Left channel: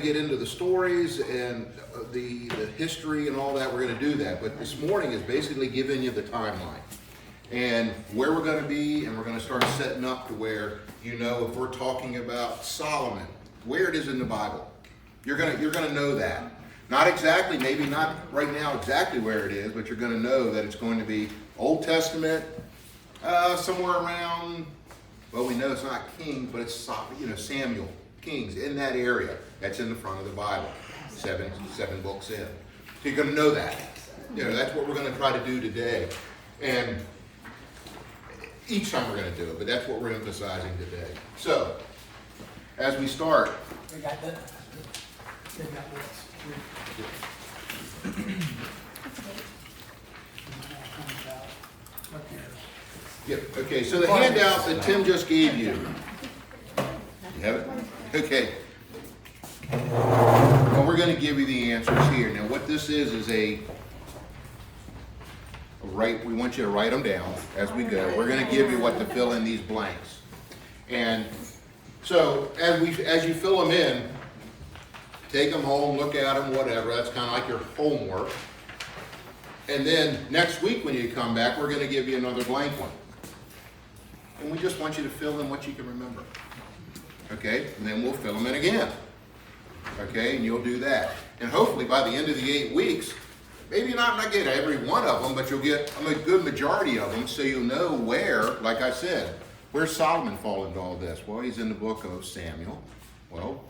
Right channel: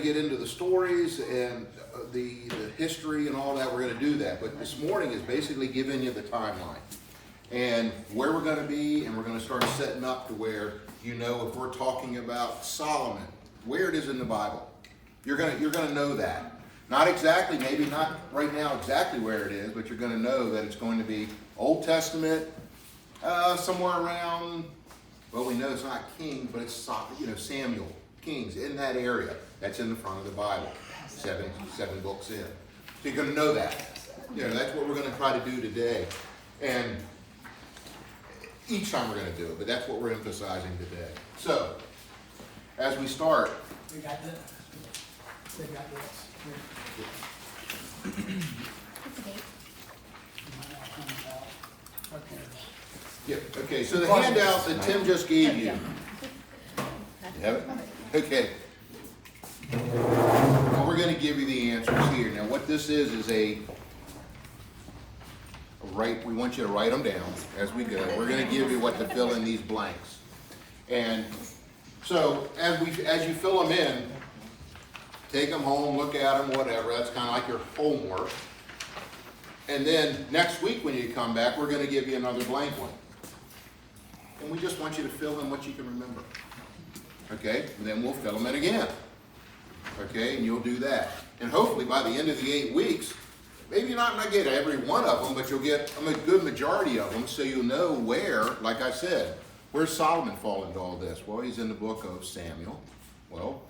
Get into the stories and the history and all that. We're going to do that, but this morning is basically giving you the timeline and where we're going to be, and we're going to start setting up to where, you know, if we're talking about Solomon, where it is in the Bible, you're going to know that. Not exactly, maybe not right now exactly where it is, but you're going to know that it's going to be Old Testament, somewhere around, well, we know it's not King, but it's, you know, Samuel, Kings, in that area. That's in the front of the Bible, seven books in. So you're going to know that. You know, that's what we're going to try to do today. And each time we're going to do it, but that's what we're emphasizing today. So, as we start. We got this. We got this. Yep, okay, so the handout that Tim just gave you. You have it? Okay. Well, we're going to give you the answers here. Now, what this is a we want you to write them down as we go. We're going to give you what to fill in these blanks. And so, as you fill them in, take them home, look at them, whatever. That's kind of like your homework. And then next week when you come back, we're going to give you another blank one. And we just want you to fill in what you can remember. Okay? And then we'll fill them in again. Okay? And you'll do that. And hopefully by the end of the 8 weeks, maybe not get every one of them, but you'll get a good majority of them, so you'll know where, like I said, where's Solomon fall into all this? Well, he's in the book of Samuel. Well,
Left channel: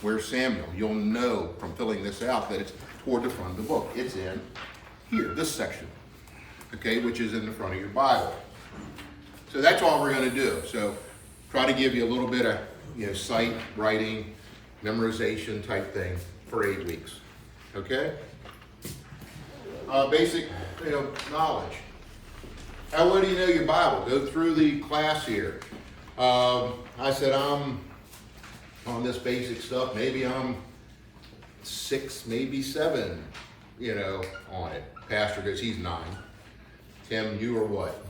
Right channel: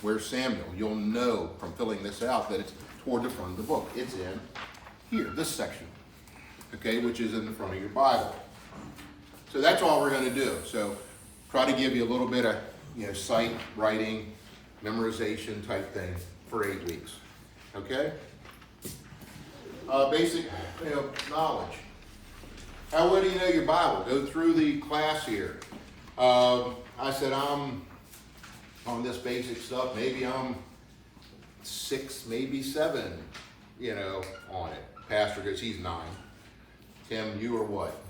where's Samuel? You'll know from filling this out that it's toward the front of the book. It's in here, this section, okay, which is in the front of your Bible. So that's all we're going to do. So try to give you a little bit of, you know, sight, writing, memorization type thing for 8 weeks. Okay? Basic, you know, knowledge. Where do you know your Bible? Go through the class here. I said I'm on this basic stuff. Maybe I'm 6, maybe 7, you know, on it. Pastor goes, he's 9. Tim, you are what?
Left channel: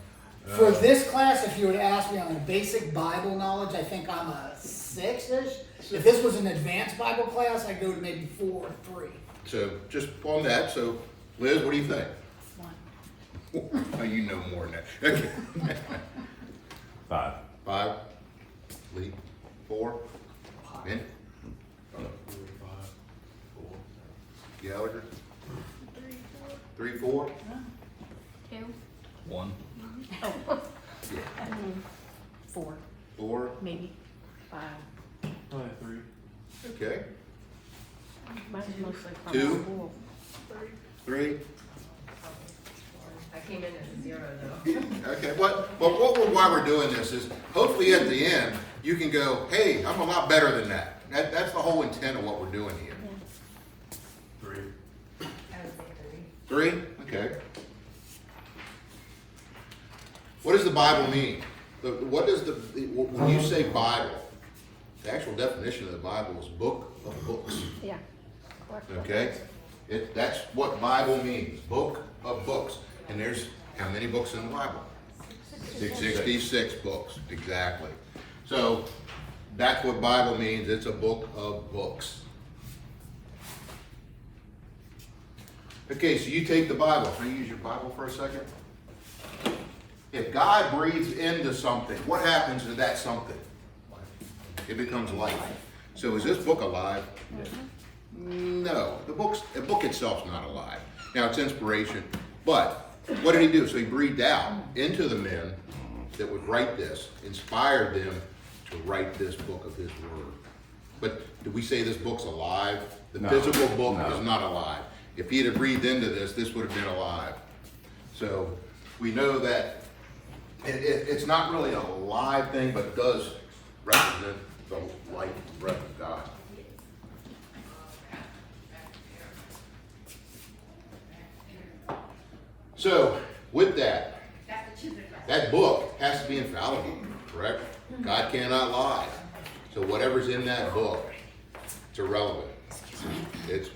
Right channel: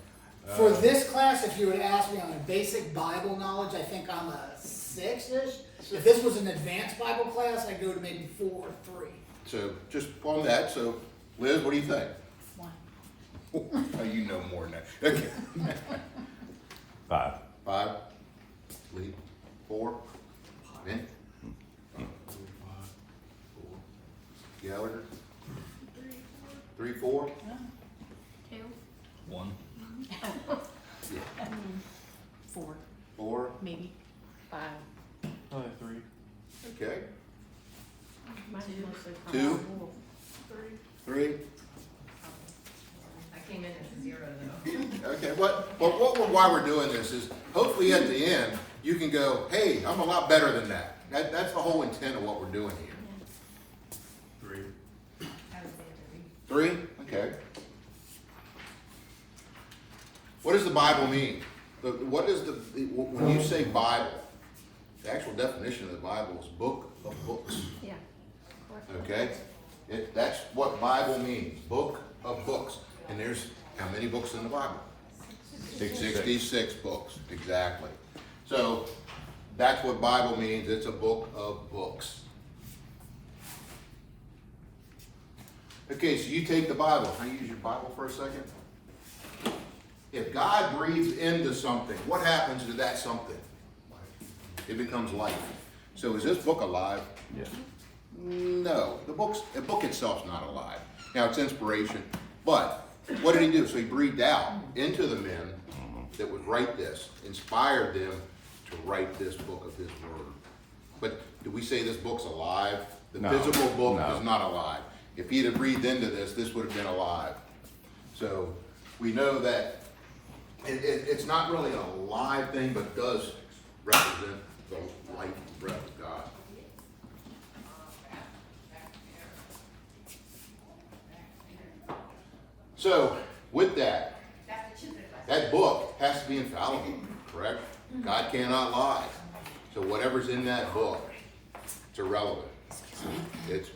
For this class, if you would ask me on a basic Bible knowledge, I think I'm a 6-ish. If this was an advanced Bible class, I'd go to maybe 4 or 3. So just on that. So Liz, what do you think? 1. Oh, you know more than that. Okay. 5. 5. Lee? 4. Ben? 4. Gallagher? 3, 4. 2. 1. Oh. Yeah. 4. 4. Maybe 5. 3. Okay. Mine's mostly from 2. school. 3. I came in at 0 though. Okay, but why we're doing this is hopefully at the end you can go, hey, I'm a lot better than that. That's the whole intent of what we're doing here. 3. I would say 3? Okay. What does the Bible mean? What does when you say Bible, the actual definition of the Bible is book of books. 3. Yeah. Okay? That's what Bible means, book of books. And there's how many books in the Bible? 66 books, exactly. So that's what Bible means. It's a book of books. Okay, so you take the Bible. Can I use your Bible for a second? If God breathes into something, what happens to that something? It becomes life. So is this book alive? Yes. No, the book itself's not alive. Now it's inspiration, but what did he do? So he breathed out into the men that would write this, inspired them to write this book of his word. But do we say this book's alive? The No. physical book No. is not alive. If he'd have breathed into this would have been alive. So we know that it's not really a live thing, but it does represent the life and breath of God. So, with that book has to be infallible, correct? God cannot lie. So whatever's in that book, it's irrelevant. It's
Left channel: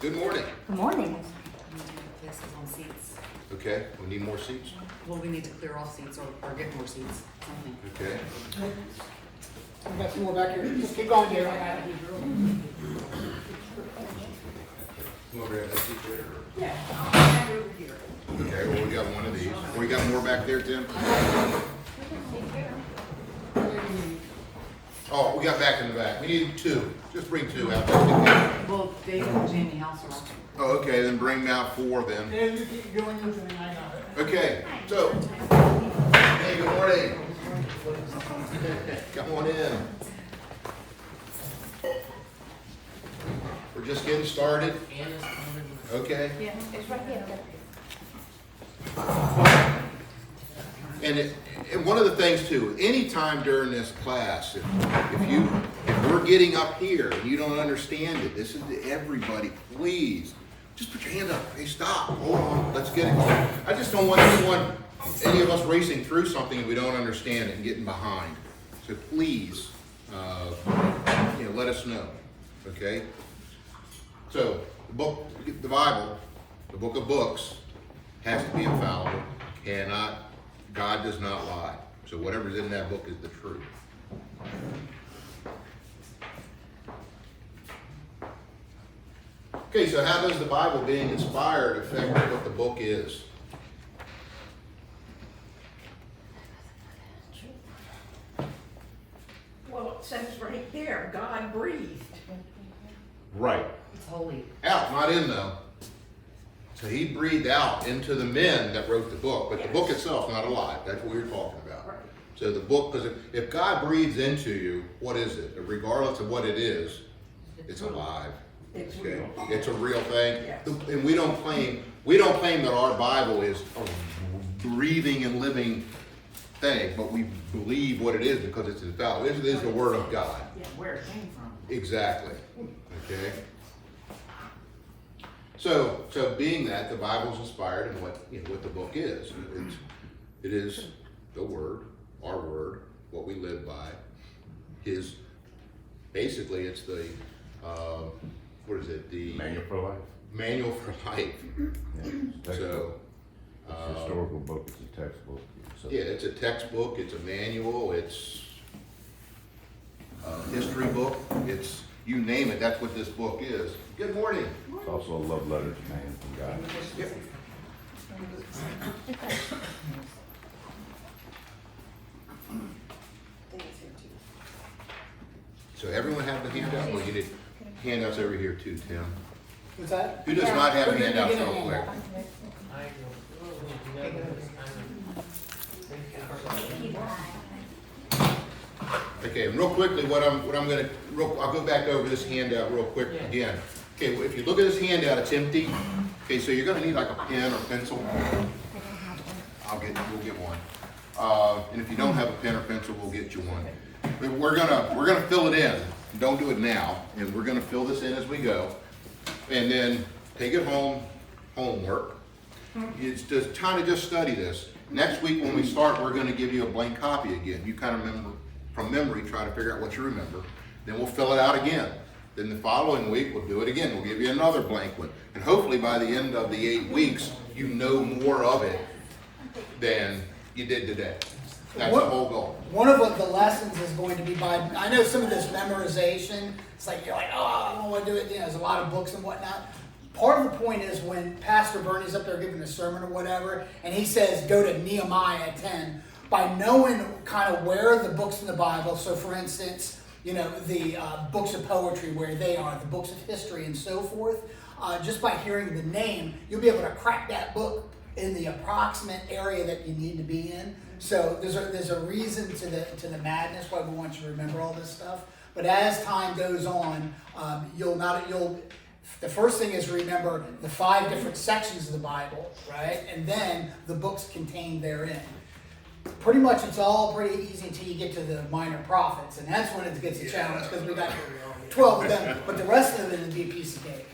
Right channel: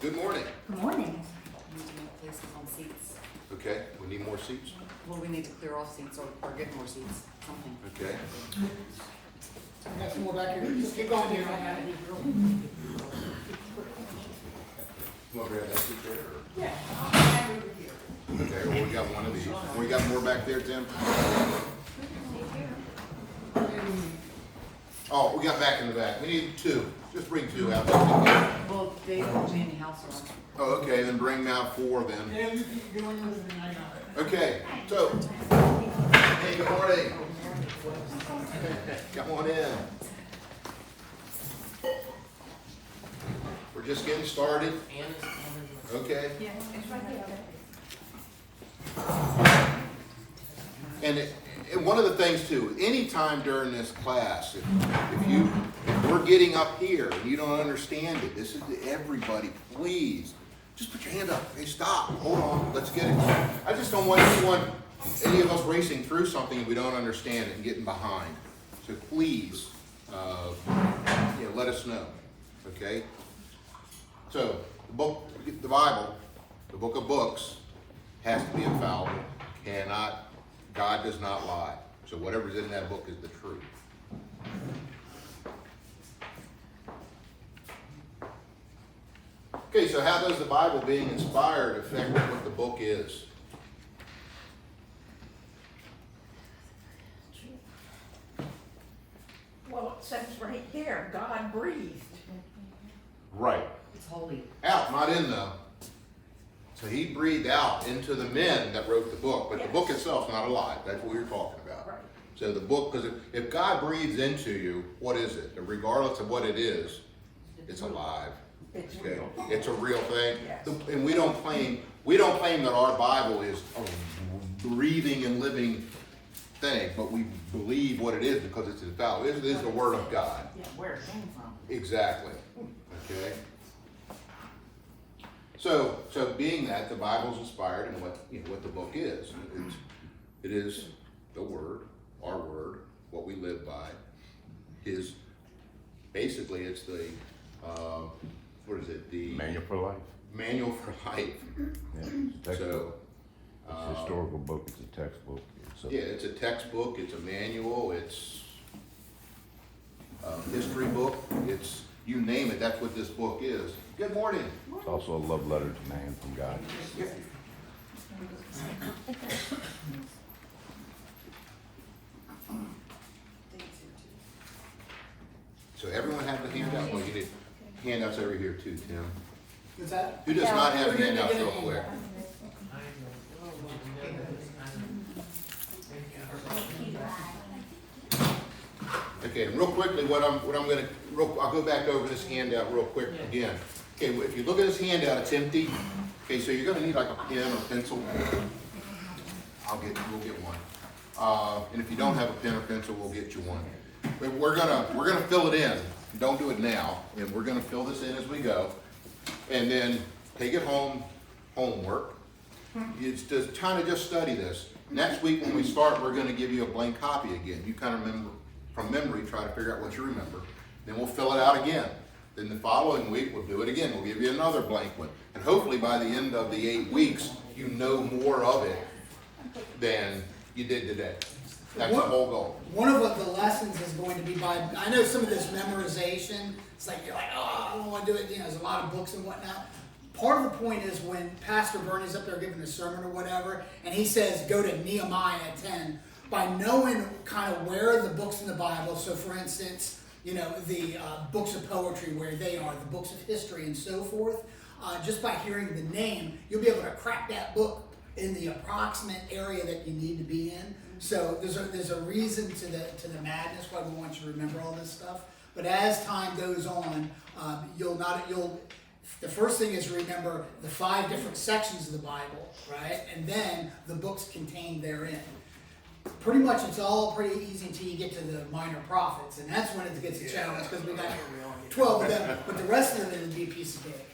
good morning. Good morning. Places on seats. Okay, we need more seats. Well, we need to clear off seats or get more seats. Okay. I got some more back here. Just keep going here. I got it. You want to grab that seat there, or- Yeah, I'll stand over here. Okay, well, we got one of these. We got more back there, Tim? Oh, we got back in the back. We need two. Just bring two out. Well, Dave and Jamie House are on. Oh, okay, then bring out four then. Yeah, you keep going with me. I got it. Okay, so, hey, good morning. Come on in. We're just getting started. Okay. And one of the things too, anytime during this class, if we're getting up here and you don't understand it, this is to everybody, please, just put your hand up. Hey, stop, hold on, let's get it. I just don't want any of us racing through something and we don't understand it and getting behind. So please, let us know, okay? So, the Bible, the book of books, has to be infallible. God does not lie. So whatever's in that book is the truth. Okay, so how does the Bible being inspired affect what the book is? Well, it says right there, God breathed. Right. It's holy. Out, not in though. So he breathed out into the men that wrote the book, but the book itself is not alive. That's what we were talking about. Right. So the book, because if God breathes into you, what is it? Regardless of what it is, it's alive. It's real. It's a real thing. Yes. And we don't claim that our Bible is a breathing and living thing, but we believe what it is because it's infallible. It is the Word of God. Yeah, where it came from. Exactly. Okay. So being that the Bible's inspired and what the book is, it is the Word, our Word, what we live by. Basically it's the what is it? The Manual for life. Manual for life. Yeah. So It's a historical book, it's a textbook. yeah, it's a textbook, it's a manual, it's a history book, it's you name it. That's what this book is. Good morning. It's also a love letter to man from God. Yep. So everyone have the handout? Well, you did handouts over here too, Tim. What's that? Who does not have handouts real quick? Okay, and real quickly, I'll go back over this handout real quick again. Okay, well, if you look at this handout, it's empty. Okay, so you're gonna need like a pen or pencil. We'll get one. And if you don't have a pen or pencil, we'll get you one. But we're gonna fill it in. Don't do it now, and we're gonna fill this in as we go. And then take it home, homework. It's just just study this. Next week when we start, we're gonna give you a blank copy again. You kind of remember from memory, try to figure out what you remember. Then we'll fill it out again. Then the following week, we'll do it again. We'll give you another blank one. And hopefully by the end of the 8 weeks, you know more of it than you did today. That's the whole goal. One of the lessons is going to be I know some of this memorization, it's like, you're like, oh, I don't want to do it. There's a lot of books and whatnot. Part of the point is when Pastor Bernie's up there giving a sermon or whatever, and he says, go to Nehemiah 10, by knowing kind of where the books in the Bible, so for instance, the books of poetry, where they are, the books of history and so forth, just by hearing the name, you'll be able to crack that book in the approximate area that you need to be in. So there's a reason to the madness why we want you to remember all this stuff. But as time goes on, the first thing is remember the 5 different sections of the Bible, right? And then the books contained therein. Pretty much it's all pretty easy until you get to the minor prophets, and that's when it gets a challenge because we got 12 of them, but the rest of it is a piece of cake.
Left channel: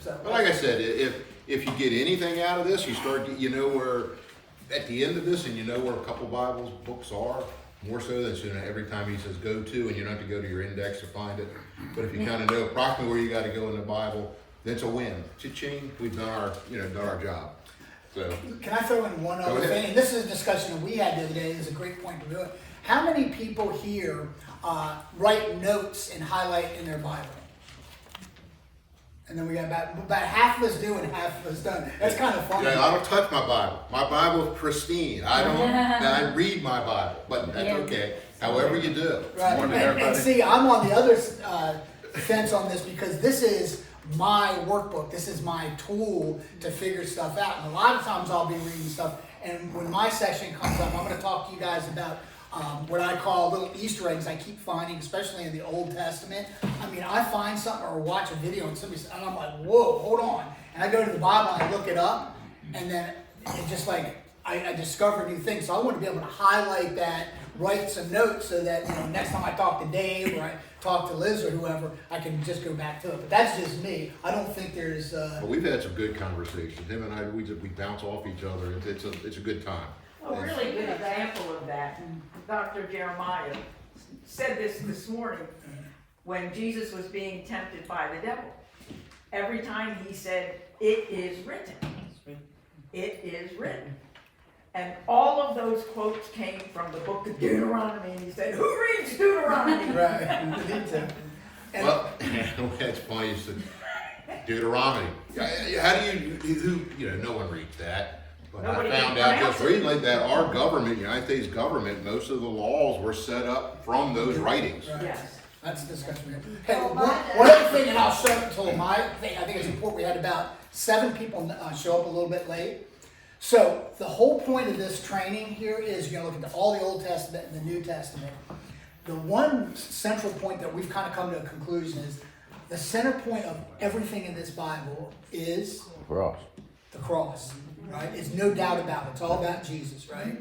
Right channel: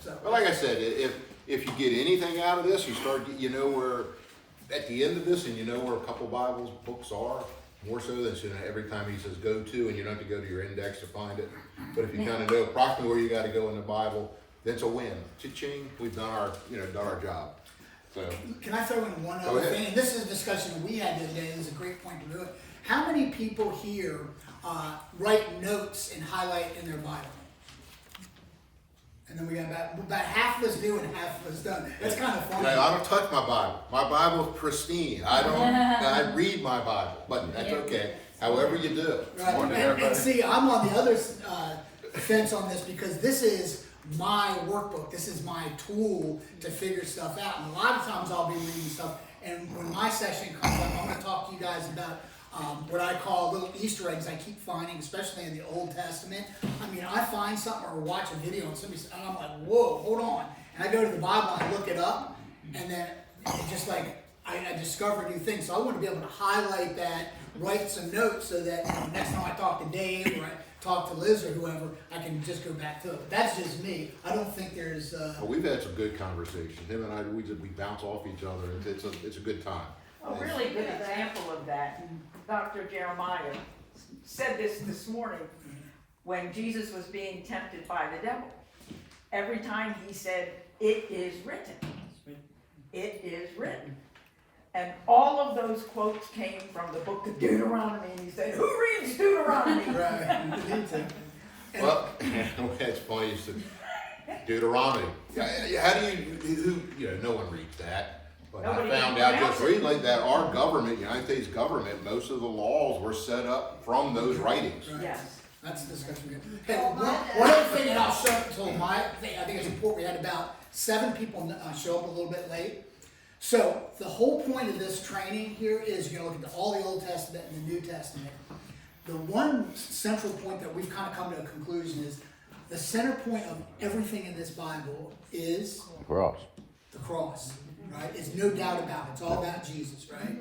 So, But like I said, if you get anything out of this, where at the end of this, and you know where a couple Bibles books are, more so than every time he says go to, and you don't have to go to your index to find it. But if you kind of know approximately where you got to go in the Bible, then it's a win. Cha-ching, we've done our job. So can I throw in one Go other ahead. thing? This is a discussion that we had the other day. This is a great point to do it. How many people here write notes and highlight in their Bible? And then we got about half of us do and half of us don't. That's kind of funny. Yeah, I don't touch my Bible. My Bible is pristine. I don't, and I read my Bible, but that's okay. However you do. Right. Morning, And everybody. see, I'm on the other fence on this because this is my workbook. This is my tool to figure stuff out. And a lot of times I'll be reading stuff, and when my section comes up, I'm going to talk to you guys about what I call little Easter eggs I keep finding, especially in the Old Testament. I mean, I find something or watch a video and I'm like, whoa, hold on. And I go to the Bible and I look it up, and then it just like, I discover new things. So I want to be able to highlight that, write some notes so that, next time I talk to Dave or I talk to Liz or whoever, I can just go back to it. But that's just me. I don't think there's... But we've had some good conversations. Him and I, we bounce off each other. It's a good time. A really good example of that, Dr. Jeremiah said this morning when Jesus was being tempted by the devil. Every time he said, "It is written." It is written. And all of those quotes came from the book of Deuteronomy, and he said, "Who reads Deuteronomy?" Right. You need to. And- Well, that's funny. You said Deuteronomy. How do you? No one reads that. But Nobody I found can out pronounce just it. recently that our government, United States government, most of the laws were set up from those writings. Right. Yes. That's a discussion. Hey, one other thing, and I'll shut up until my thing, I think it's important, we had about 7 people show up a little bit late. So the whole point of this training here is you're looking at all the Old Testament and the New Testament. The one central point that we've kind of come to a conclusion is the center point of everything in this Bible is Cross. the cross, right? There's no doubt about it. It's all about Jesus, right?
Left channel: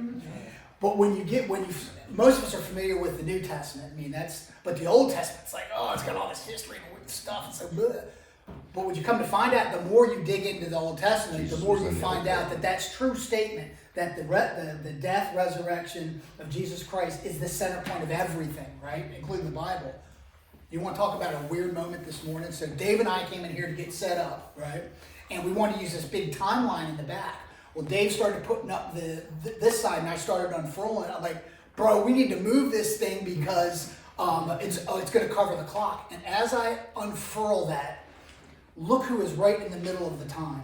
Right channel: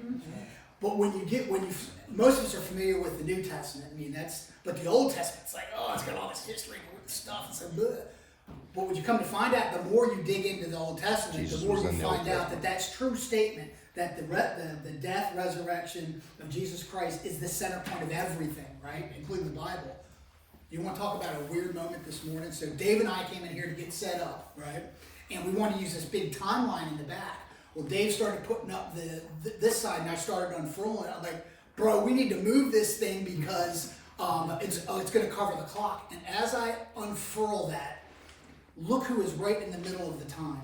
But most of us are familiar with the New Testament. I mean, but the Old Testament, it's like, oh, it's got all this history and stuff. It's so good. But when you come to find out, the more you dig into the Old Testament, Jesus the more was you in the find Old out that that's true statement, that the death, resurrection of Jesus Christ is the center point of everything, right? Including the Bible. You want to talk about a weird moment this morning? So Dave and I came in here to get set up, right? And we wanted to use this big timeline in the back. Well, Dave started putting up this side, and I started unfurling it. I'm like, bro, we need to move this thing because it's going to cover the clock. And as I unfurl that, look who is right in the middle of the time.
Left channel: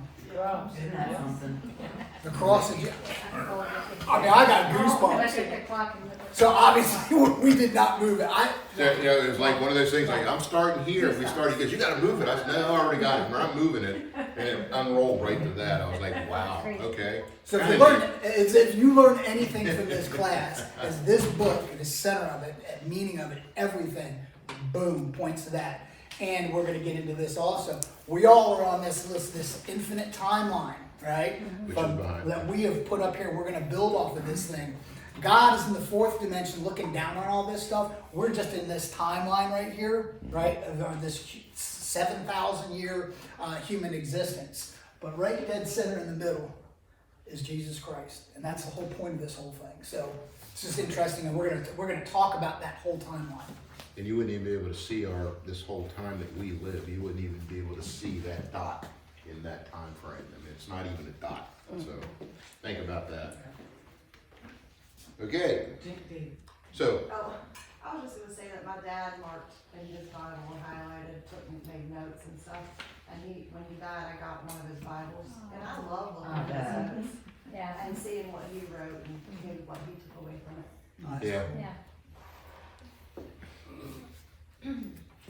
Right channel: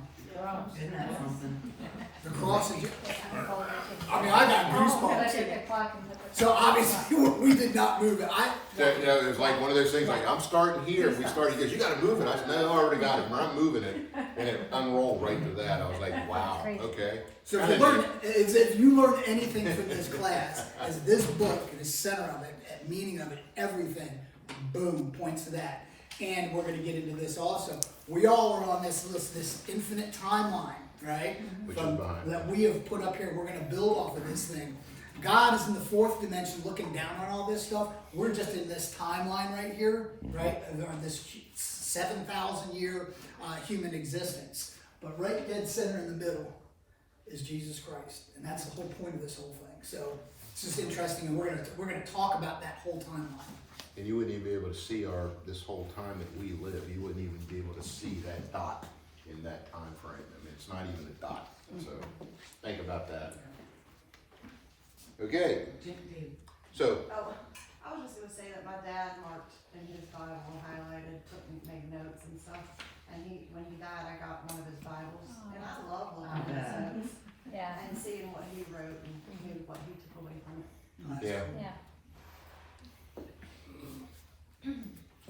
Isn't that something? The cross is... I mean, I got goosebumps. So obviously, we did not move it. It was like one of those things. Like, I'm starting here. If we start, he goes, "You got to move it." I said, "No, I already got it. I'm moving it," and it unrolled right to that. I was like, "Wow, okay." So if you learn anything from this class, is this book, the center of it, meaning of it, everything, boom, points to that. And we're going to get into this also. We all are on this infinite timeline, right? Which is behind. That we have put up here. We're going to build off of this thing. God is in the 4th dimension looking down on all this stuff. We're just in this timeline right here, right? Of this 7,000 year human existence. But right dead center in the middle is Jesus Christ. And that's the whole point of this whole thing. So it's just interesting, and we're gonna talk about that whole timeline. And you wouldn't even be able to see this whole time that we live. You wouldn't even be able to see that dot in that time frame. I mean, it's not even a dot. So think about that. Okay, so Oh, I was just gonna say that my dad marked in his Bible and highlighted, made notes and stuff. And when he died, I got one of his Bibles, and I love looking at his notes. Yeah. And seeing what he wrote and maybe what he took away from it. yeah. Yeah.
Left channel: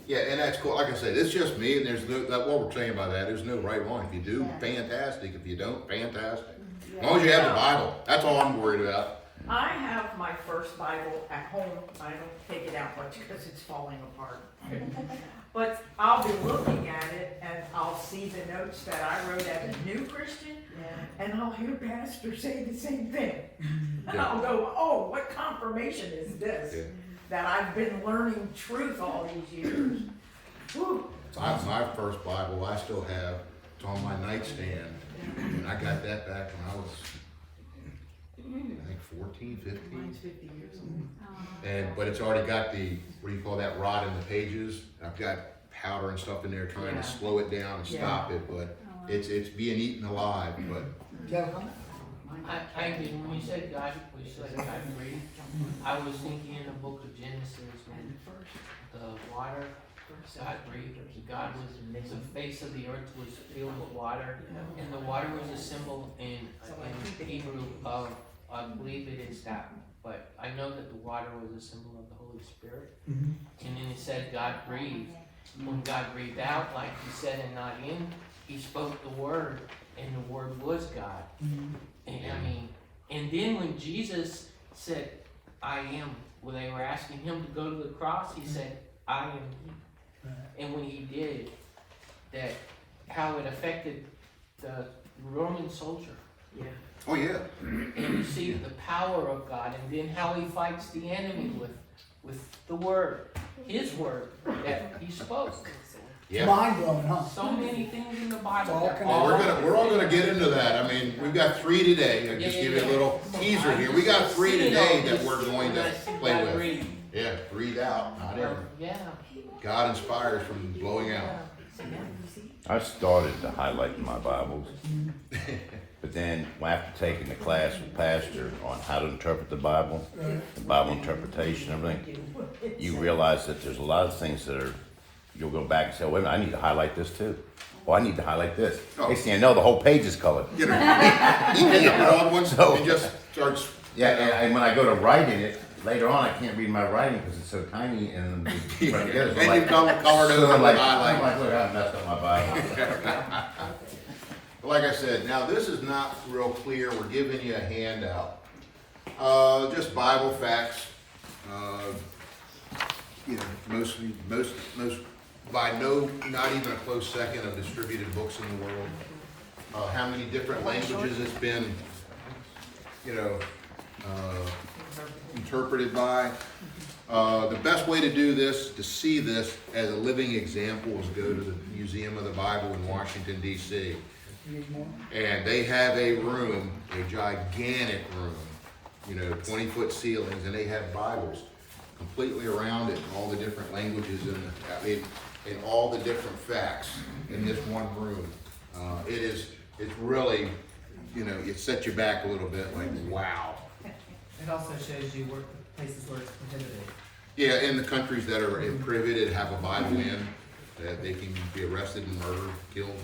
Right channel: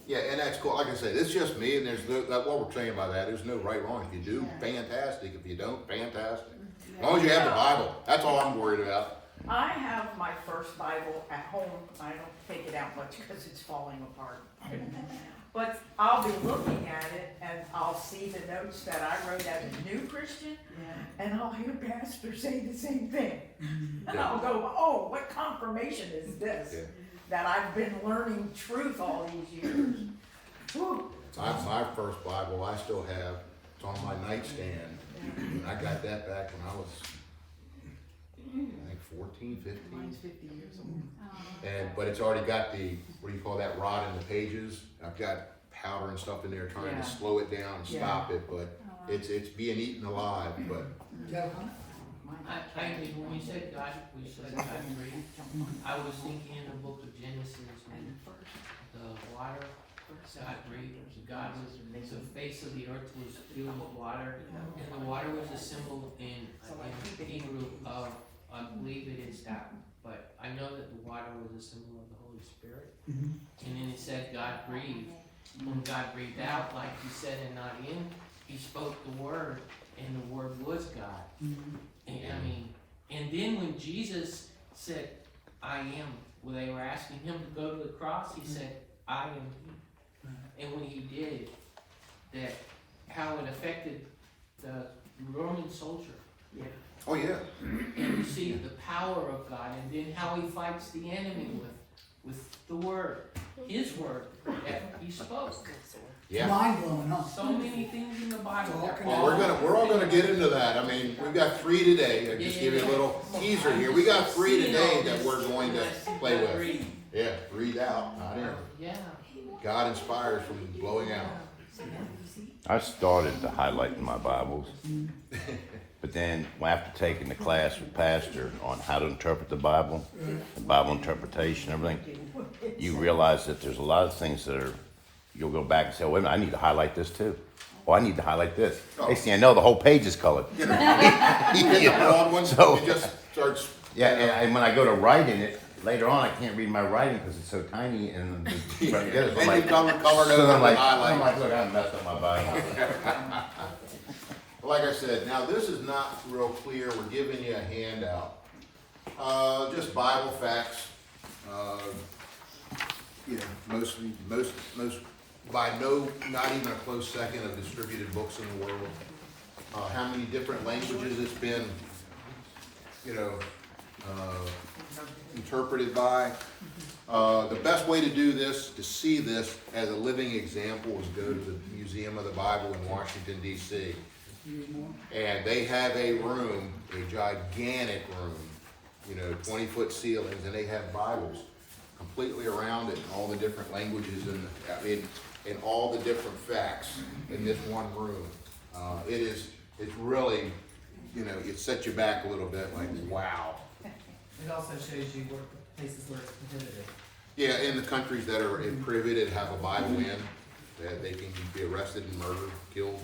Yeah, and that's cool. Like I said, it's just me, and there's what we're saying by that. There's no right or wrong. If you do, fantastic. If you don't, fantastic. As long as you have the Bible, that's all I'm worried about. I have my first Bible at home. I don't take it out much because it's falling apart. But I'll be looking at it and I'll see the notes that I wrote as a new Christian, and I'll hear pastors say the same thing. And I'll go, "Oh, what confirmation is this? Yeah. That I've been learning truth all these years." Whew. My first Bible, I still have. It's on my nightstand. And I got that back when I was, I think, 14, 15. Mine's 50 years old. But it's already got the, what do you call that, rot in the pages. I've got powder and stuff in there trying Yeah. to slow it down and stop it, but it's being eaten alive. But Do you have a comment? I did, when you said God, we said God breathed, I was thinking in the book of Genesis, when the water, God breathed, God was, the face of the earth was filled with water, and the water was a symbol in Hebrew of, I believe it is that, but I know that the water was a symbol of the Holy Spirit. Mhm. And then it said God breathed. When God breathed out, like he said in not in, he spoke the word, and the word was God. Mhm. And I mean, and then when Jesus said, I am, when they were asking him to go to the cross, he said, I am he. And when he did, that how it affected the Roman soldier. Oh, yeah. And you see the power of God, and then how he fights the enemy with the word, his word that he spoke. Yeah. Mind blowing, huh? So many things in the Bible. It's all that connected. We're all gonna get into that. I mean, we've got 3 today. I'll just give you a little teaser here. We got 3 today that we're going to play with. Yeah, breathe out, not in. Yeah. God inspires from blowing out. I started to highlight in my Bibles, but then after taking the class with Pastor on how to interpret the Bible interpretation, everything, you realize that there's a lot of things that are, you'll go back and say, wait a minute, I need to highlight this too. Oh, I need to highlight this. Oh. Hey, see, I know the whole page is colored. You know, he picked up an old one, So- and just starts. Yeah, and when I go to writing it, later on, I can't read my writing because it's so tiny and right together. So And like- you come colored so over I'm the like, highlight. I'm like, look, I messed up my Bible. Like I said, now this is not real clear. We're giving you a handout. Just Bible facts. You know, most, by not even a close second of distributed books in the world. How many different languages it's been, you know, interpreted by. The best way to do this, to see this as a living example, is go to the Museum of the Bible in Washington, D.C. And they have a room, a gigantic room, you know, 20-foot ceilings, and they have Bibles completely around it in all the different languages and in all the different facts in this one room. It's really, you know, it sets you back a little bit, like, wow. It also shows you where places where it's prohibited. Yeah, in the countries that are prohibited have a Bible in, that they can be arrested and murdered, killed,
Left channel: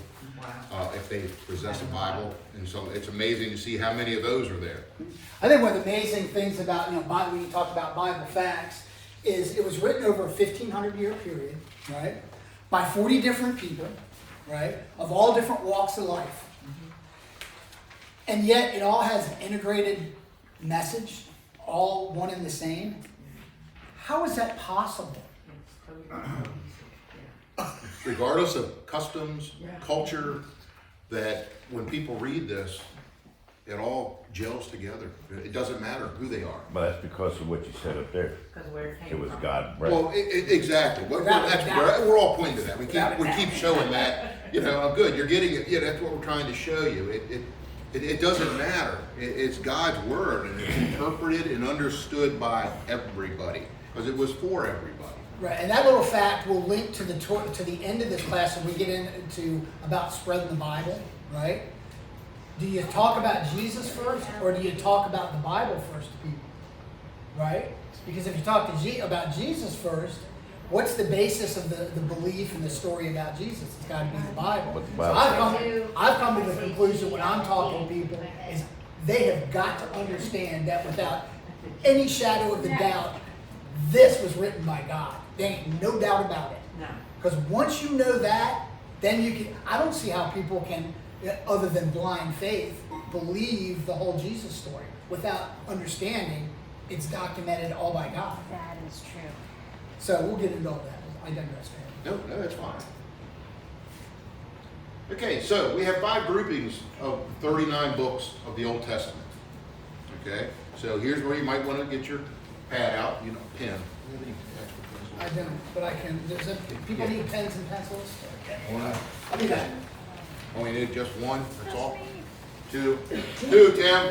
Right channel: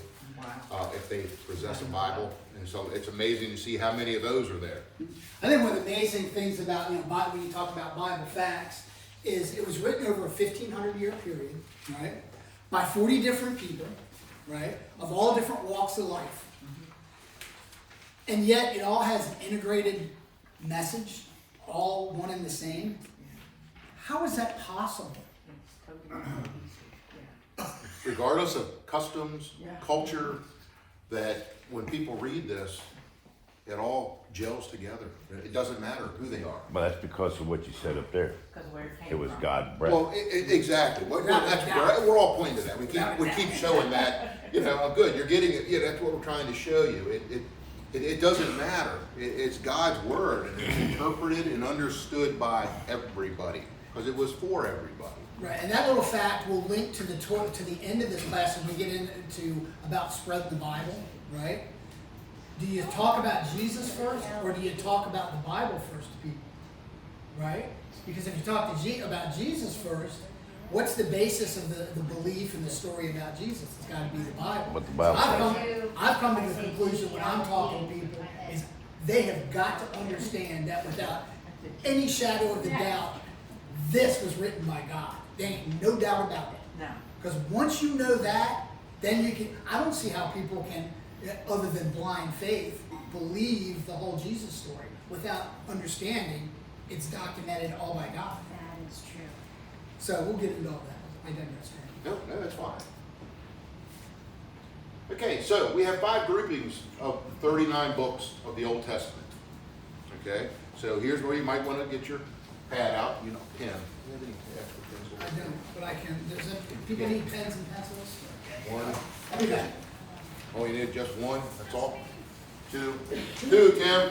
if they possess a Bible. And so it's amazing to see how many of those are there. I think one of the amazing things about, you know, when you talk about Bible facts, is it was written over a 1,500-year period, right? By 40 different people, right? Of all different walks of life. And yet it all has an integrated message, all one and the same. How is that possible? Regardless of customs, culture, that when people read this, it all gels together. It doesn't matter who they are. But that's because of what you said up there. It was God breath. Well, exactly. We're all pointing to that. We keep showing that. You know, good. You're getting it. Yeah, that's what we're trying to show you. It doesn't matter. It's God's word, and it's interpreted and understood by everybody because it was for everybody. Right, and that little fact will link to the end of this class when we get into about spreading the Bible, right? Do you talk about Jesus first, or do you talk about the Bible first to people, right? Because if you talk about Jesus first, what's the basis of the belief and the story about Jesus? It's got to be the Bible. What the So Bible I've come to the conclusion when I'm talking to people is they have got to understand that without any shadow of a doubt, this was written by God. There ain't no doubt about it. No. Because once you know that, then you can, I don't see how people can, other than blind faith, believe the whole Jesus story without understanding it's documented all by God. That is true. So we'll get into all that. I digress. No, that's fine. Okay, so we have 5 groupings of 39 books of the Old Testament. Okay, so here's where you might want to get your pad out, you know, pen. I don't, but I can. People need pens and pencils. One. I'll be back. Oh, you need just one, that's all? 2, Tim.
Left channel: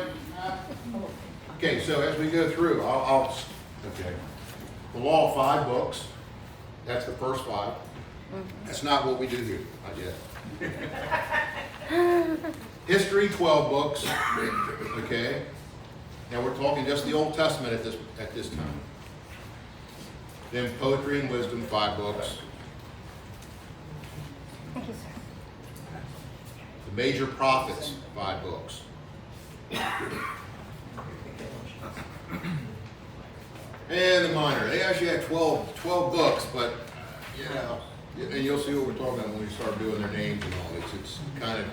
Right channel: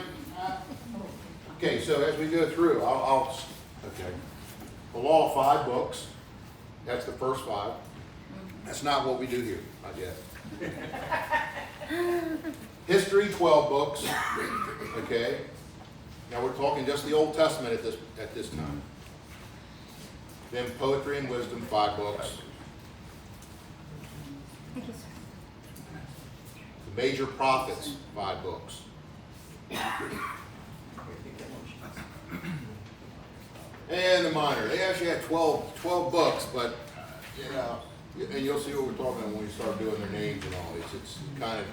Okay, so as we go through, okay. The law of 5 books, that's the first 5. That's not what we do here, I guess. History, 12 books, okay? Now we're talking just the Old Testament at this time. Then poetry and wisdom, 5 books. Thank you, sir. The major prophets, 5 books. And the minor, they actually had 12 books, but, you know, and you'll see what we're talking about when we start doing their names and all this. It's kind of,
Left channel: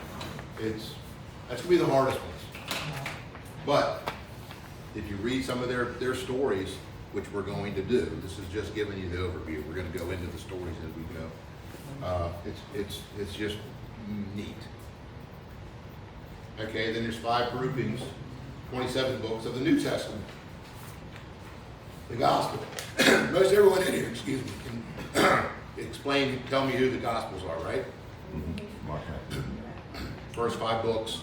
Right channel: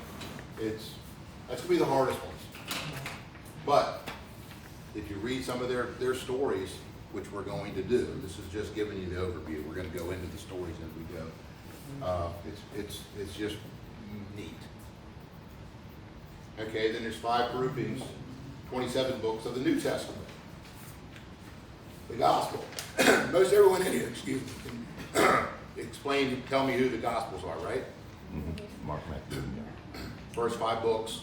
that's gonna be the hardest ones. But, if you read some of their stories, which we're going to do, this is just giving you the overview. We're gonna go into the stories as we go. It's just neat. Okay, then there's 5 groupings, 27 books of the New Testament. The Gospel. Most everyone in here, excuse me, can tell me who the Gospels are, right? Mark. First 5 books,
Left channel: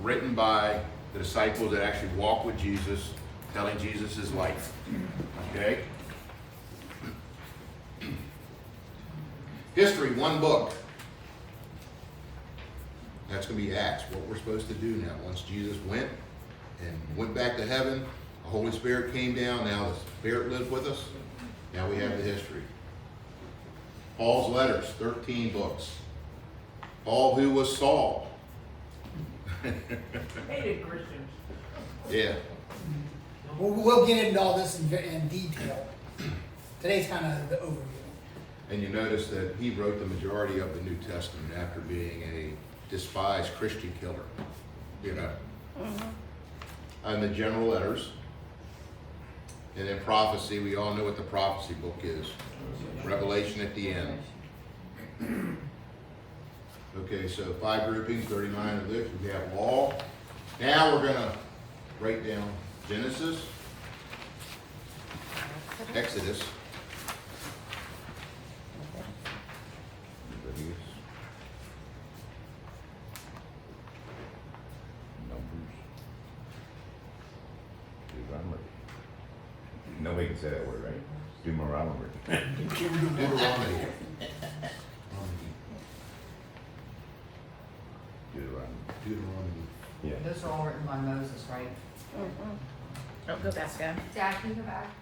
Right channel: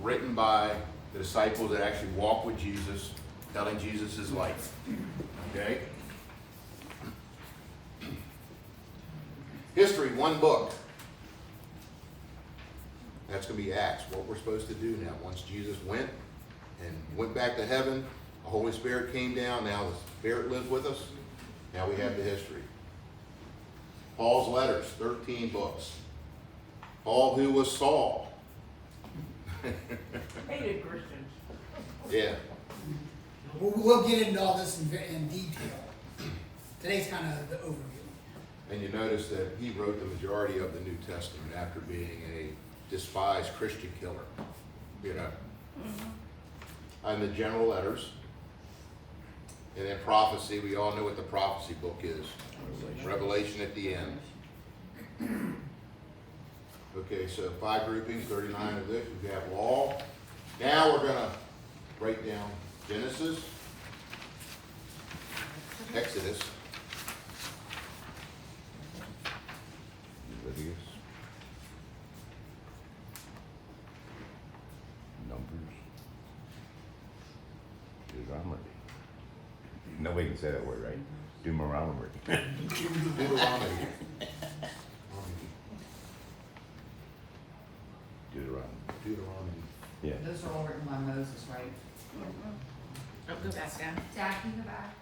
written by the disciples that actually walk with Jesus, telling Jesus his life. Okay? History, 1 book. That's going to be Acts, what we're supposed to do now. Once Jesus went back to heaven, the Holy Spirit came down, now the Spirit lives with us. Now we have the history. Paul's letters, 13 books. Paul, who was Saul. Hated Christians. Yeah. We'll get into all this in detail. Today's kind of the overview. And you notice that he wrote the majority of the New Testament after being a despised Christian killer. You know. And the general letters. And then prophecy, we all know what the prophecy book is. Revelation at the end. Okay, so 5 groupings, 39 of this. We have law. Now we're going to break down Genesis, Exodus, Leviticus, Numbers, Deuteronomy. Nobody can say that word, right? Deuteronomy. Deuteronomy. Deuteronomy. Yeah. Those are all written by Moses, right? Oh, go fast, go. Jack, in the back.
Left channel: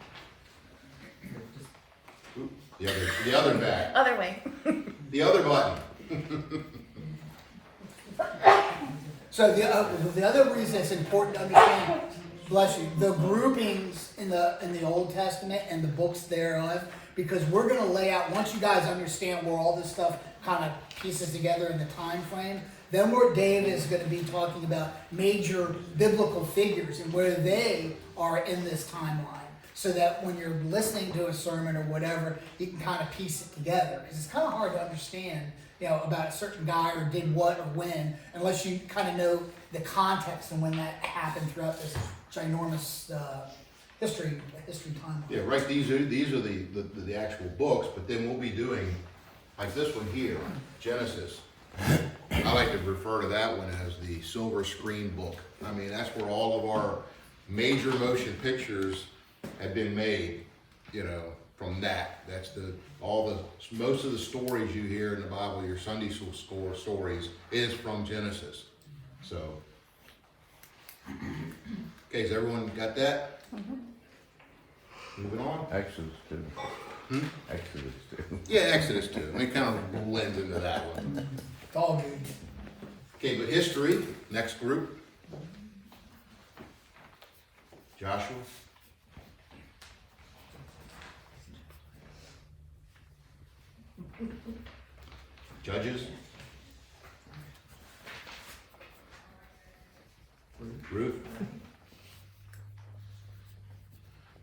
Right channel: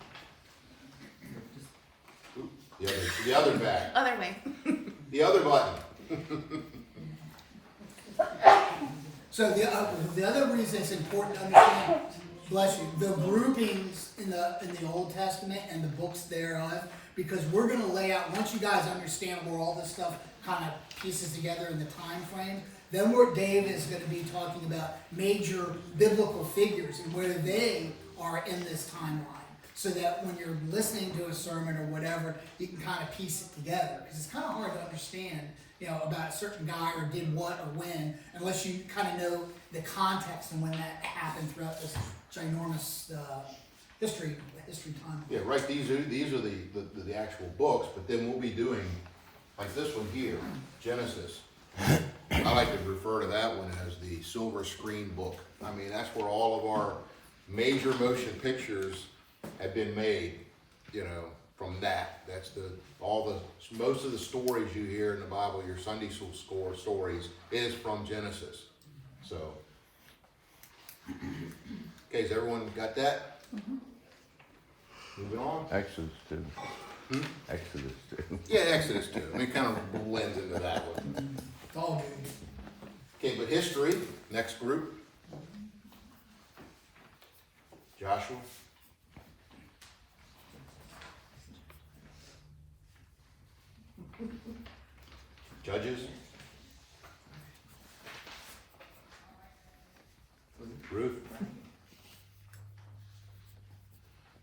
The other back. Other way. The other button. So the other reason it's important to understand, bless you, the groupings in the Old Testament and the books thereof, because we're going to lay out, once you guys understand where all this stuff kind of pieces together in the time frame, then where Dave is going to be talking about major biblical figures and where they are in this timeline, so that when you're listening to a sermon or whatever, you can kind of piece it together. Because it's kind of hard to understand, you know, about a certain guy or did what or when, unless you kind of know the context and when that happened throughout this ginormous history timeline. Yeah, right. These are the actual books, but then we'll be doing like this one here, Genesis. I like to refer to that one as the silver screen book. I mean, that's where all of our major motion pictures have been made, you know, from that. That's most of the stories you hear in the Bible, your Sunday school stories, is from Genesis. So, okay, has everyone got that? Moving on. Exodus 2. Exodus 2. Yeah, Exodus 2. It kind of blends into that one. It's all good. Okay, but history, next group. Joshua. Judges. Ruth.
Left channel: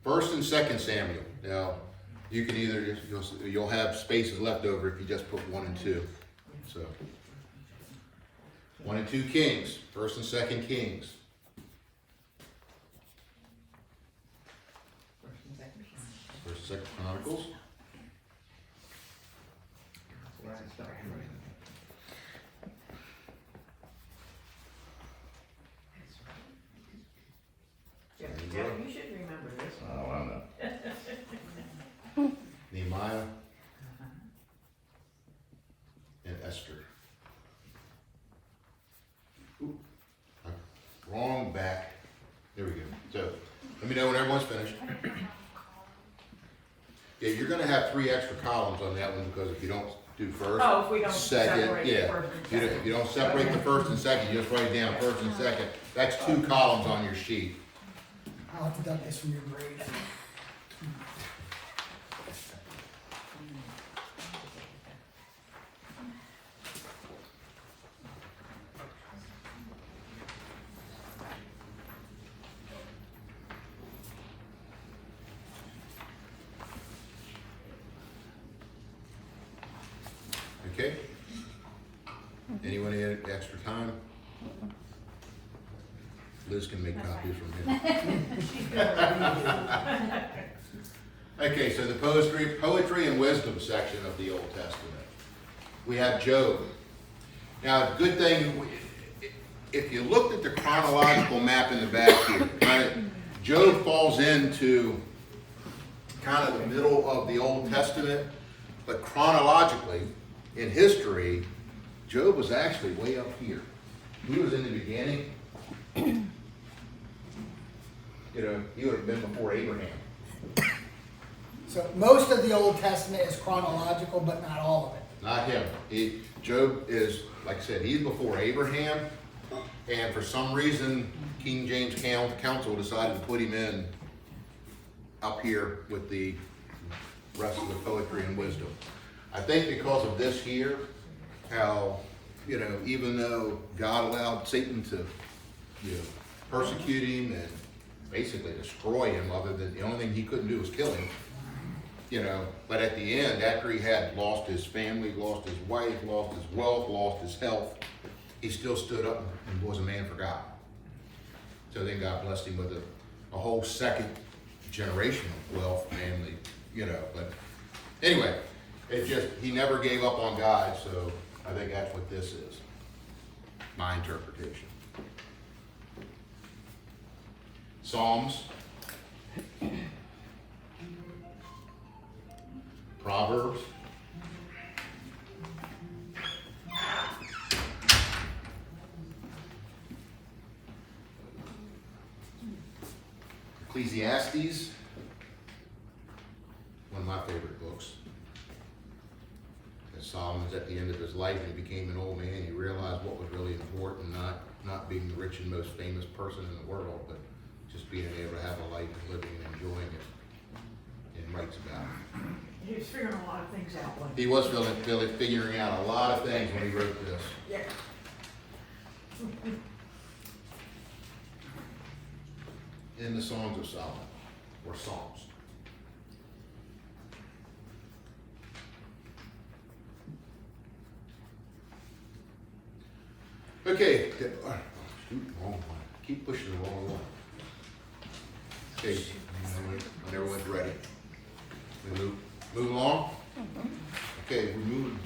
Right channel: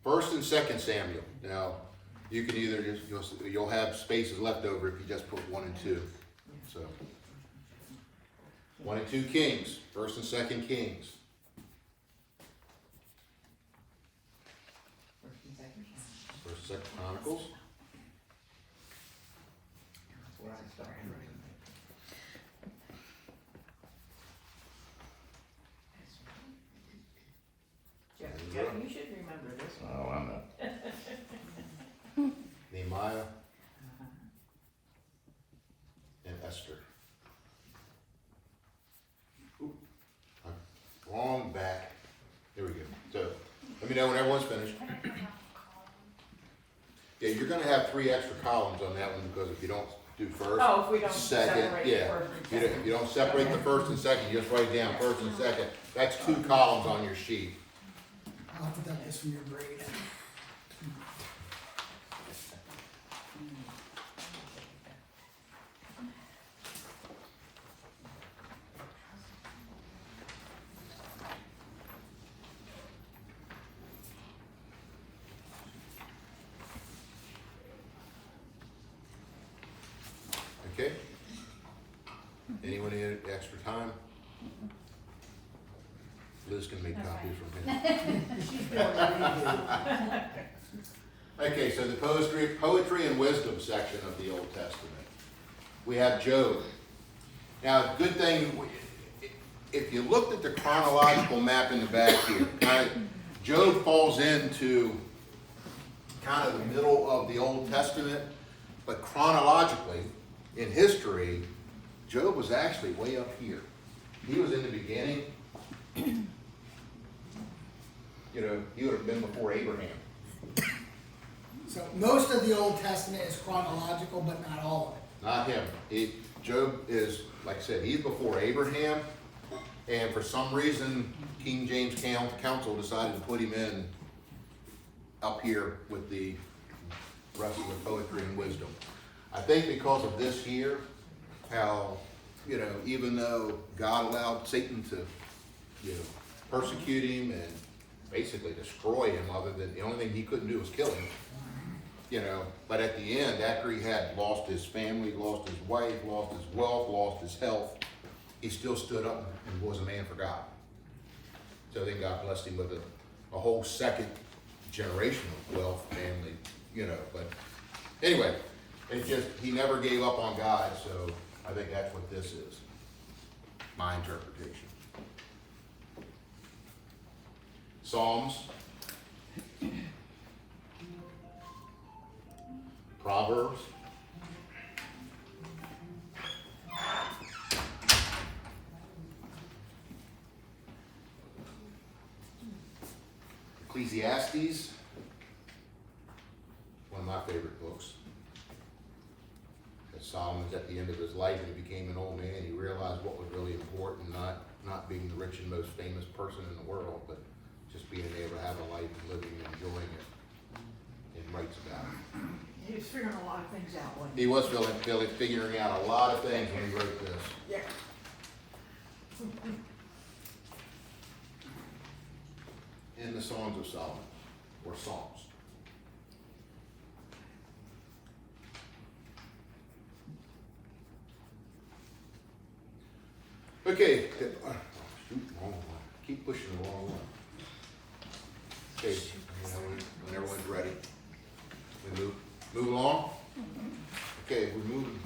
First and Second Samuel. Now, you can either you'll have spaces left over if you just put 1 and 2. So 1 and 2 Kings, First and Second Kings. First and Second Chronicles. Jeff, you should remember this one. Oh, I know. Nehemiah. And Esther. Ooh, know when everyone's finished. Yeah, you're gonna have 3 extra columns on that one because if you don't do first, Oh, if we don't second, separate the yeah. first and You don't, second. you don't separate the first and second, you just write down first and second. That's 2 columns on your sheet. I'll have to duck this from your grade. Okay? Anyone need extra time? Liz can make copies from here. Okay, so the poetry and wisdom section of the Old Testament. We have Job. Now, good thing, if you looked at the chronological map in the back here, Job falls into kind of the middle of the Old Testament, but chronologically, in history, Job was actually way up here. He was in the beginning. You know, he would have been before Abraham. So most of the Old Testament is chronological, but not all of it. Not him. Job is, like I said, he's before Abraham, and for some reason, King James Council decided to put him in up here with the rest of the poetry and wisdom. I think because of this here, how, you know, even though God allowed Satan to, you know, persecute him and basically destroy him, other than the only thing he couldn't do was kill him, you know, but at the end, after he had lost his family, lost his wife, lost his wealth, lost his health, he still stood up and was a man for God. So then God blessed him with a whole second generation of wealth, family, you know, but anyway, he never gave up on God, so I think that's what this is. My interpretation. Psalms. Proverbs. Ecclesiastes. One of my favorite books. As Solomon was at the end of his life and he became an old man, he realized what was really important, not being the rich and most famous person in the world, but just being able to have a life and living and enjoying it, and writes about it. He was figuring a lot of things out one day. He was figuring out a lot of things when he wrote this. Yeah. In the Songs of Solomon, or Psalms. Okay, shoot, wrong one. Keep pushing the wrong one. Okay, when everyone's ready. We move along? Okay, we're moving.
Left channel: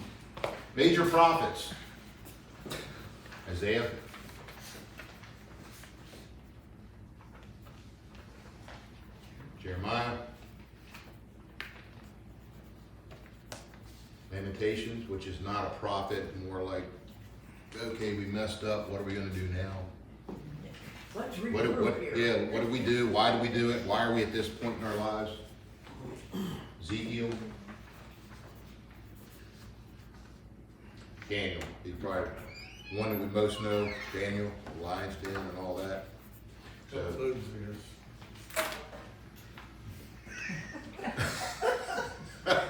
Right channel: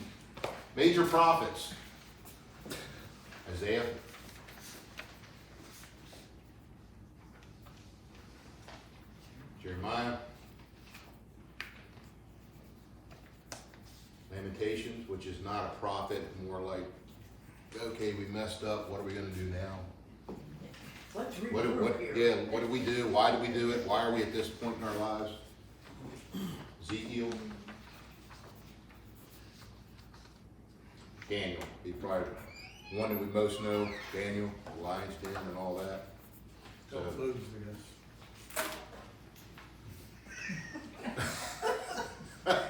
Major prophets. Isaiah. Jeremiah. Lamentations, which is not a prophet, more like, okay, we messed up, what are we gonna do now? Let's read What it do, real here. yeah, what do we do? Why do we do it? Why are we at this point in our lives? Ezekiel. Daniel, he's probably one that we most know, Daniel, the lion's den and all that. So,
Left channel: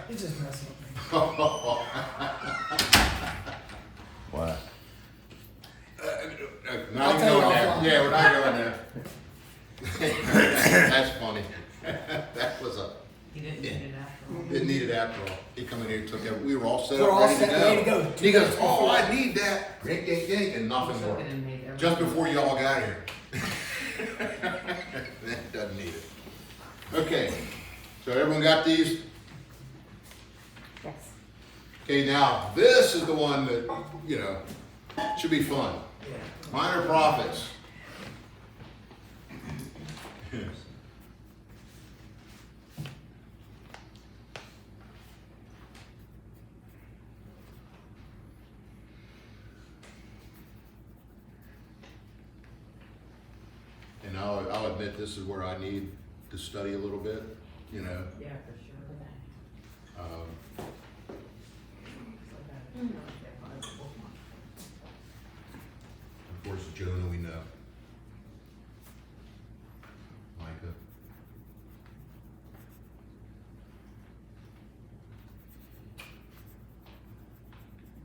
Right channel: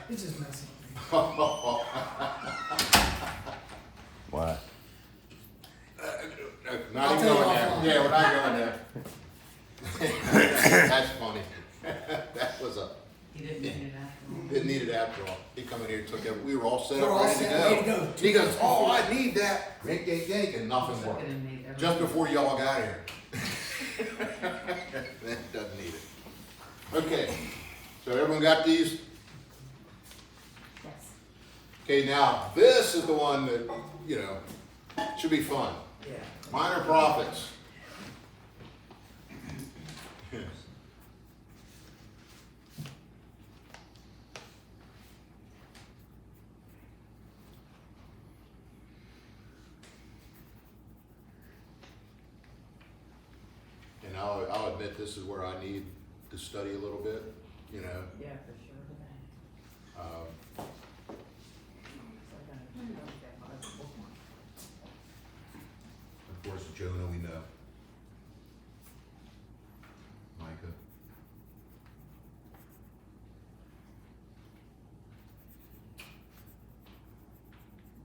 He's just messing with me. What? Not I'll even tell you going there. offline. Yeah, we're not going there. That's funny. That was He didn't need it after all. didn't need it after all. He come in here, took it, we were all set We're up, all ready to set, ready to go. go. He goes, oh, I need that, yank, yank, yank, and nothing He took more. it and made everything. Just before y'all got here. That doesn't need it. Okay, so everyone got these? Yes. Okay, now, this is the one that, you know, should be fun. Yeah. Minor prophets. And I'll admit this is where I need to study a little bit, you know. Yeah, for sure. Of course, Jonah we know. Micah.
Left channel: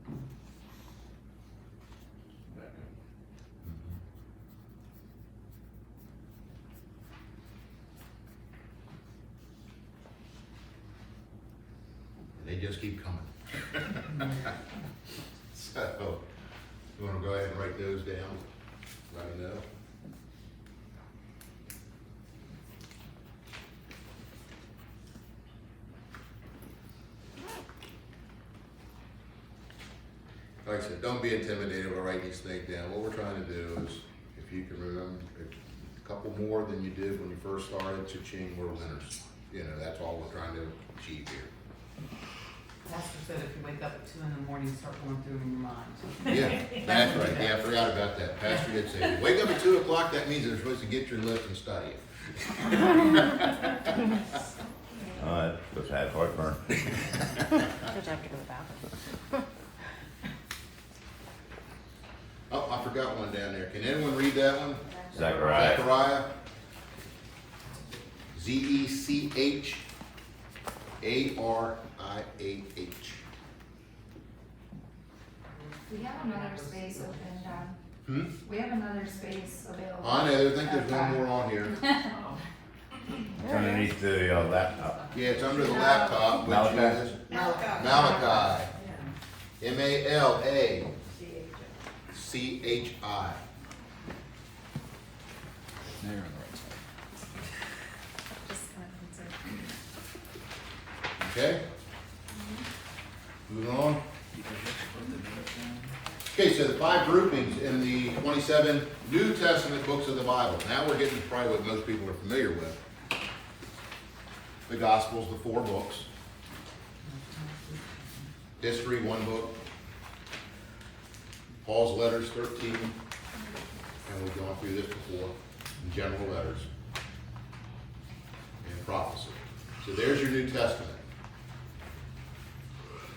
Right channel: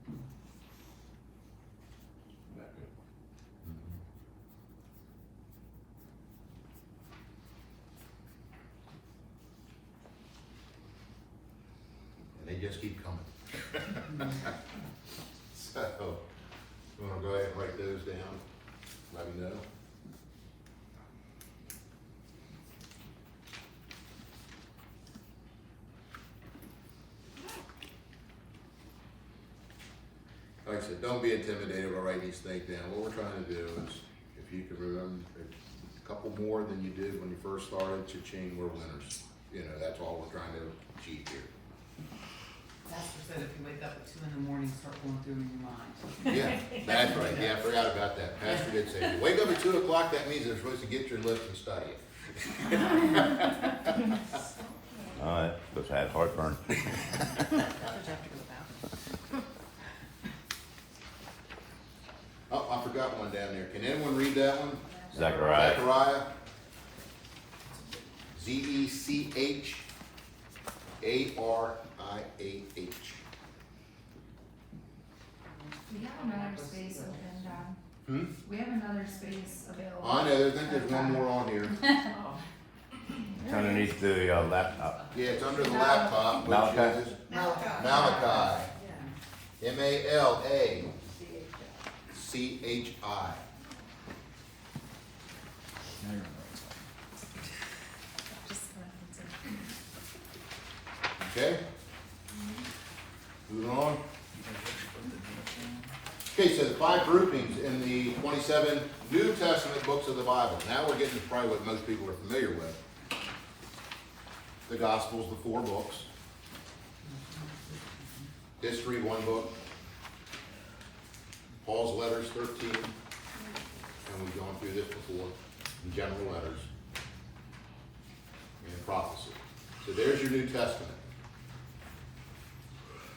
Mhm. And they just keep coming. So, you wanna go ahead and write those down? Let me know. Like I said, don't be intimidated by writing these things down. What we're trying to do is, if you can remember a couple more than you did when you first started, cha-ching, we're winners. You know, that's all we're trying to achieve here. Pastor said if you wake up at 2 in the morning, start going through in your mind. Yeah, that's right. Yeah, I forgot about that. Pastor did say, wake up at 2 o'clock, that means you're supposed to get your list and study it. Which had heartburn. Did you have to go back? Oh, I forgot one down there. Can anyone read that one? Zechariah. Zechariah. Zechariah. We have another space open, John. Hmm? We have another space available. I know, I think there's one more on here. It's underneath the laptop. Yeah, it's under the laptop, which Malachi. is Malachi. Malachi. Just kind of, Okay? Moving on. Okay, so the 5 groupings in the 27 New Testament books of the Bible. Now we're getting to probably what most people are familiar with. The Gospels, the 4 books. History, 1 book. Paul's letters, 13. And we've gone through this before. And general letters. And prophecy. So there's your New Testament.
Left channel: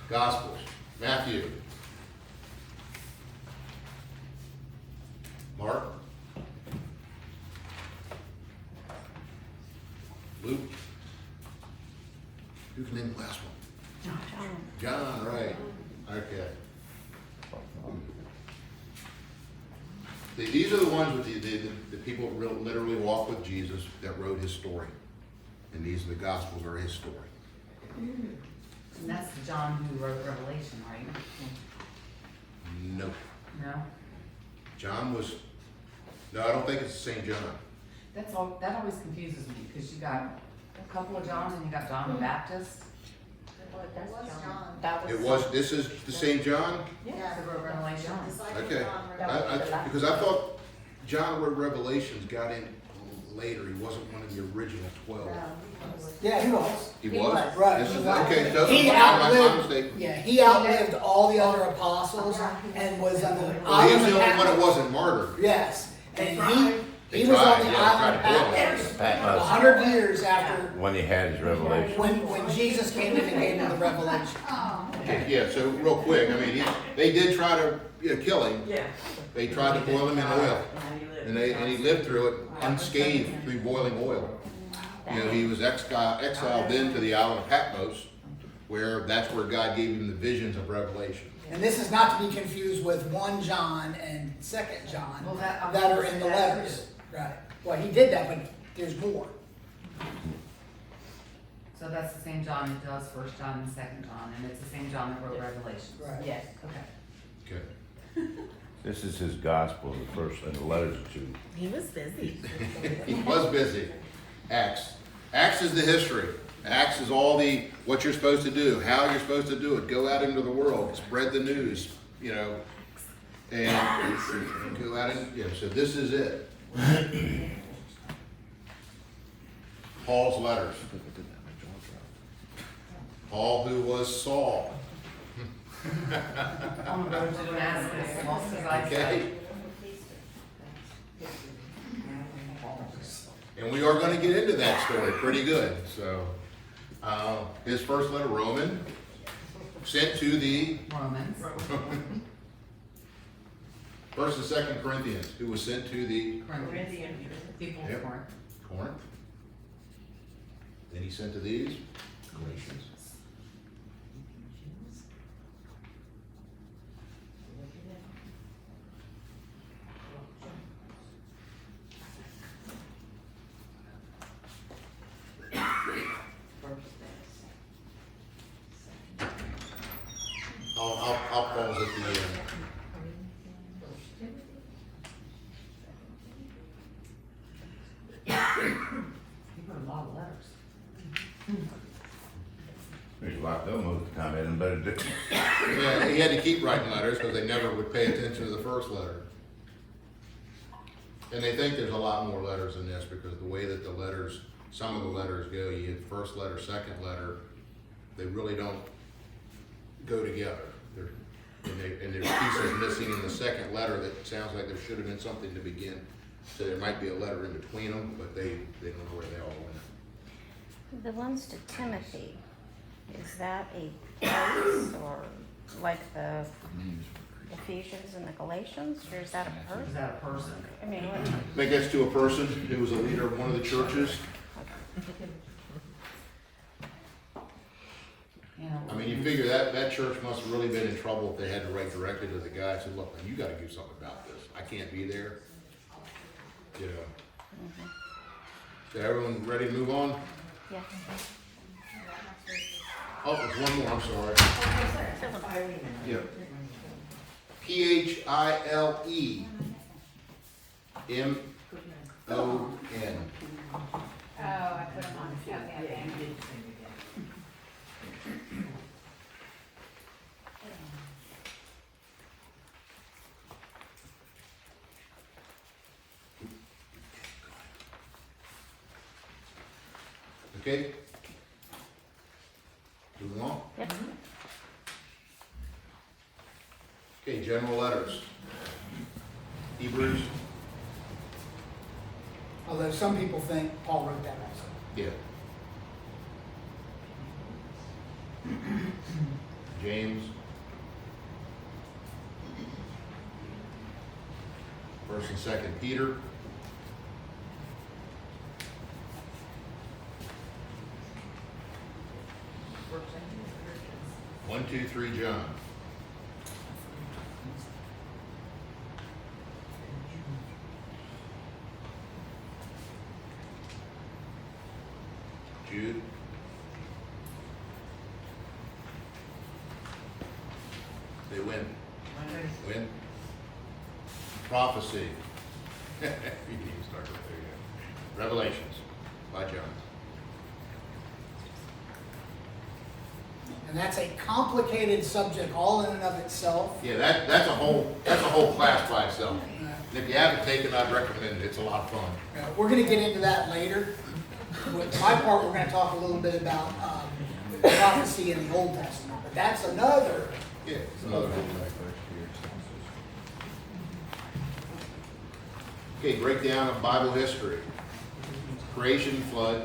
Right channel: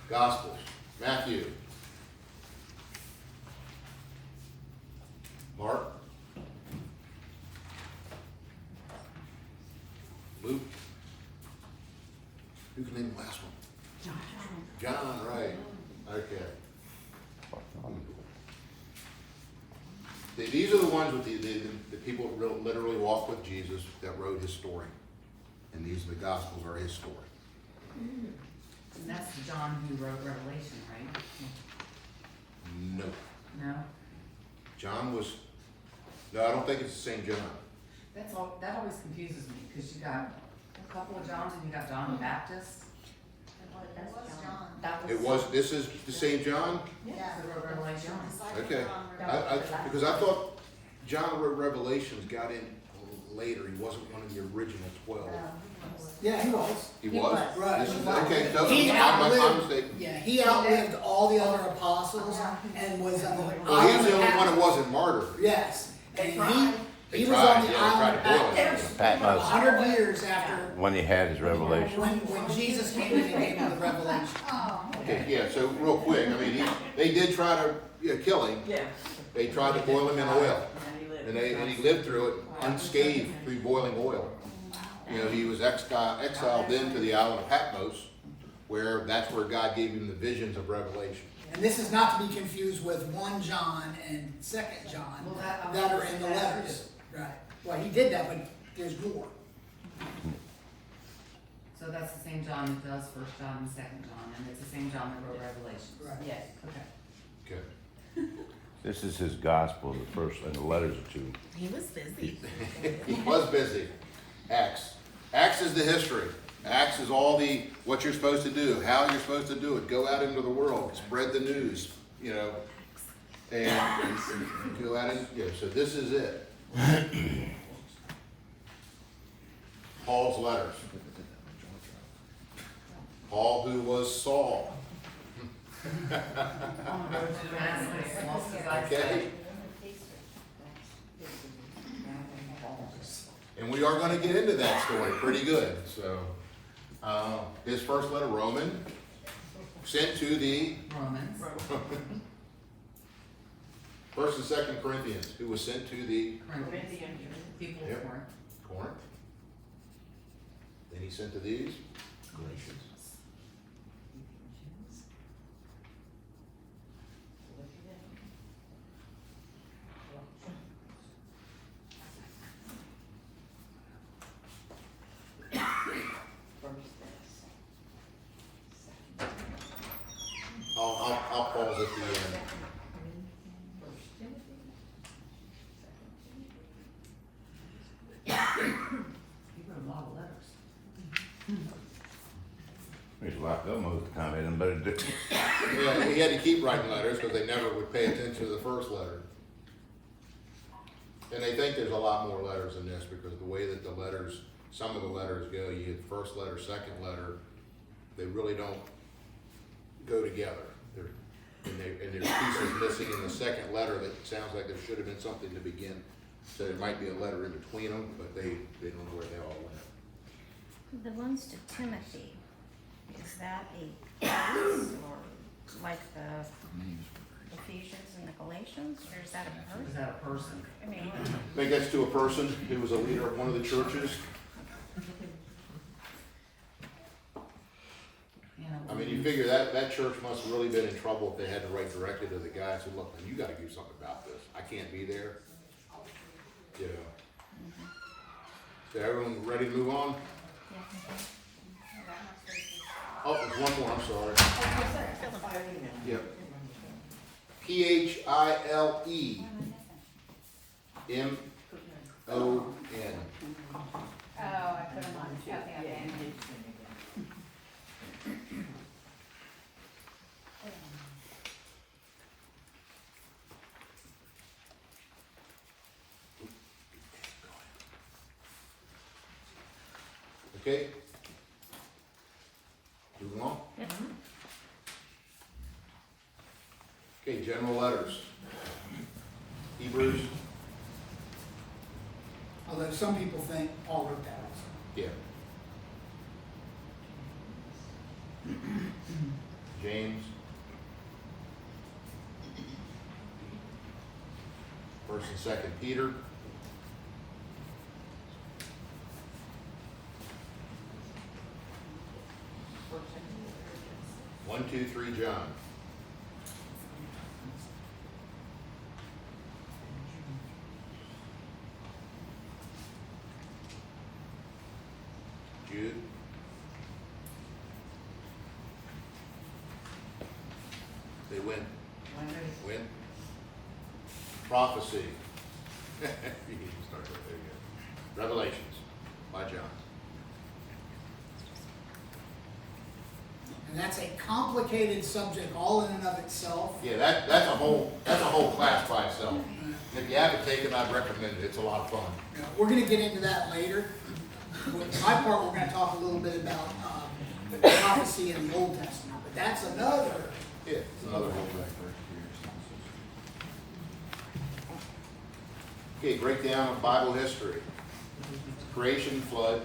Gospels. Matthew. Mark. Luke. Who can name the last one? John, right. Okay. These are the ones with the people that literally walk with Jesus that wrote his story. And these are the Gospels are his story. And that's the John who wrote Revelation, right? Nope. No? John was, no, I don't think it's the same John. That always confuses me, because you got a couple of Johns and you got John the Baptist. It was John. that was. It was, this is the same John? Yeah. Who wrote Revelation. Just like Okay. John Because I thought John wrote Revelations got in later. He wasn't one of the original 12. Yeah, he was. He was? Right. This is, he was. okay, so He my outlived, mistake. yeah, he outlived all the other apostles and was on the Well, he was the island only of one that Patmos. wasn't martyred. Yes, They and tried. he was on the They tried, island of yeah, they tried to boil Patmos. him. Patmos. 100 years after When he had his revelation. when Jesus came in and gave him the revelation. Okay, yeah, so real quick, I mean, they did try to kill him. Yeah. They tried to boil him in oil. And he lived. And he lived through it unscathed through boiling oil. You know, he was exiled then to the island of Patmos, where that's where God gave him the visions of Revelation. And this is not to be confused with 1 John and 2nd John Well, that are in the letters. Right. Well, he did that, but there's more. So that's the same John that does 1 John and 2nd John, and it's the same John that wrote Revelation. Right. Yes, okay. Okay. This is his gospel, the first, and the letters to. He was busy. He was busy. Acts. Acts is the history. Acts is all what you're supposed to do, how you're supposed to do it. Go out into the world, spread the news, you know, and go out and, you know, so this is it. Paul's letters. Paul, who was Saul. On the road to Damascus, lost his eyesight. Okay. And And we are gonna get into that story pretty good, so. His first letter, Roman, sent to the Romans. First and Second Corinthians, who was sent to the Corinthian church. People of Yep. Corinth. Corinth. Then he sent to these Galatians. I'll pause at the end. You put a lot of letters. There's a lot of them most of the time, and better do. Yeah, he had to keep writing letters because they never would pay attention to the first letter. And they think there's a lot more letters than this because the way that the letters, some of the letters go, you get first letter, second letter, they really don't go together. And there's pieces missing in the second letter that sounds like there should have been something to begin. So there might be a letter in between them, but they don't know where they all went. The ones to Timothy, is that a place or like the Ephesians and the Galatians, or is that a Is person? that a person? I mean, what? I think that's to a person who was a leader of one of the churches. You know, I mean, you figure that church must have really been in trouble if they had to write directly to the guy and say, look, you gotta do something about this. I can't be there. You know. So everyone ready to move on? Yes. Oh, there's one more, I'm sorry. Yep. Philemon. Oh, I put them on, oh, yeah. Okay? Moving on. Yep. Okay, general letters. Hebrews. Although some people think Paul wrote that also. Yeah. James. First and Second Peter. One, two, three, John. Jude. They win. Win. Prophecy. You need to start with there. Revelations by John. And that's a complicated subject all in and of itself. Yeah, that's a whole class by itself. And if you haven't taken, I'd recommend it. It's a lot of fun. We're gonna get into that later. With my part, we're gonna talk a little bit about prophecy in the Old Testament, but that's another. Yeah, it's another one right there. Okay, breakdown of Bible history. Creation, flood.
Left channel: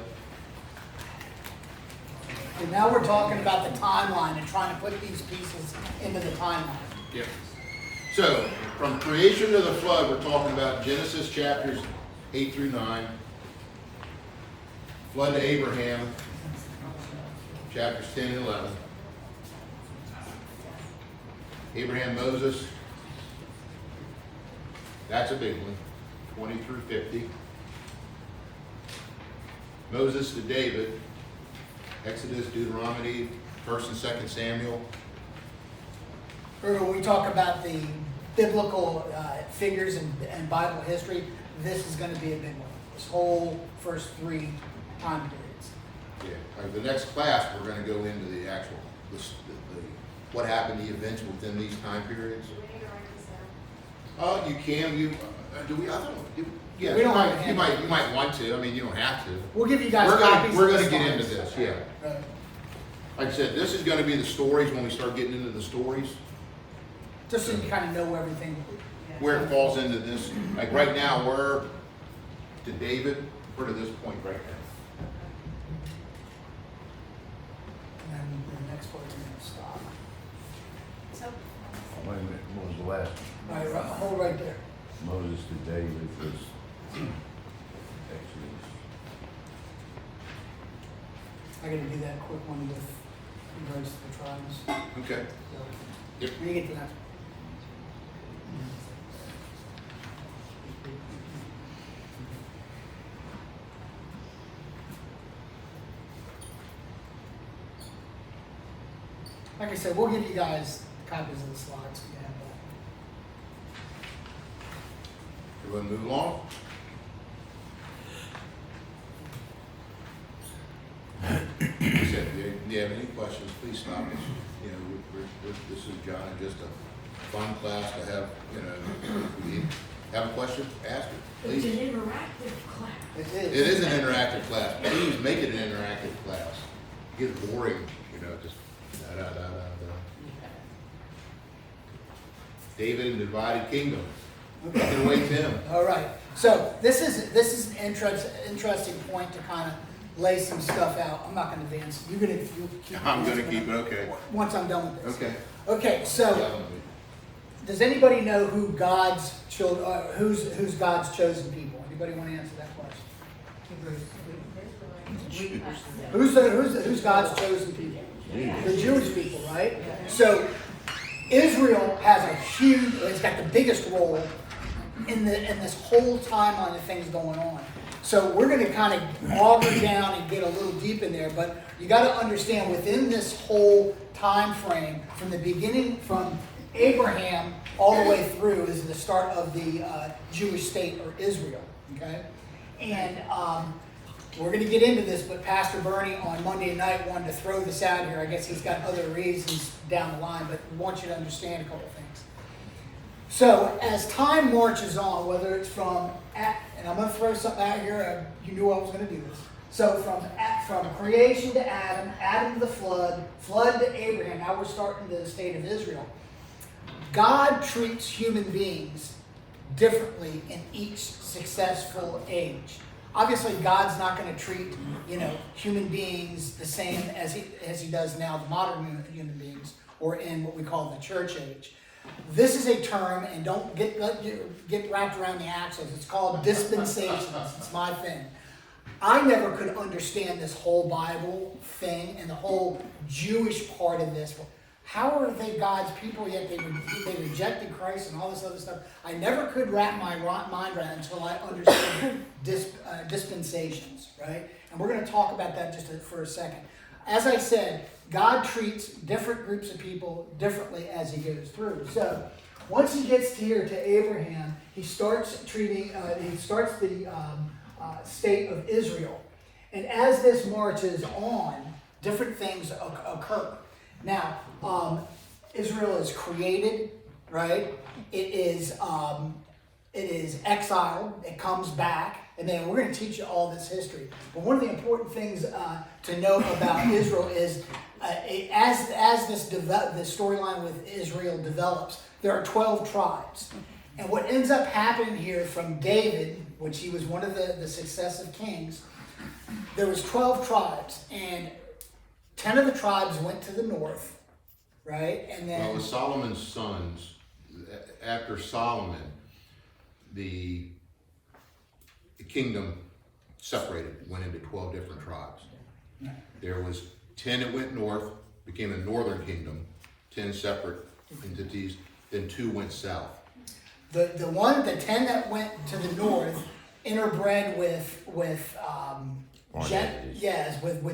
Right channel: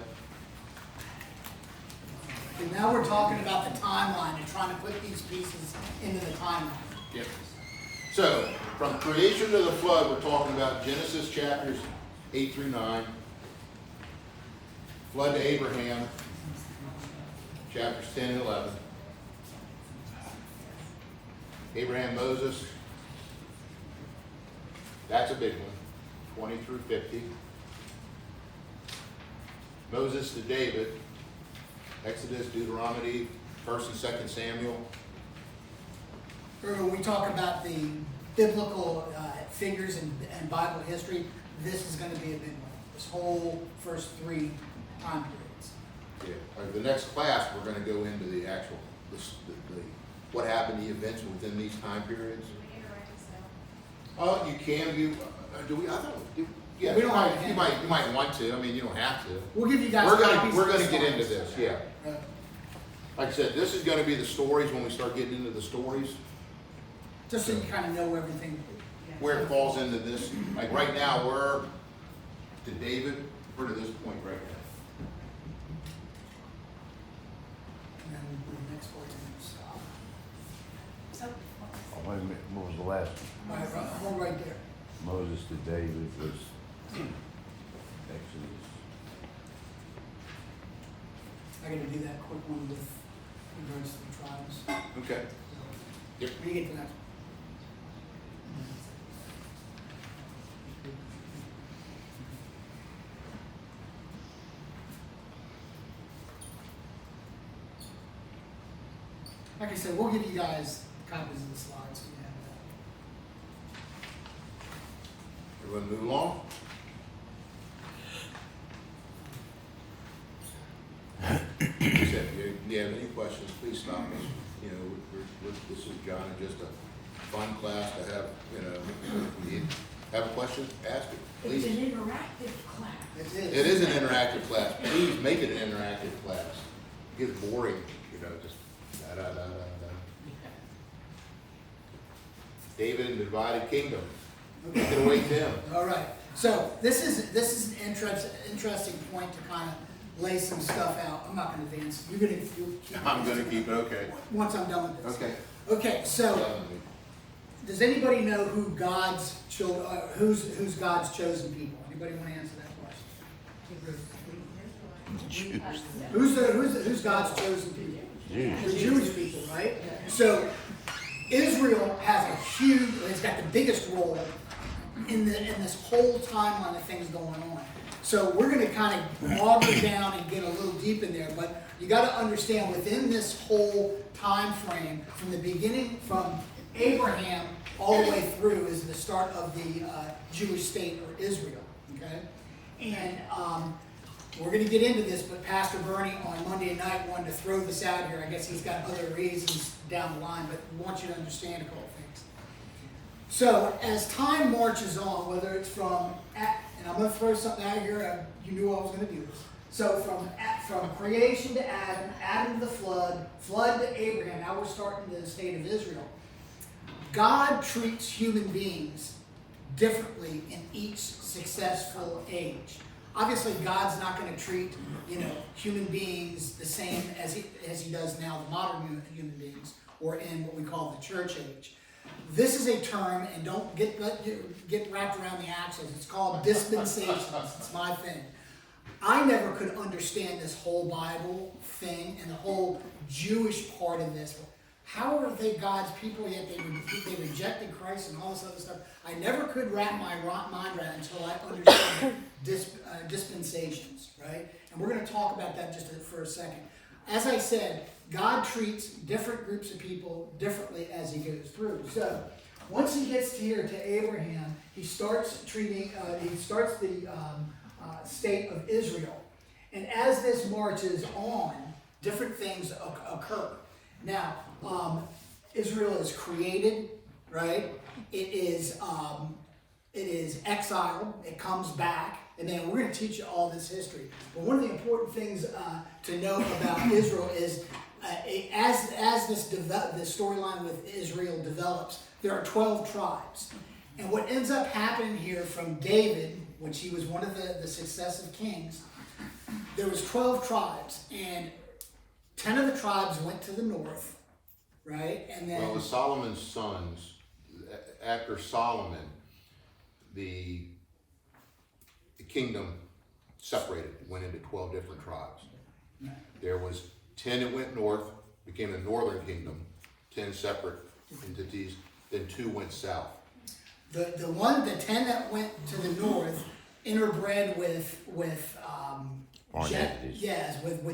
And now we're talking about the timeline and trying to put these pieces into the timeline. Yep. So, from creation to the flood, we're talking about Genesis chapters 8 through 9. Flood to Abraham, chapters 10 and 11. Abraham, Moses, that's a big one, 20 through 50. Moses to David, Exodus, Deuteronomy, 1st and 2nd Samuel. Or when we talk about the biblical figures and Bible history, this is gonna be a big one. This whole first three time periods. Yeah, like the next class, we're gonna go into the actual, what happened, the events within these time periods. You can, do we, I don't know, yeah, We don't have to. you might want to, I mean, you don't have to. We'll give you guys We're copies. gonna of the get into slides. this, yeah. Like I said, this is gonna be the stories when we start getting into the stories, Just so you kind of know everything. where it falls into this. Like right now, we're to David, We're to this point right now. And then the next one, we're gonna stop. Wait a minute, what was the last All right, hold right there. one? Moses to David was Exodus. I gotta do that quick one with regards to the tribes. Okay. So, Yep. when you get to that. Like I said, we'll give you guys copies of the slides so you can have that. Everyone move along. Like I said, if you have any questions, please stop us. You know, this is John, just a fun class to have, you know, if you have a question, ask it, It's please. an interactive class. It It is an interactive class. Please make it an interactive class. It gets boring, you know, just da da da da da. David and divided kingdom. Take it away, Tim. All right. So this is an interesting point to kind of lay some stuff out. I'm not going to advance. You're going to. I'm gonna keep it, okay. Once I'm done with this. Okay. Okay. So does anybody know who God's children? Who's God's chosen people? Anybody want to answer that question? Who's God's chosen people? The Jewish people, right? So Israel has a huge, it's got the biggest role in this whole timeline of things going on. So we're going to kind of auger down and get a little deep in there, but you got to understand within this whole time frame, from the beginning, from Abraham all the way through, is the start of the Jewish state, or Israel. Okay, and we're going to get into this, but Pastor Bernie on Monday night wanted to throw this out here. I guess he's got other reasons down the line, but I want you to understand a couple things. So as time marches on, whether it's from, and I'm going to throw something out here, you knew I was going to do this. So from creation to Adam, Adam to the flood, flood to Abraham, now we're starting to the state of Israel. God treats human beings differently in each successful age. Obviously, God's not going to treat, human beings the same as he does now, the modern human beings, or in what we call the church age. This is a term, and don't get wrapped around the axles. It's called dispensations. It's my thing. I never could understand this whole Bible thing and the whole Jewish part of this. How are they God's people yet they rejected Christ and all this other stuff? I never could wrap my mind around it until I understood dispensations, right? And we're going to talk about that just for a second. As I said, God treats different groups of people differently as he goes through. So once he gets here to Abraham, he starts the state of Israel. And as this marches on, different things occur. Now, Israel is created, right? It is exiled. It comes back, and then we're going to teach you all this history. But one of the important things to know about Israel is, as the storyline with Israel develops, there are 12 tribes, and what ends up happening here from David, which he was one of the successive kings, there was 12 tribes, and 10 of the tribes went to the north. Right, and then. Well, with Solomon's sons, after Solomon, the kingdom separated, went into 12 different tribes. Right. There was 10 that went north, became a northern kingdom, 10 separate entities. Then 2 went south. The 10 that went to the north interbred with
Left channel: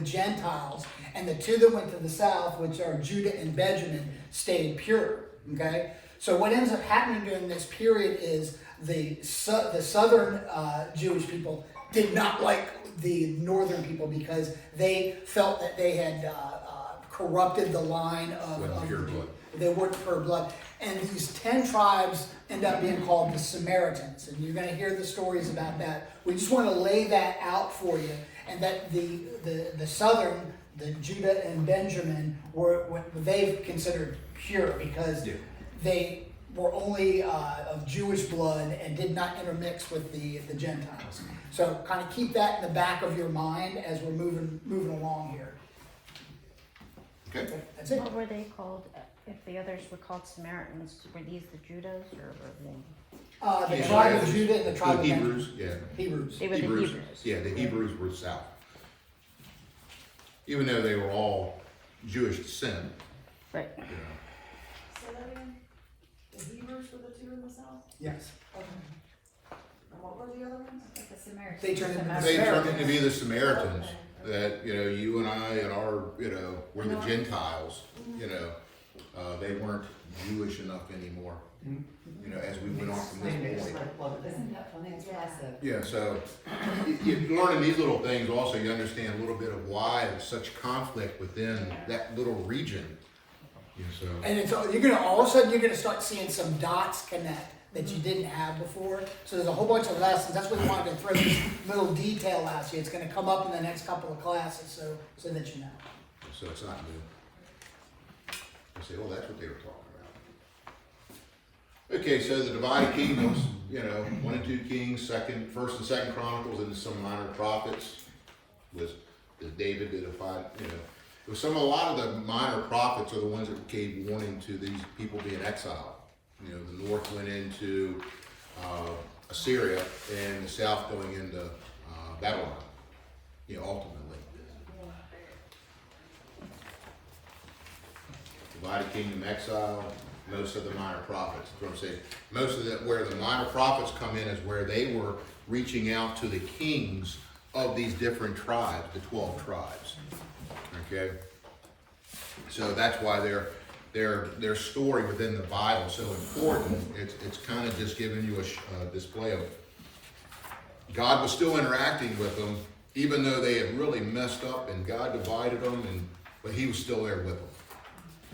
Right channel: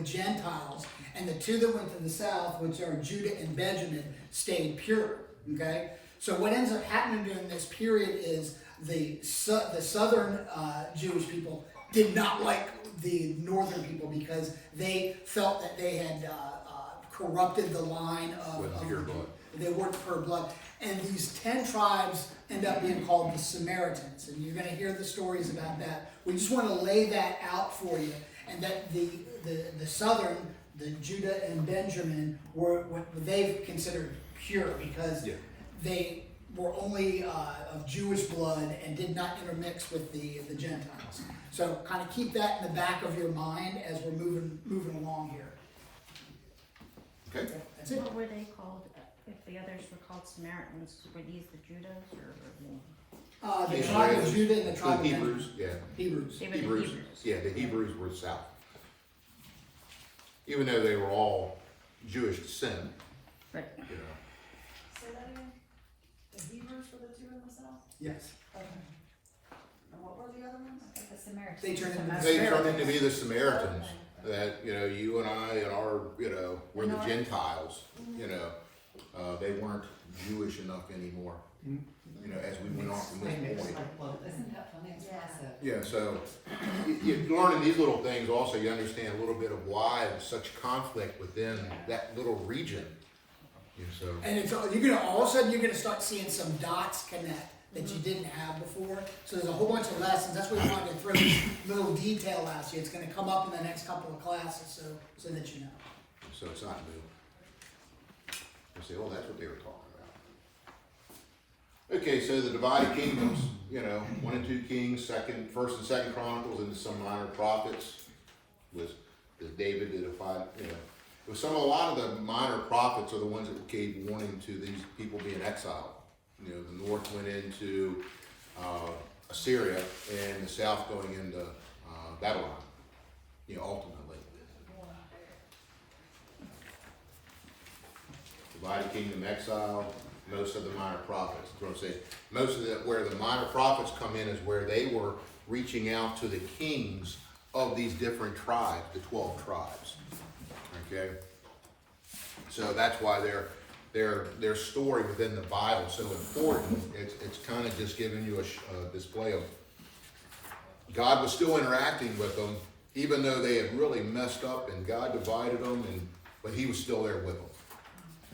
Gentiles. And the 2 that went to the south, which are Judah and Benjamin, stayed pure. Okay, so what ends up happening during this period is the southern Jewish people did not like the northern people because they felt that they had corrupted the line of pure blood. They weren't pure blood, and these 10 tribes end up being called the Samaritans, and you're going to hear the stories about that. We just want to lay that out for you, and that the southern. The Judah and Benjamin were what they considered pure because they were only of Jewish blood and did not intermix with the Gentiles. So kind of keep that in the back of your mind as we're moving along here. Okay? That's it. What were they called, if the others were called Samaritans, were these the Judas or were they? The tribe of Judah and the tribe of Hebrews, yeah. Hebrews. They were the Hebrews, Hebrews. yeah, the Hebrews were south. Even though they were all Jewish descent, Right. you know. Say that again? The Hebrews were the two in the south? Yes. Okay. And what were the other ones? The Samaritans. They turned into They turned Samaritans. into be the Samaritans, that, you know, you and I and our, you know, we're the Gentiles, you know, they weren't Jewish enough anymore, you know, as we went on from this point. Isn't that funny? It's classic. Yeah, so you're learning these little things also, you understand a little bit of why there's such conflict within that little region. Yeah, so, And it's, you're gonna, all of a sudden, you're gonna start seeing some dots connect that you didn't have before. So there's a whole bunch of lessons. That's why we wanted to throw this little detail out to you. It's gonna come up in the next couple of classes, so that you know. so it's not new. You say, oh, that's what they were talking about. Okay, so the divided kingdoms, you know, 1 and 2 Kings, 1st and 2nd Chronicles, and some minor prophets. Was David did a 5, you know. A lot of the minor prophets are the ones that gave warning to these people being exiled. You know, the north went into Assyria, and the south going into Babylon. You know, ultimately. Divided kingdom, exile, most of the minor prophets. That's what I'm saying. Most of where the minor prophets come in is where they were reaching out to the kings of these different tribes, the 12 tribes. Okay? So that's why their story within the Bible is so important. It's kind of just giving you a display of God was still interacting with them, even though they had really messed up and God divided them, but He was still there with them.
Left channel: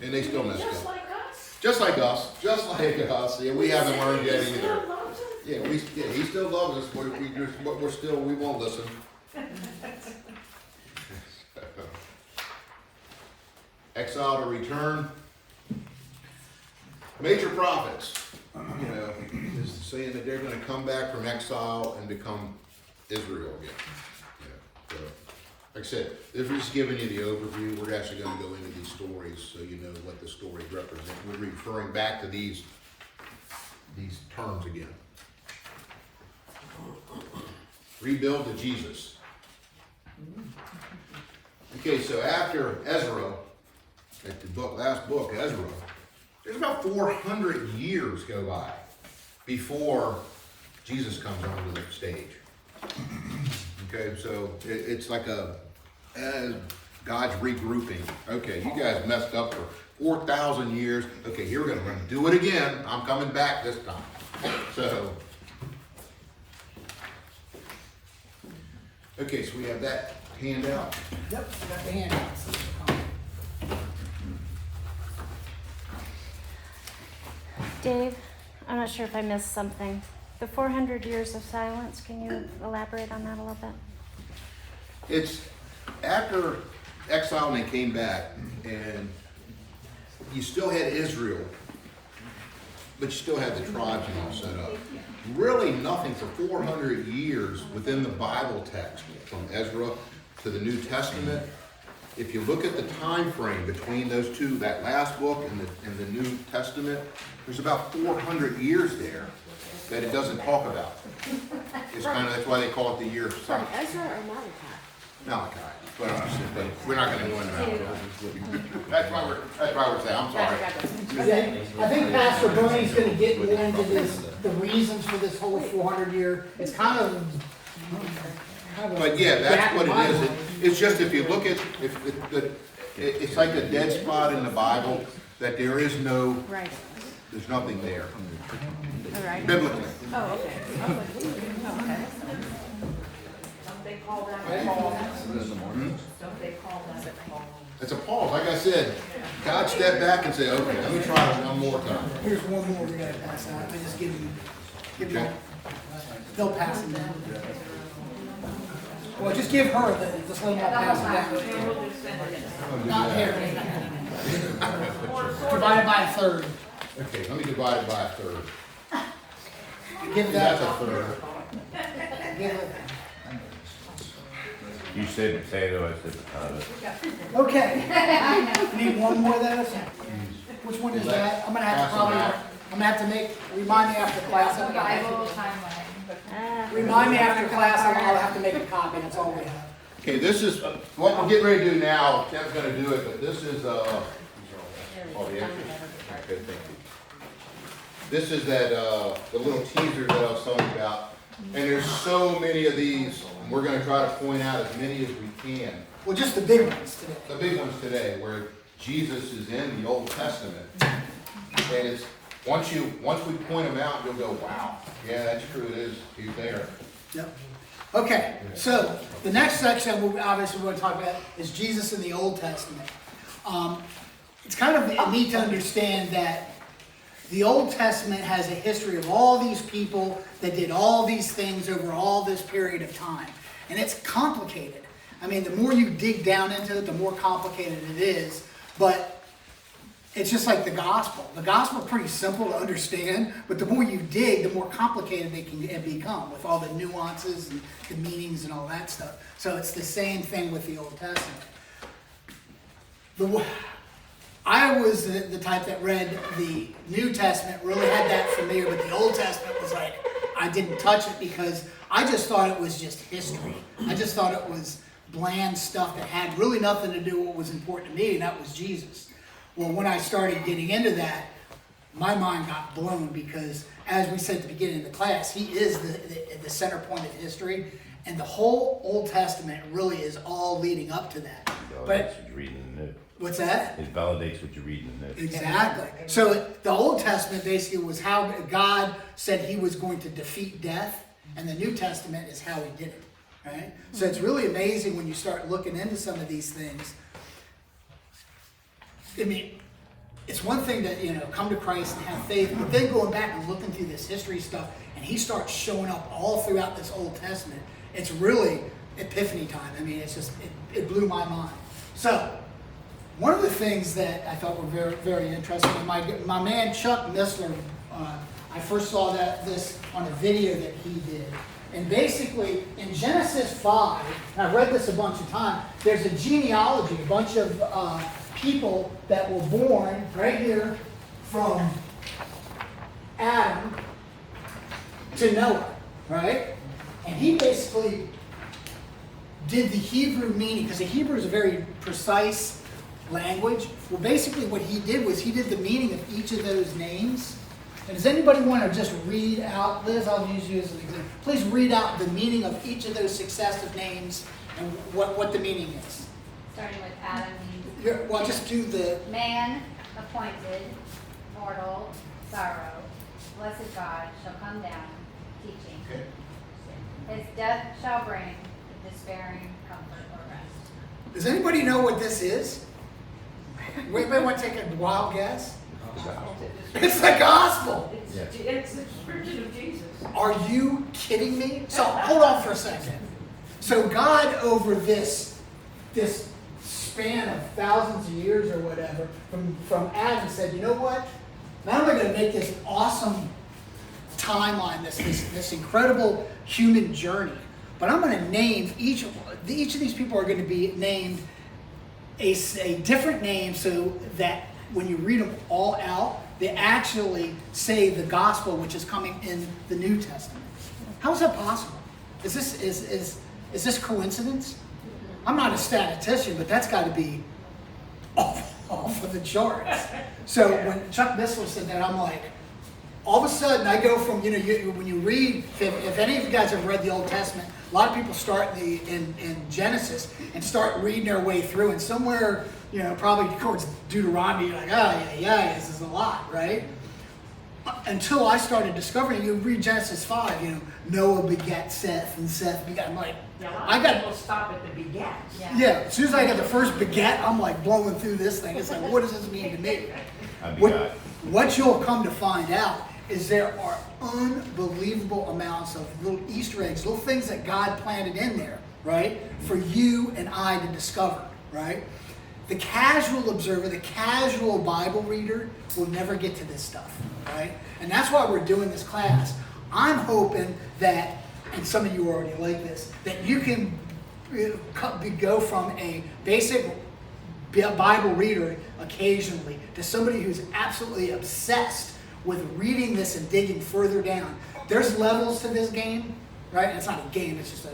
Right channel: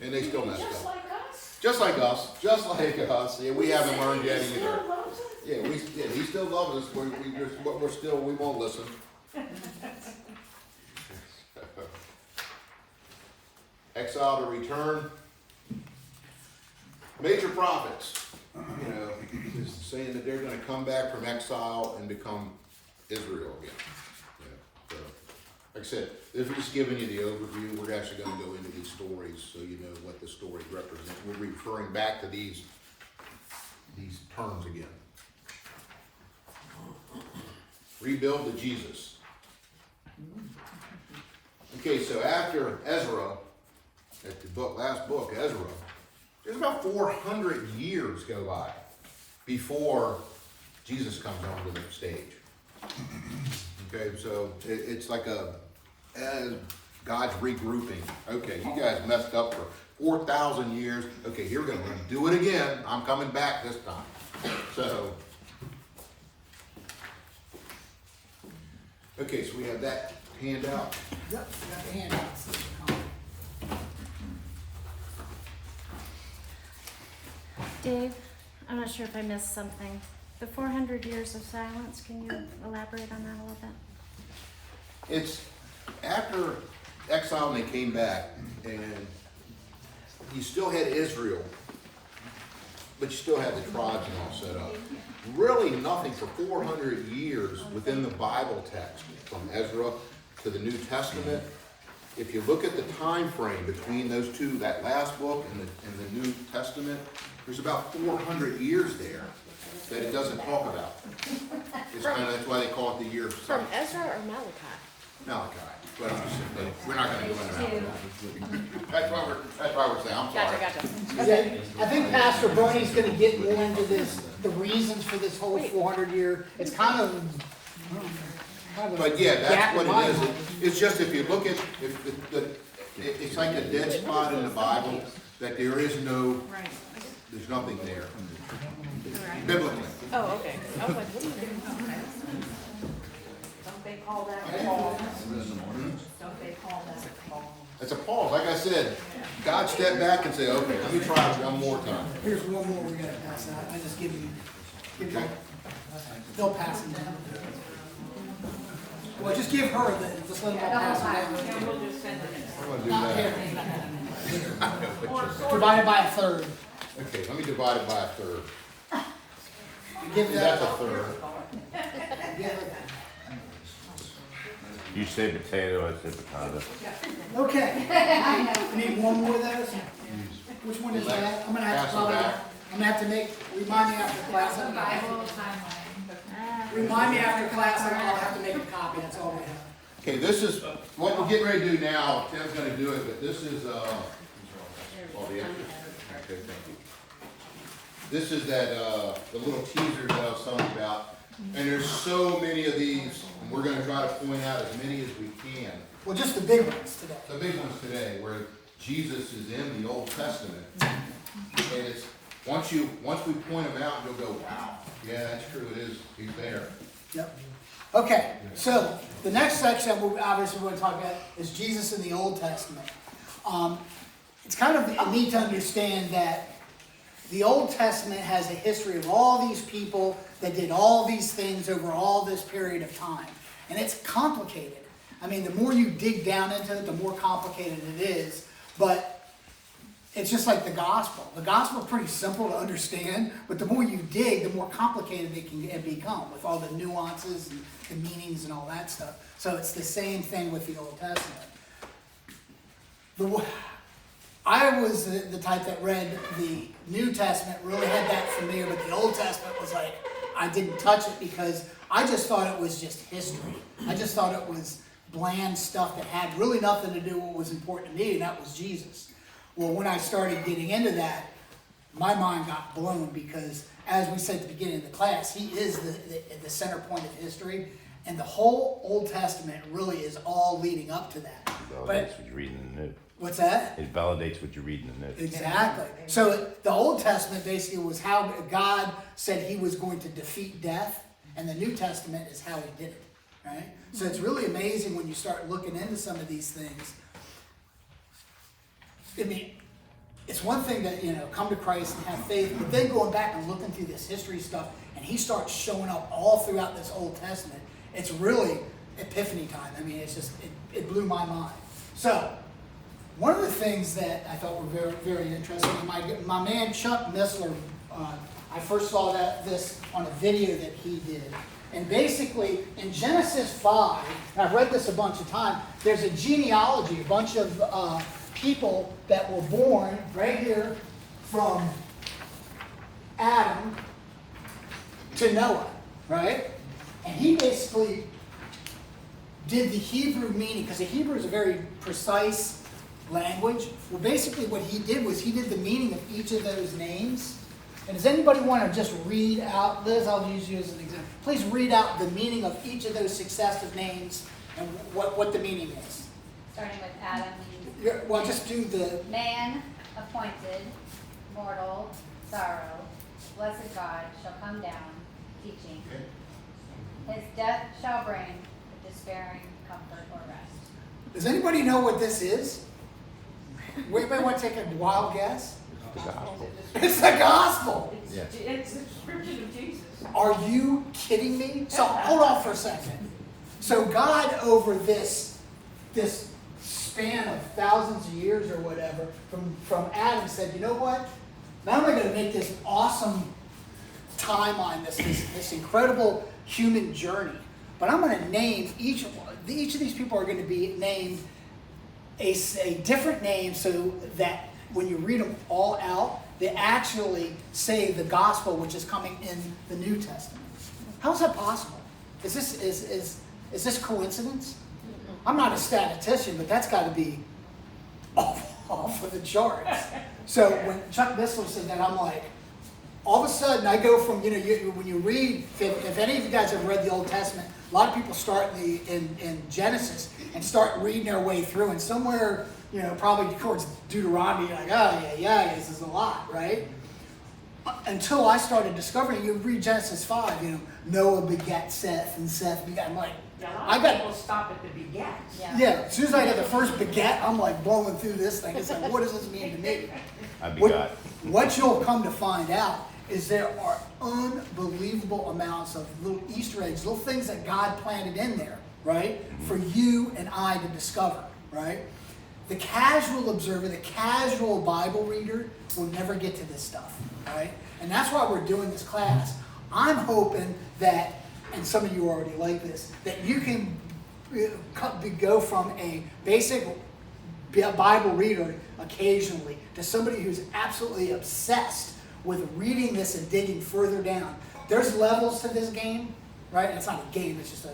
And they still messed Just up. like us. Just like us. Just like us. Yeah, we haven't learned yet He either. still loves us. Yeah, He still loves us. We won't listen. Exile to return. Major prophets, you know, is saying that they're going to come back from exile and become Israel again. You know, so, like I said, if we're just giving you the overview, we're actually going to go into these stories so you know what the stories represent. We're referring back to these terms again. Rebuild to Jesus. Okay, so after Ezra, at the last book, Ezra, there's about 400 years go by before Jesus comes onto the stage. Okay, so it's like God's regrouping. Okay, you guys messed up for 4,000 years. Okay, here we're going to do it again. I'm coming back this time. So, okay, so we have that handout. Yep, I got the handouts. Dave, I'm not sure if I missed something. The 400 years of silence, can you elaborate on that a little bit? It's after exile and they came back, and you still had Israel, but you still had the tribes and all set up. Really nothing for 400 years within the Bible text, from Ezra to the New Testament. If you look at the time frame between those two, that last book and the New Testament, there's about 400 years there that it doesn't talk about. It's kind of, that's why they call it the year of From silence. Ezra or Malachi? Malachi, but I'm just saying, but we're not gonna go into Malachi. That's why we're saying, I'm sorry. I think Pastor Bernie's gonna get more into this, the reasons for this whole 400-year, it's kind of. But yeah, that's what it is. It's just if you look at, it's like a dead spot in the Bible, that there is no, Right. there's nothing there, Right. biblically. Oh, okay. Don't they call that a pause? Hmm? Don't they call that a pause? It's a pause, like I said, God stepped back and said, okay, let me try it one more time. Here's one more we gotta pass out, I just give them, Okay. they'll pass them down. Well, just give her, just let them all pass it down. Then we'll just send it in. Not here. Divided by a third. Okay, let me divide it by a third. Give That's that, a third. give her You said potato, I said potato. that. Okay. Need one more of those? Which one is that? I'm gonna have to probably, I'm gonna have to make, remind me after class. I'm gonna have to- Remind me after class, I'll have to make a copy, that's all we have. Okay, this is, what we're getting ready to do now, Tim's gonna do it, but this is, oh, yeah. Okay, thank you. This is that, the little teaser that I was telling you about. And there's so many of these, and we're gonna try to point out as many as we can. Well, just the big ones today. The big ones today, where Jesus is in the Old Testament. And it's, once we point them out, you'll go, wow, yeah, that's true, it is, he's there. Yep. Okay, so the next section we obviously want to talk about is Jesus in the Old Testament. It's kind of neat to understand that the Old Testament has a history of all these people that did all these things over all this period of time. And it's complicated. I mean, the more you dig down into it, the more complicated it is. But it's just like the gospel. The gospel is pretty simple to understand, but the more you dig, the more complicated it can become with all the nuances and the meanings and all that stuff. So it's the same thing with the Old Testament. I was the type that read the New Testament, really had that familiar, but the Old Testament was like, I didn't touch it because I just thought it was just history. I just thought it was bland stuff that had really nothing to do with what was important to me, and that was Jesus. Well, when I started getting into that, my mind got blown because, as we said at the beginning of the class, he is the center point of history, and the whole Old Testament really is all leading up to that. Validates what you're reading in the New. What's that? It validates what you're reading in the New. Exactly. So the Old Testament basically was how God said he was going to defeat death, and the New Testament is how he did it. Right? So it's really amazing when you start looking into some of these things. I mean, it's one thing to, come to Christ and have faith, but then going back and looking through this history stuff, and he starts showing up all throughout this Old Testament, it's really epiphany time. I mean, it's just, it blew my mind. So, one of the things that I thought were very, very interesting, and my man Chuck Missler, I first saw this on a video that he did. And basically, in Genesis 5, and I've read this a bunch of times, there's a genealogy, a bunch of people that were born right here from Adam to Noah, right? And he basically did the Hebrew meaning, because the Hebrew is a very precise language. Well, basically what he did was he did the meaning of each of those names. And does anybody want to just read out, Liz, I'll use you as an example. Please read out the meaning of each of those successive names and what the meaning is. Starting with Adam Well, just do the... Man appointed, mortal, sorrow, blessed God shall come down, teaching. Okay. His death shall bring despairing comfort or rest. Does anybody know what this is? Anybody want to take a wild guess? It's the gospel. It's the description of Jesus. Are you kidding me? So hold on for a second. So God, over this span of thousands of years or whatever, from Adam said, you know what? Not only going to make this awesome timeline, this incredible human journey, but I'm going to name each of these people are going to be named a different name so that when you read them all out, they actually say the gospel which is coming in the New Testament. How is that possible? Is this coincidence? I'm not a statistician, but that's got to be off of the charts. So when Chuck Missler said that, I'm like, all of a sudden I go from, when you read, if any of you guys have read the Old Testament, a lot of people start in Genesis and start reading their way through, and somewhere, probably towards Deuteronomy, you're like, this is a lot, right? Until I started discovering, you read Genesis 5, Noah begat Seth, and Seth begat, I'm like, I got to stop at the begat. yeah, as soon as I got the first begat, I'm like blowing through this thing. It's like, what does this mean to me? What you'll come to find out is there are unbelievable amounts of little Easter eggs, little things that God planted in there, right? For you and I to discover, right? The casual observer, the casual Bible reader will never get to this stuff, right? And that's why we're doing this class. I'm hoping that, and some of you already like this, that you can go from a basic Bible reader occasionally to somebody who's absolutely obsessed with reading this and digging further down. There's levels to this game, right? It's not a game, it's just a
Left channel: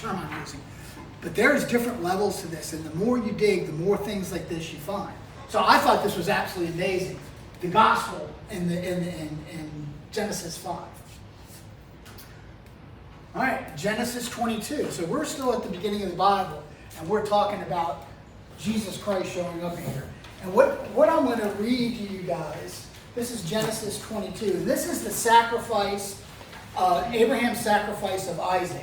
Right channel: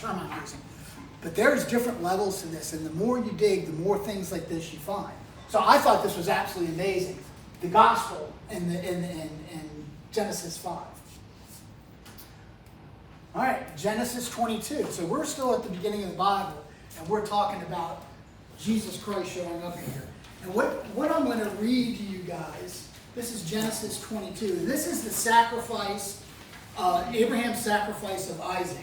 term I'm using. But there's different levels to this, and the more you dig, the more things like this you find. So I thought this was absolutely amazing. The gospel in Genesis 5. All right, Genesis 22. So we're still at the beginning of the Bible, and we're talking about Jesus Christ showing up here. And what I'm going to read to you guys, this is Genesis 22. And this is the sacrifice, Abraham's sacrifice of Isaac.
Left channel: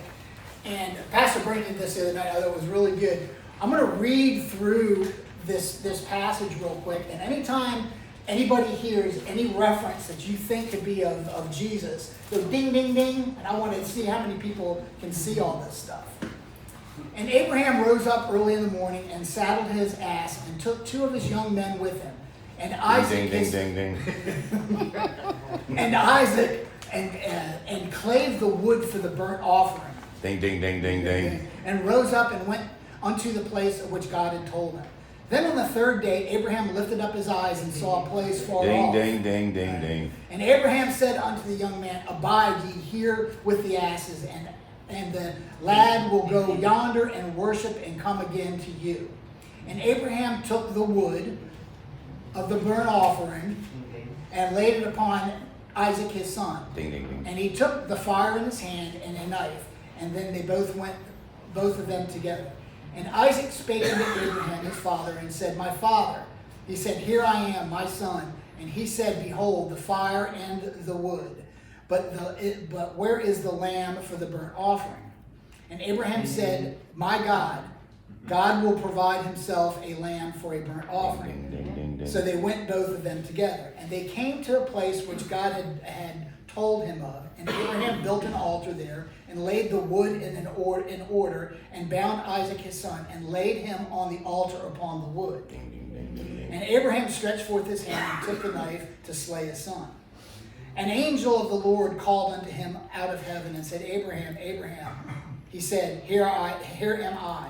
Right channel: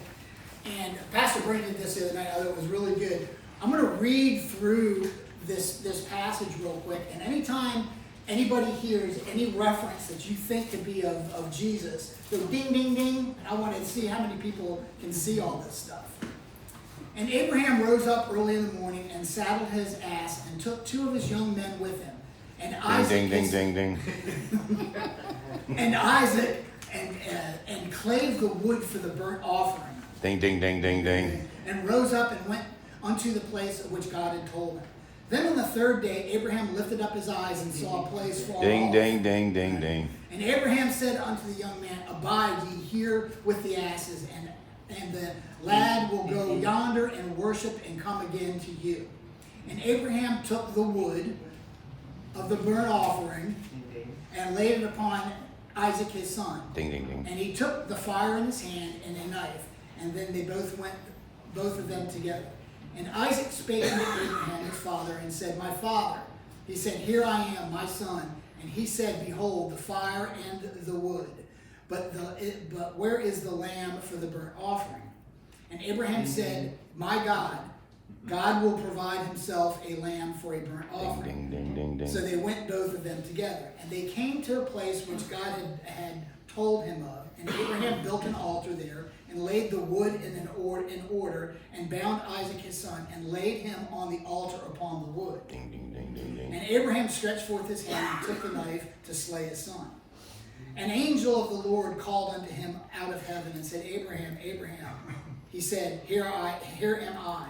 And Pastor Brent did this the other night. I thought it was really good. I'm going to read through this passage real quick. And anytime anybody hears any reference that you think could be of Jesus, go ding, ding, ding. And I want to see how many people can see all this stuff. And Abraham rose up early in the morning and saddled his ass and took 2 of his young men with him. And Isaac, Ding, ding, ding, ding. and Isaac and clave the wood for the burnt offering. Ding, ding, ding, ding, ding. And rose up and went unto the place of which God had told him. Then on the 3rd day, Abraham lifted up his eyes and saw a place far Ding, off. ding, ding, ding, ding. And Abraham said unto the young man, Abide ye here with the asses, and the lad will go yonder and worship and come again to you. And Abraham took the wood of the burnt offering and laid it upon Isaac his son. Ding, ding, ding. And he took the fire in his hand and a knife, and then they both of them together. And Isaac spake unto Abraham his father, and said, My father. He said, Here I am, my son. And he said, Behold, the fire and the wood, but where is the lamb for the burnt offering? And Abraham said, My God will provide himself a lamb for a burnt offering. Ding, ding, ding, ding. So they went both of them together. And they came to a place which God had told him of. And Abraham built an altar there, and laid the wood in order, and bound Isaac his son, and laid him on the altar upon the wood. Ding, ding, ding, ding, ding. And Abraham stretched forth his hand and took the knife to slay his son. An angel of the Lord called unto him out of heaven and said, Abraham, Abraham. He said, Here am I.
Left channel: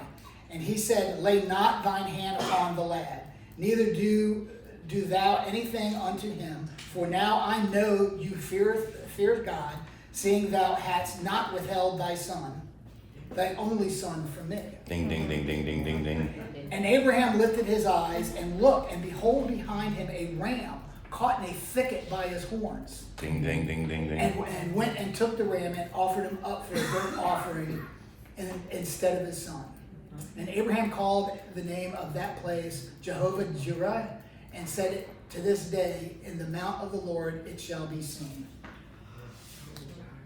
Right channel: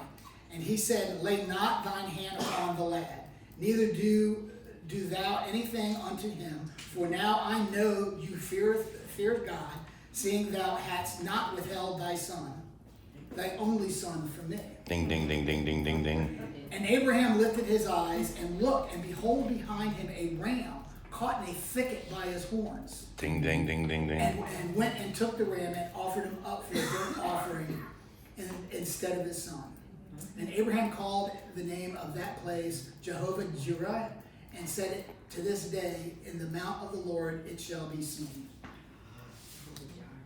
And he said, Lay not thine hand upon the lad, neither do thou anything unto him, for now I know you feareth God, seeing thou hadst not withheld thy son, thy only son, from me. Ding, ding, ding, ding, ding, ding, ding. And Abraham lifted his eyes and looked, and behold, behind him a ram caught in a thicket by his horns. Ding, ding, ding, ding, ding. And went and took the ram and offered him up for a burnt offering instead of his son. And Abraham called the name of that place Jehovah Jireh, and said, To this day, in the mount of the Lord it shall be seen.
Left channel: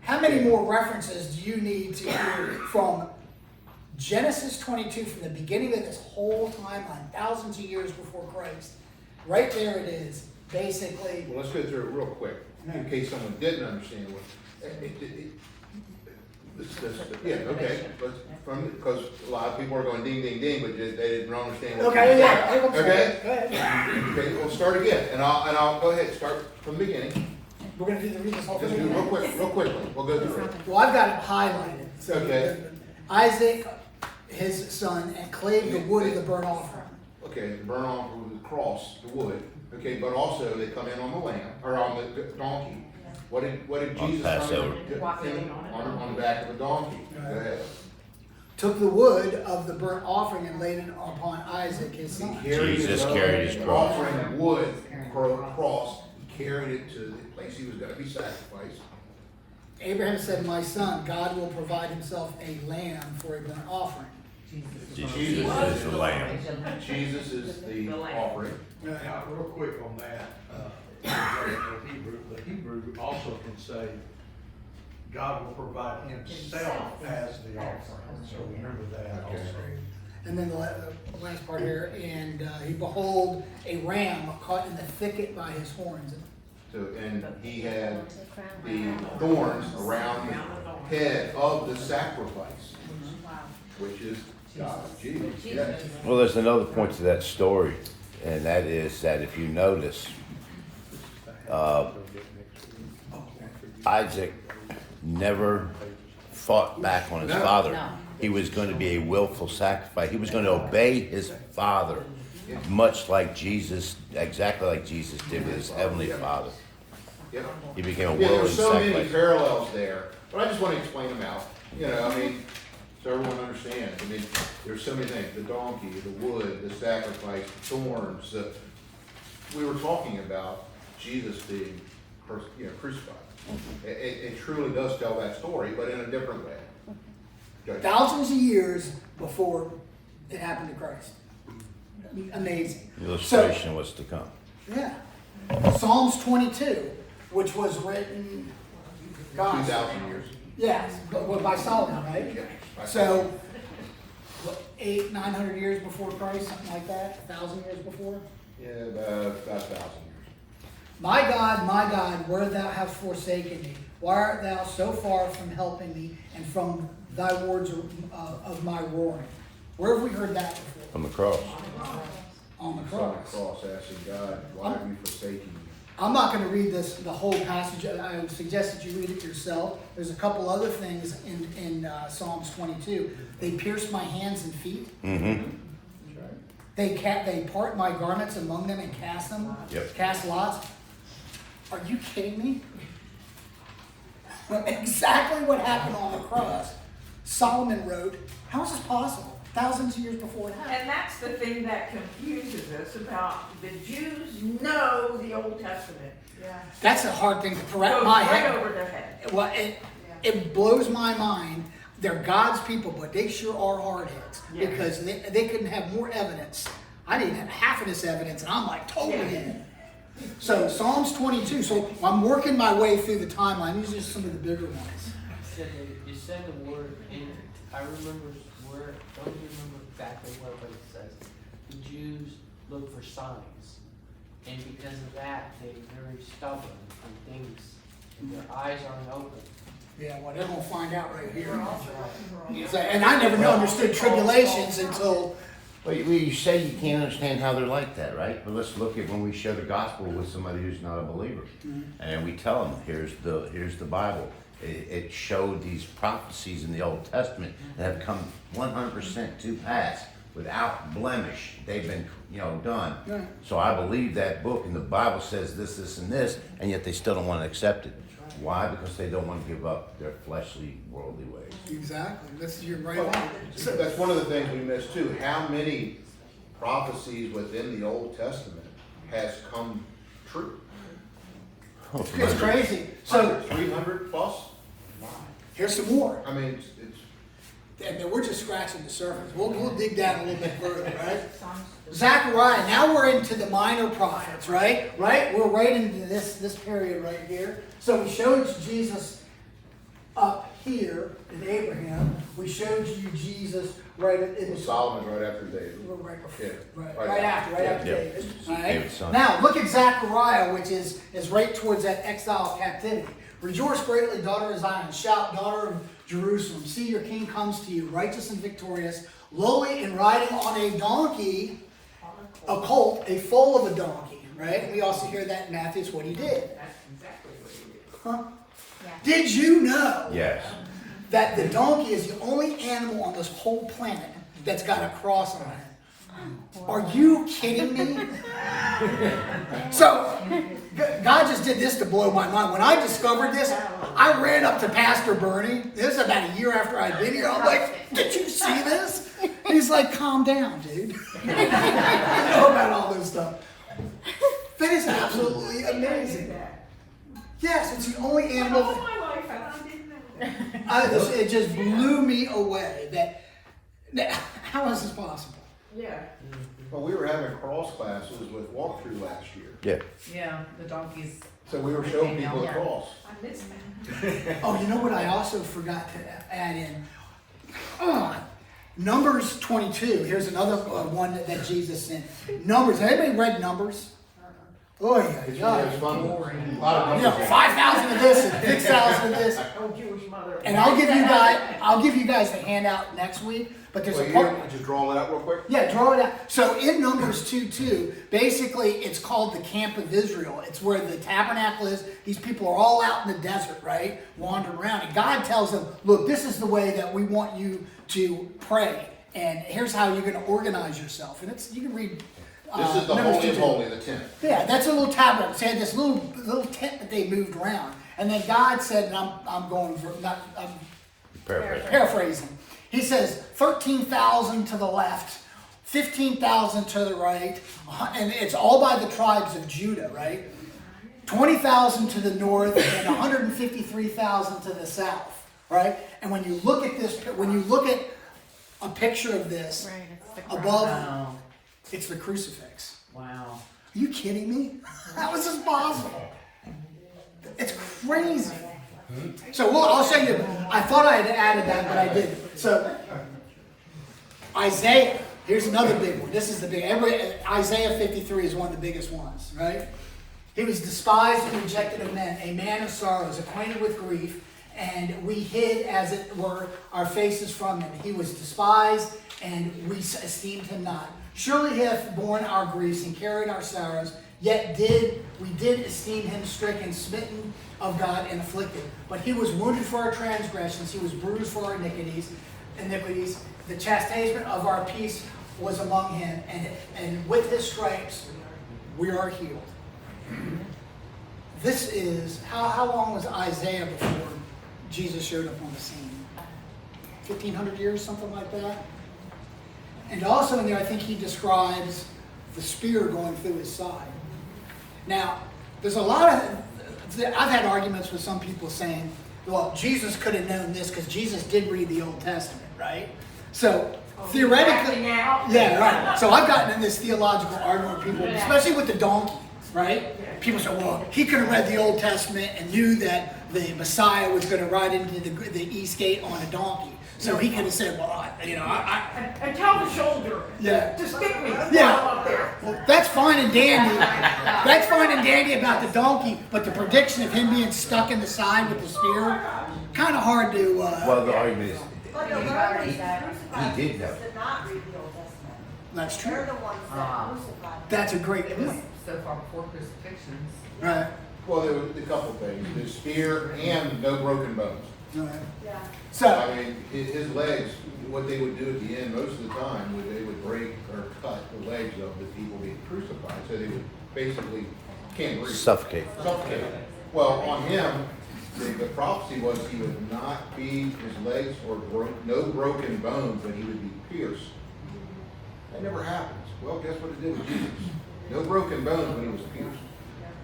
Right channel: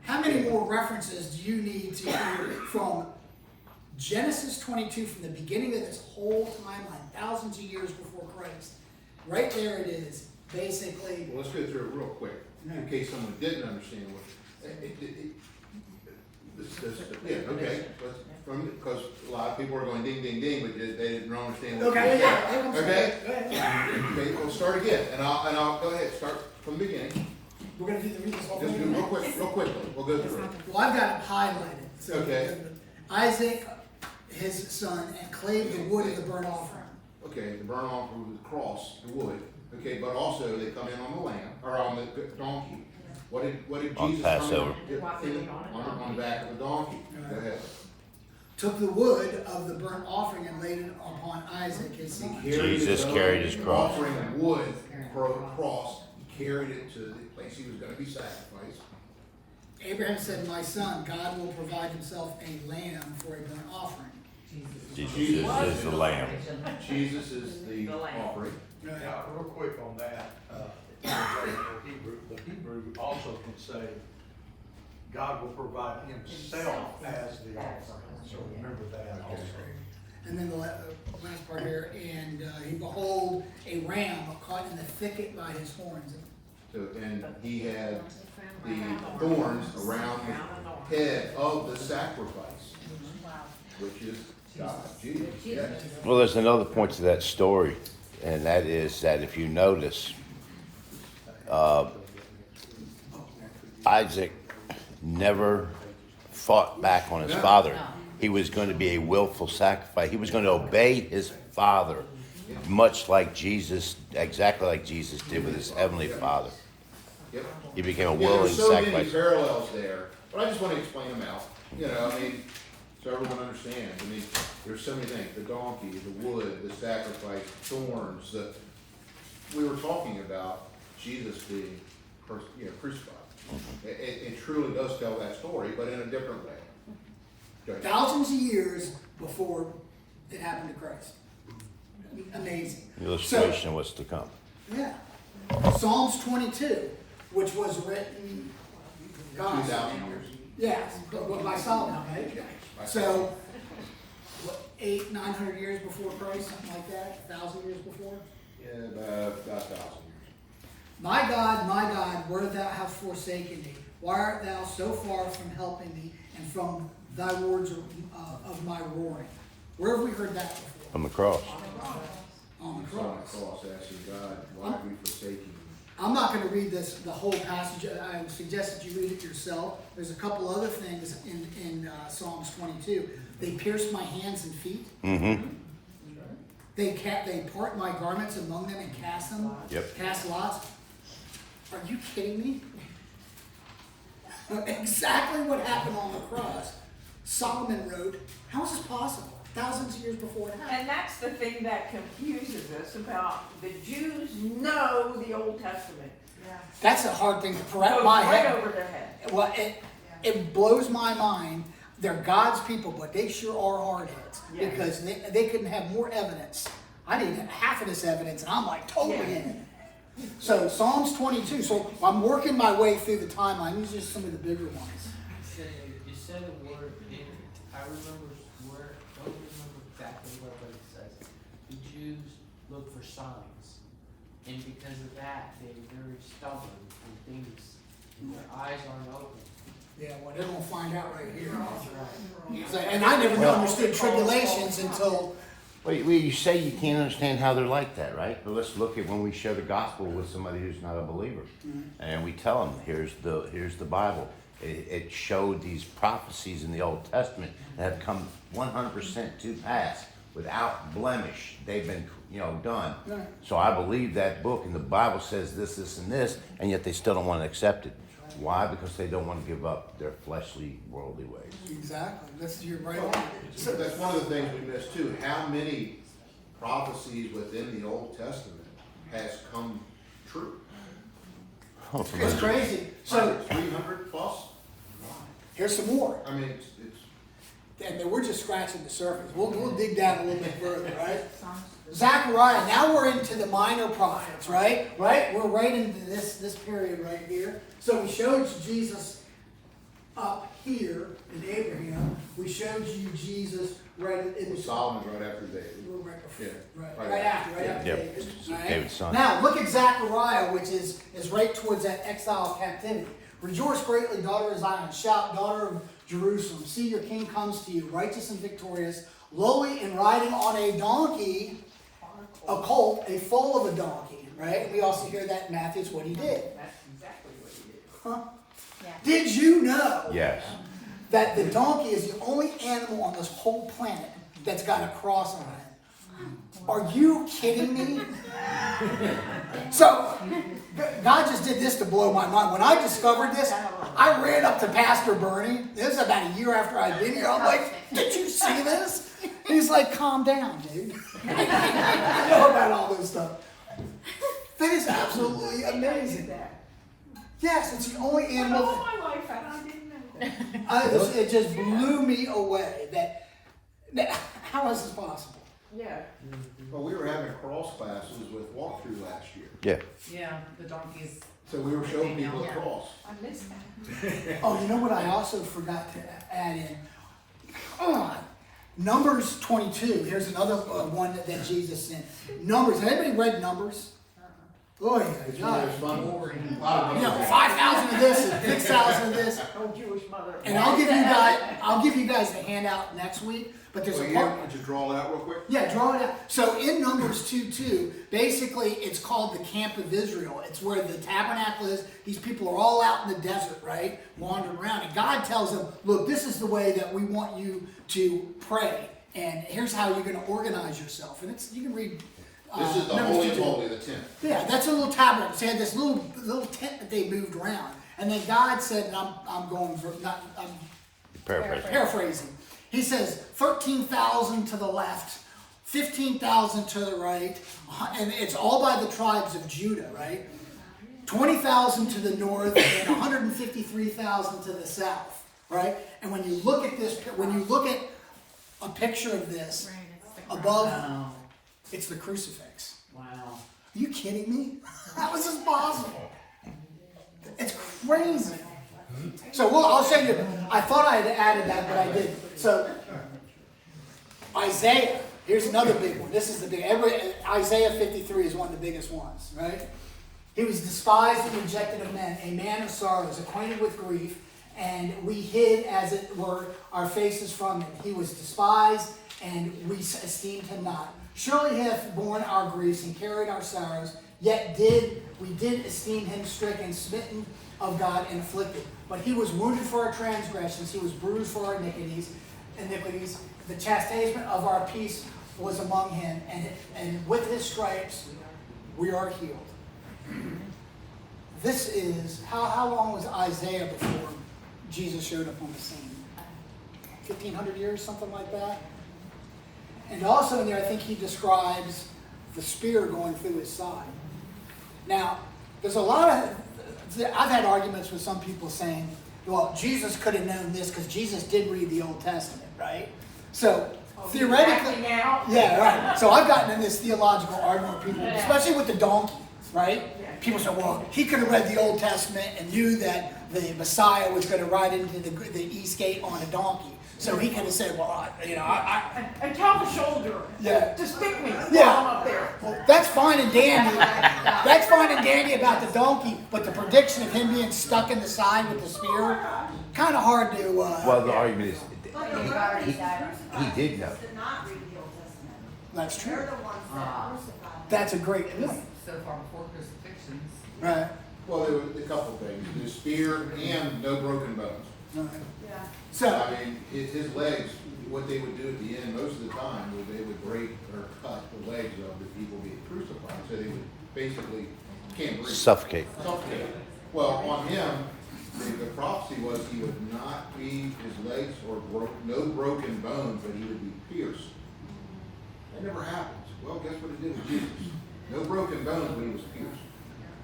How many more references do you need to hear from Genesis 22, from the beginning of this whole timeline, thousands of years before Christ? Right there it is, basically. Well, let's go through it real quick, in case someone didn't understand yeah, okay. Because a lot of people are going ding, ding, ding, but they didn't understand what Okay, yeah. Okay? Go ahead. Okay, we'll start again, and I'll go ahead, start from the beginning. We're going to do the read this whole Just do thing. real quickly, we'll go through it. Well, I've got it highlighted. So Okay. Isaac, his son, and clave the wood of the burnt offering. Okay, the burn off with the cross, the wood, okay, but also they come in on the lamb, or on the donkey. What did On Jesus Passover. on the back of the donkey? Go ahead. Took the wood of the burnt offering and laid it upon Isaac, his son. Jesus carried his cross. Offering wood for the cross, he carried it to the place he was going to be sacrificed. Abraham said, My son, God will provide himself a lamb for a burnt offering. Jesus is the lamb. Jesus is the offering. Now, real quick on that, the Hebrew also can say, God will provide himself as the offering, so remember that also. And then the last part here, and he behold a ram caught in the thicket by his horns. So, and he had the thorns around the head of the sacrifice, which is Jesus, yeah. Well, there's another point to that story, and that is that if you notice, Isaac never fought back on his father. He was going to be a willful sacrifice. He was going to obey his father, much like Jesus, exactly like Jesus did with his heavenly Father. Yeah. He became a Yeah, willing there's so many sacrifice. parallels there, but I just want to explain them out. You know, I mean, so everyone understands. I mean, there's so many things: the donkey, the wood, the sacrifice, the thorns. We were talking about Jesus being, crucified. It truly does tell that story, but in a different way. Go. Thousands of years before it happened to Christ. Amazing. Illustration of what's to come. Yeah. Psalms 22, which was written, gosh, 2,000 years. yes, but by Solomon, right? So, what, 900 years before Christ, something like that? 1,000 years before? Yeah, about 1,000 years. My God, where thou hast forsaken me, why art thou so far from helping me, and from thy words of my roaring? Where have we heard that before? From the cross. On the On cross. the cross, asking God, why are we forsaking you? I'm not going to read the whole passage. I would suggest that you read it yourself. There's a couple other things in Psalms 22. They pierce my hands and feet. Mm-hmm. They part my garments among them and cast them. Yep. Cast lots. Are you kidding me? But exactly what happened on the cross, Solomon wrote. How is this possible? Thousands of years before it happened. And that's the thing that confuses us about the Jews know the Old Testament. That's a hard thing to correct Goes my right head. over their head. Well, it blows my mind. They're God's people, but they sure are hardheads Yeah. because they couldn't have more evidence. I need half of this evidence, and I'm like totally Yeah. in it. So Psalms 22. So I'm working my way through the timeline. These are just some of the bigger ones. You said the word, and I remember where, I don't remember exactly what it says. The Jews look for signs, and because of that, they're very stubborn and things, and their eyes aren't open. Yeah, well, they're gonna find out right here. And I never understood tribulations until. Well, you say you can't understand how they're like that, right? But let's look at when we share the gospel with somebody who's not a believer, and we tell them, here's the Bible. It showed these prophecies in the Old Testament that have come 100% to pass without blemish. They've been, done. Right. So I believe that book, and the Bible says this, this, and this, and yet they still don't want to accept it. Why? Because they don't want to give up their fleshly, worldly ways. Exactly. You're right on. So that's one of the things we missed too. How many prophecies within the Old Testament has come true? It's crazy. So 300 plus? here's some more. I mean, it's And we're just scratching the surface. We'll dig down a little bit further, right? Zechariah. Now we're into the minor prophets, right? Right? We're right into this period right here. So we showed you Jesus up here in Abraham. We showed you Jesus right in Solomon right after David. Right before, Yeah. right after Yeah. David. All right? David's son. Now look at Zechariah, which is right towards that exile captivity. Rejoice greatly, daughter of Zion. Shout, daughter of Jerusalem. See, your king comes to you, righteous and victorious, lowly and riding on a donkey, a colt, a foal of a donkey. Right? We also hear that in Matthew. It's what he did. That's exactly what he did. Huh? Did you know Yes. that the donkey is the only animal on this whole planet that's got a cross on it? Are you kidding me? So, God just did this to blow my mind. When I discovered this, I ran up to Pastor Bernie. This is about a year after I'd been here. I'm like, did you see this? He's like, calm down, dude. I know about all this stuff. That is absolutely amazing. Yes, it's the only animal. All my life, and I didn't know. It just blew me away. That how is this possible? Yeah. Well, we were having cross classes with walkthrough last year. Yeah. Yeah, the donkeys. So we were showing people the cross. I missed that. Oh, you know what I also forgot to add in? Numbers 22. Here's another one that Jesus sent. Numbers. Has anybody read Numbers? Oh yeah, It's yeah. fun. A lot of 5,000 of this and 6,000 of this. Oh, Jewish mother. And I'll give you guys the handout next week. But there's Well, a you part. can just draw that out real quick. Yeah, draw it out. So in Numbers 2:2, basically it's called the camp of Israel. It's where the tabernacle is. These people are all out in the desert, right? Wandering around. And God tells them, look, this is the way that we want you to pray. And here's how you're going to organize yourself. And you can read This is the Numbers Holy of 2:2. Holy, the tent. Yeah, that's a little tabernacle. So they had this little tent that they moved around. And then God said, and I'm paraphrasing. He says 13,000 to the left, 15,000 to the right, and it's all by the tribes of Judah, right? 20,000 to the north and 153,000 to the south, right? And when you look at this, when you look at a picture of this above, Wow. it's the crucifix. Wow. Are you kidding me? How is this possible? It's crazy. So I'll show you. I thought I had added that, but I didn't. So Isaiah, here's another big one. This is the big. Isaiah 53 is one of the biggest ones, right? He was despised and rejected of men, a man of sorrows, acquainted with grief, and we hid, as it were, our faces from him. He was despised, and we esteemed him not. Surely he hath borne our griefs and carried our sorrows, yet we did esteem him stricken, smitten of God, and afflicted. But he was wounded for our transgressions, he was bruised for our iniquities. The chastisement of our peace was among him, and with his stripes we are healed. This is, how long was Isaiah before Jesus showed up on the scene? 1,500 years, something like that? And also in there, I think he describes the spear going through his side. Now, there's a lot of, I've had arguments with some people saying, well, Jesus could have known this because Jesus did read the Old Testament, right? So, theoretically, yeah, right. So I've gotten in this theological argument with people, especially with the donkey, right? People say, well, he could have read the Old Testament and knew that the Messiah was going to ride into the east gate on a donkey. So he could have said, well, And tell the soldier, yeah. just get me. Yeah. I'm up there. Well, that's fine and dandy. That's fine and dandy about the donkey, but the prediction of him being stuck in the side with the spear, kind of hard to. Well, the argument is, But the Romans he did know. did not read the Old Testament. That's true. They're the ones that crucified him. That's a great It was point. so far before crucifixions. Right. Well, there were a couple things, the spear and no broken bones. Right. Yeah. So, I mean, his legs, what they would do at the end, most of the time, was they would break or cut the legs of the people being crucified, so they would basically can't breathe. Suffocate. Suffocate. Well, on him, the prophecy was he would not be, his legs were no broken bones, but he would be pierced. That never happens. Well, guess what it did with Jesus? No broken bones, but he was pierced.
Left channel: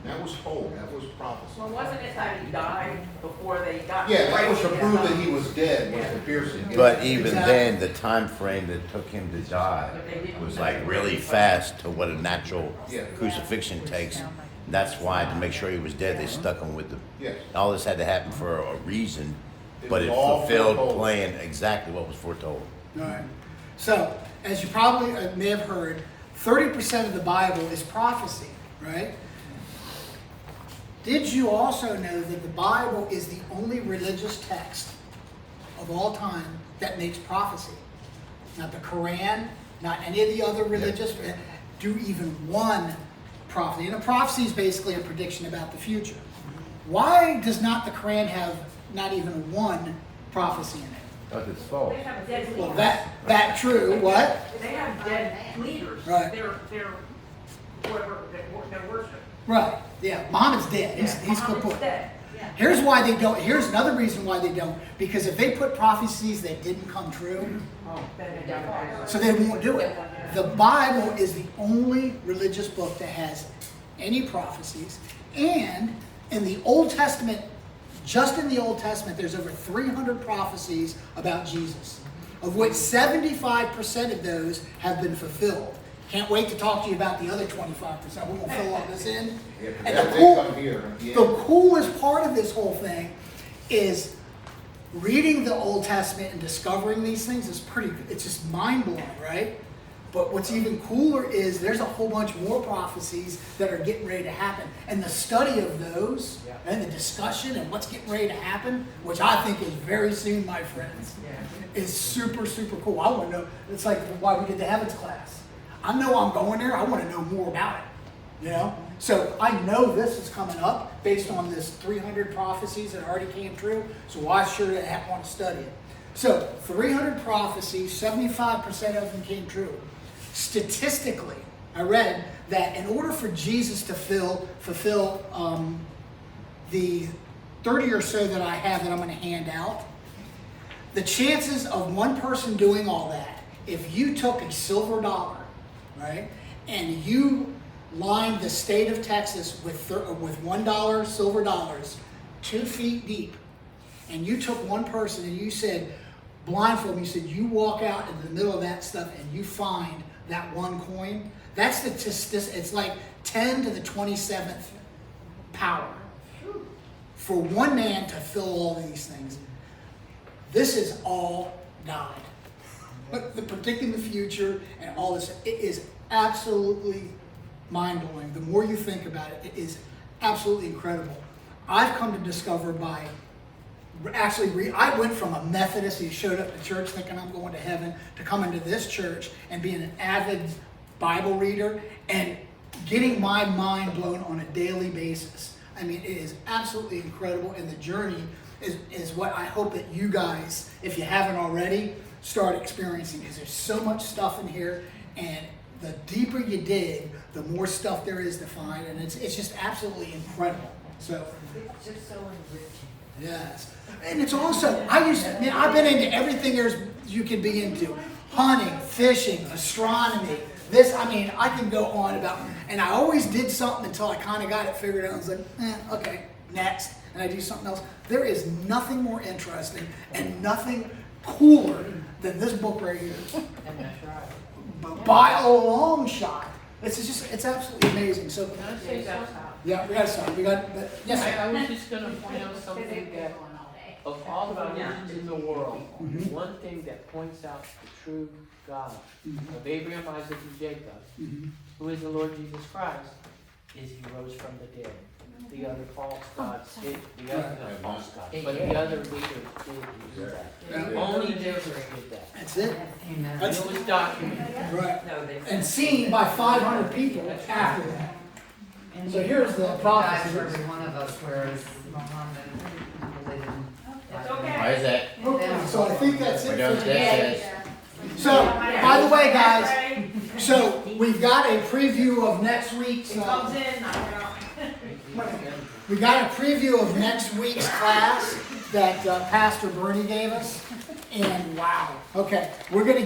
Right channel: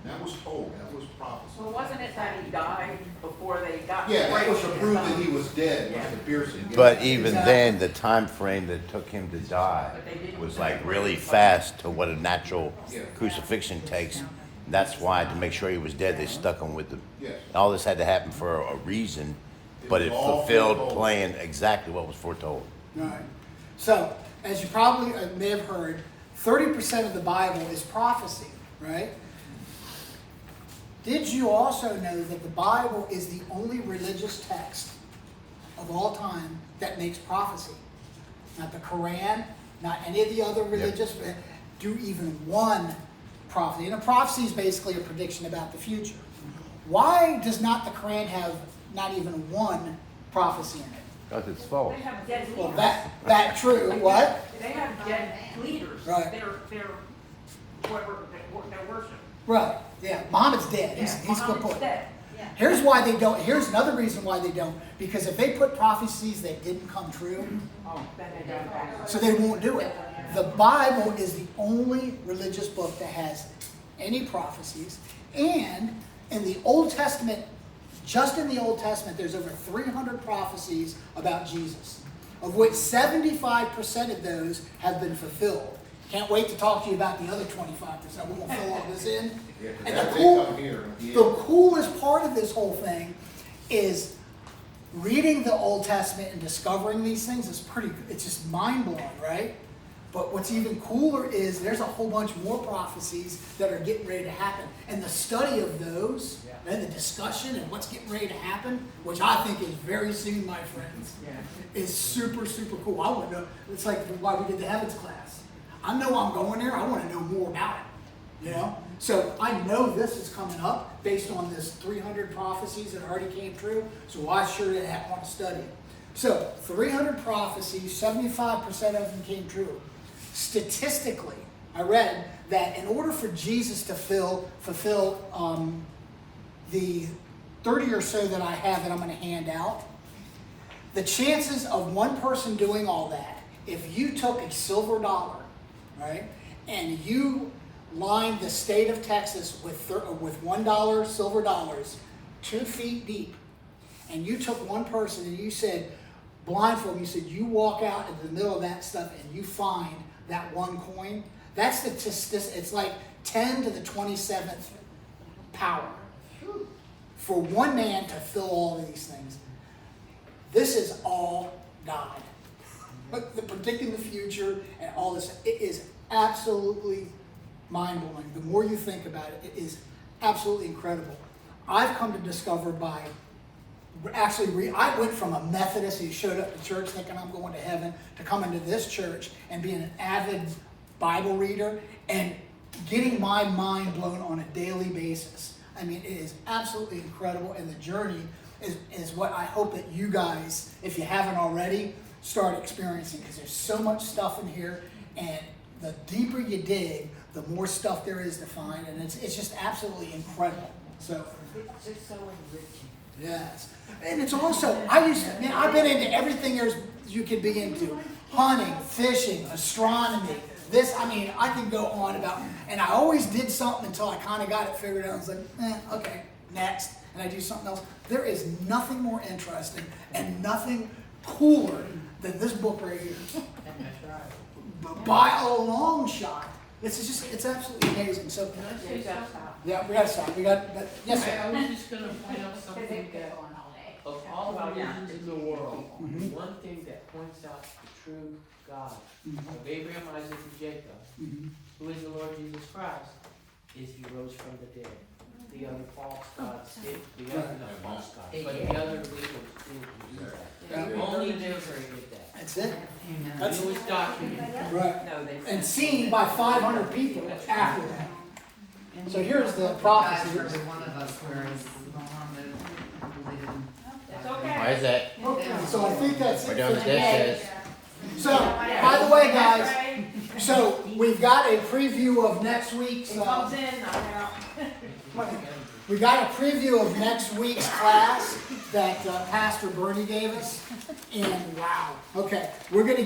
That was told, that was prophecy. Well, wasn't it that he died before they got? Yeah, that was to prove that he was dead, was the piercing. But even Exactly. then, the time frame that took him to die was like really fast to what a natural crucifixion takes. That's why, to make sure he was dead, they stuck him with the. Yes. All this had to happen for a reason, but was it all fulfilled foretold. playing exactly what was foretold. all right. So, as you probably may have heard, 30% of the Bible is prophecy, right? Did you also know that the Bible is the only religious text of all time that makes prophecy? Not the Quran, not any of the other religious, do even one prophecy. And a prophecy is basically a prediction about the future. Why does not the Quran have not even one prophecy in it? Because it's false. They have dead Well, leaders. that true. What? They have dead leaders. Right. They're whatever, their worship. Right. Yeah. Muhammad's dead. He's Muhammad's kaput. dead. Here's why they don't. Here's another reason why they don't. Because if they put prophecies that didn't come true, Then they don't. so they won't do it. The Bible is the only religious book that has any prophecies. And in the Old Testament, just in the Old Testament, there's over 300 prophecies about Jesus, of which 75% of those have been fulfilled. Can't wait to talk to you about the other 25%. We're going to fill all this in. Yeah, 'cause And that the may come here. Yeah. the coolest part of this whole thing is reading the Old Testament and discovering these things is it's just mind-blowing, right? But what's even cooler is there's a whole bunch more prophecies that are getting ready to happen. And the study of those and the discussion and what's getting ready to happen, which I think is very soon, my friends, is super, super cool. I want to know, it's like why we did the heavens class. I know I'm going there, I want to know more about it, you know? So I know this is coming up based on this 300 prophecies that already came true, so I sure want to study it. So 300 prophecies, 75% of them came true. Statistically, I read that in order for Jesus to fulfill the 30 or so that I have that I'm going to hand out, the chances of one person doing all that, if you took a silver dollar, right, and you lined the state of Texas with $1 silver dollars 2 feet deep, and you took one person and you said, blindfold, you said you walk out in the middle of that stuff and you find that one coin, that's it's like 10 to the 27th power for one man to fill all these things. This is all God. The predicting the future and all this, it is absolutely mind-blowing. The more you think about it, it is absolutely incredible. I've come to discover by I went from a Methodist who showed up to church thinking I'm going to heaven to coming to this church and being an avid Bible reader and getting my mind blown on a daily basis. I mean, it is absolutely incredible, and the journey is what I hope that you guys, if you haven't already, start experiencing, because there's so much stuff in here, and the deeper you dig, the more stuff there is to find, and it's just absolutely incredible. So It's just so enriching. yes. And it's also, I've been into everything you can be into. Hunting, fishing, astronomy. I can go on about, and I always did something until I kind of got it figured out. I was like, okay, next. And I do something else. There is nothing more interesting and nothing cooler than this book right here. By a long shot. It's absolutely amazing. So, yeah, we got to stop. Yes, sir. I was just gonna point out something that, of all the religions in the world, one thing that points out the true God of Abraham, Isaac, and Jacob, who is the Lord Jesus Christ, is he rose from the dead. The other false gods did, the other false gods, but the other leaders didn't do that. Only Israel did that. That's it. It was documented. Right. And seen by 500 people after that. So here's the prophecy. Guys, there's one of us where it's Muhammad related. It's okay. Why is that? Okay, so I think that's We're it doing for today. this. So, by the way, guys, so we've got a preview of next week's. Comes in, I'm out. We got a preview of next week's class that Pastor Bernie gave us, and wow. Okay, we're gonna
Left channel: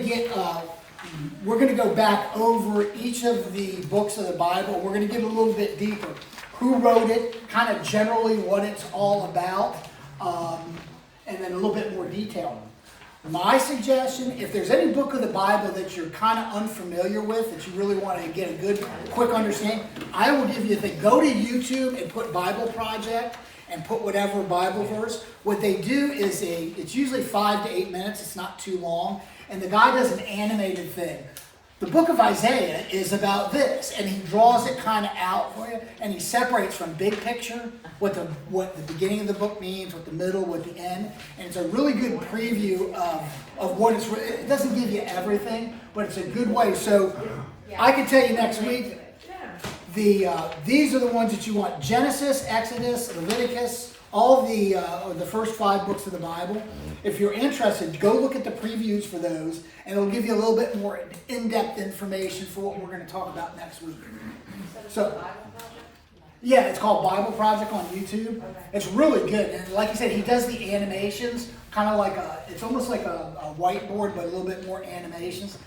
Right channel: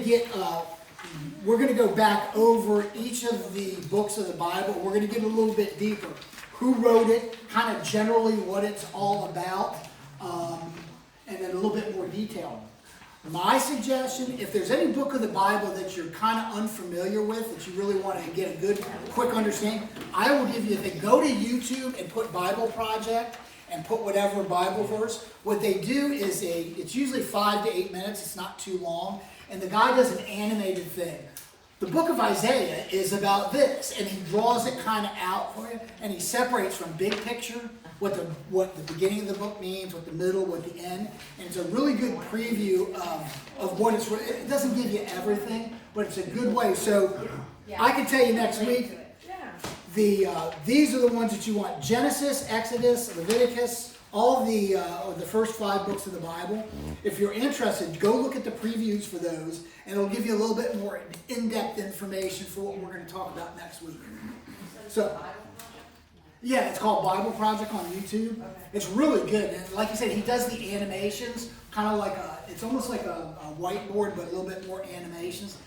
go back over each of the books of the Bible. We're gonna get a little bit deeper. Who wrote it? Kind of generally what it's all about, and then a little bit more detail. My suggestion, if there's any book of the Bible that you're kind of unfamiliar with, that you really want to get a good, quick understanding, I will give you the go to YouTube and put Bible Project and put whatever Bible verse. What they do is it's usually 5 to 8 minutes. It's not too long. And the guy does an animated thing. The book of Isaiah is about this, and he draws it kind of out for you, and he separates from big picture, what the beginning of the book means, what the middle, what the end, and it's a really good preview of what it's. It doesn't give you everything, but it's a good way. So I can tell you next week, these are the ones that you want: Genesis, Exodus, Leviticus, all the first 5 books of the Bible. If you're interested, go look at the previews for those, and it'll give you a little bit more in-depth information for what we're going to talk about next week. So, yeah, it's called Bible Project on YouTube. It's really good, and like I said, he does the animations, kind of like it's almost like a whiteboard, but a little bit more animations.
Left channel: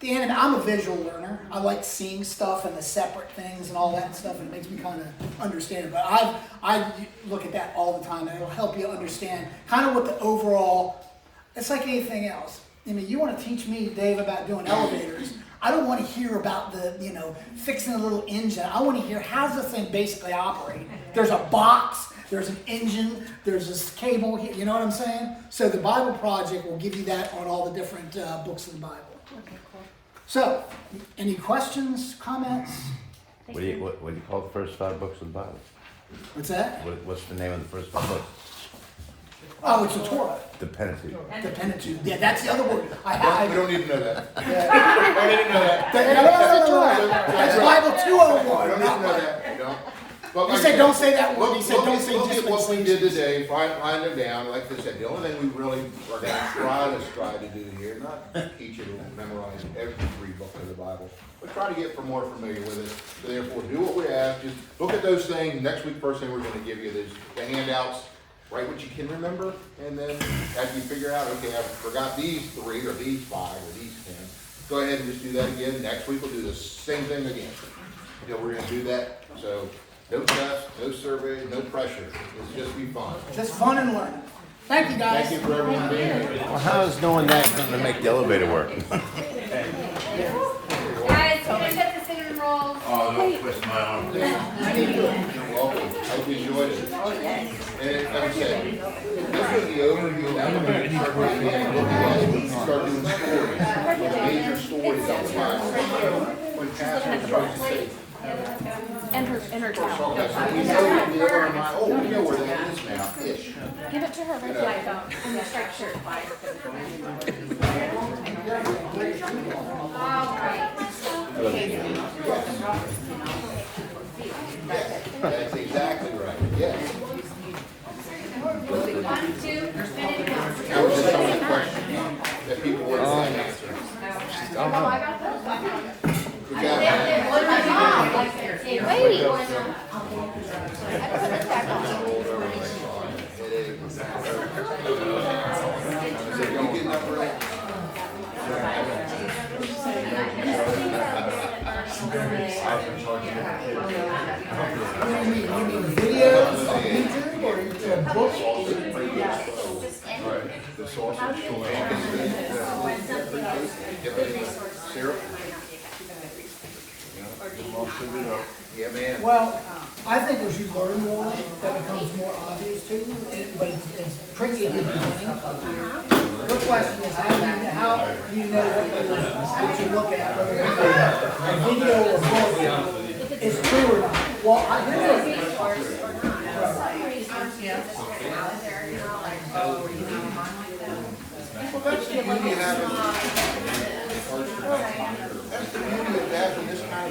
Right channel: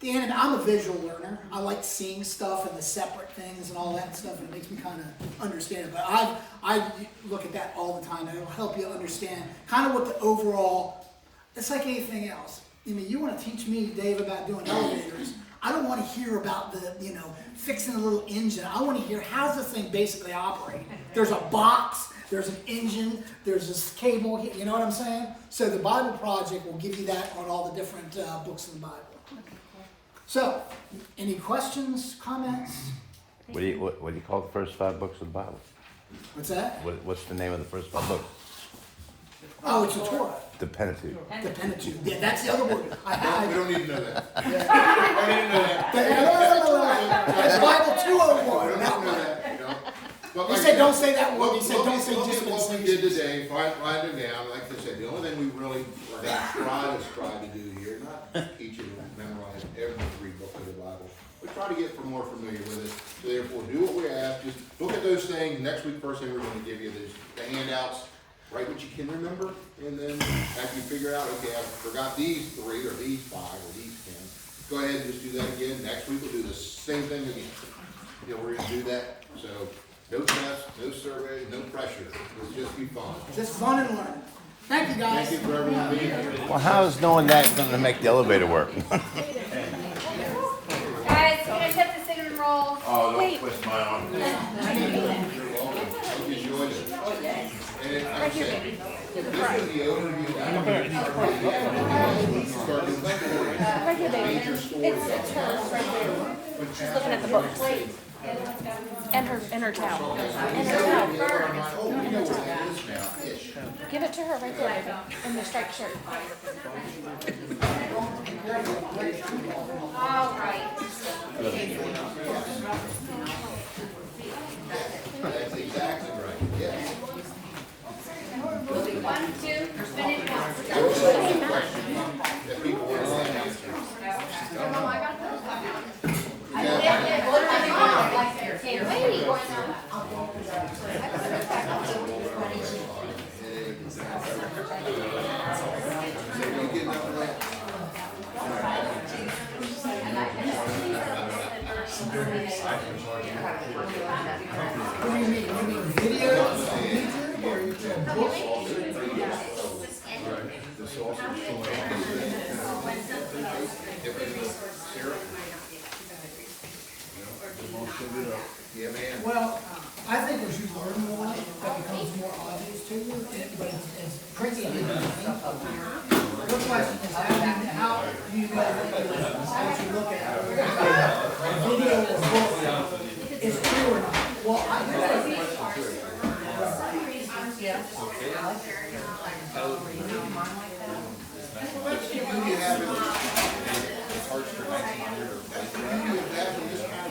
I'm a visual learner. I like seeing stuff and the separate things and all that stuff, and it makes me kind of understand it. But I look at that all the time, and it'll help you understand kind of what the overall, it's like anything else. I mean, you want to teach me, Dave, about doing elevators. I don't want to hear about fixing a little engine. I want to hear how's the thing basically operate. There's a box, there's an engine, there's this cable, you know what I'm saying? So the Bible Project will give you that on all the different books of the Bible. So, any questions, comments? What do you call the first 5 books of the Bible? What's that? What's the name of the first book? Oh, it's the Torah, The Pentateuch. the Pentateuch. Yeah, that's the other word. We don't need to know that. That's Bible 201. We don't need to Not know one. that, you know. But He like said, I don't say that word. He said, look don't at- say look at what we did dispensation. today, write them down, like I said, the only thing we really are gonna try to do here, not teach you to memorize every 3 books of the Bible, but try to get more familiar with it. So therefore, do what we ask, just look at those things, next week, first thing we're gonna give you is the handouts, write what you can remember, and then as you figure out, okay, I forgot these 3, or these 5, or these 10, go ahead and just do that again, next week we'll do the same thing again. You know, we're gonna do that, so no tests, no survey, no pressure, it'll just be fun. Just fun and learning. Thank you, guys. Thank you for everyone being here. Well, how is knowing that going to make the elevator work? Guys, can I set the cinnamon roll? Oh, don't twist my arm. You're welcome, hope you enjoyed it. And like I said, this is the overview, now we're gonna start getting in, start doing stories, major stories of the Bible. When pastors start to say, Intertown. okay, so we know where that is now, ish. Give it to her, Rachel. On the structure. All right. That's exactly right, yes. 1, 2, finish. That was the only question that people wanted to answer. Hey, wait. Videos on YouTube or a book? Yeah, man. Well, I think as you learn more, that becomes more obvious to you, but it's tricky if you don't. Your question is, how do you know what you look at, whether it's a video or book, is true or not? Well, I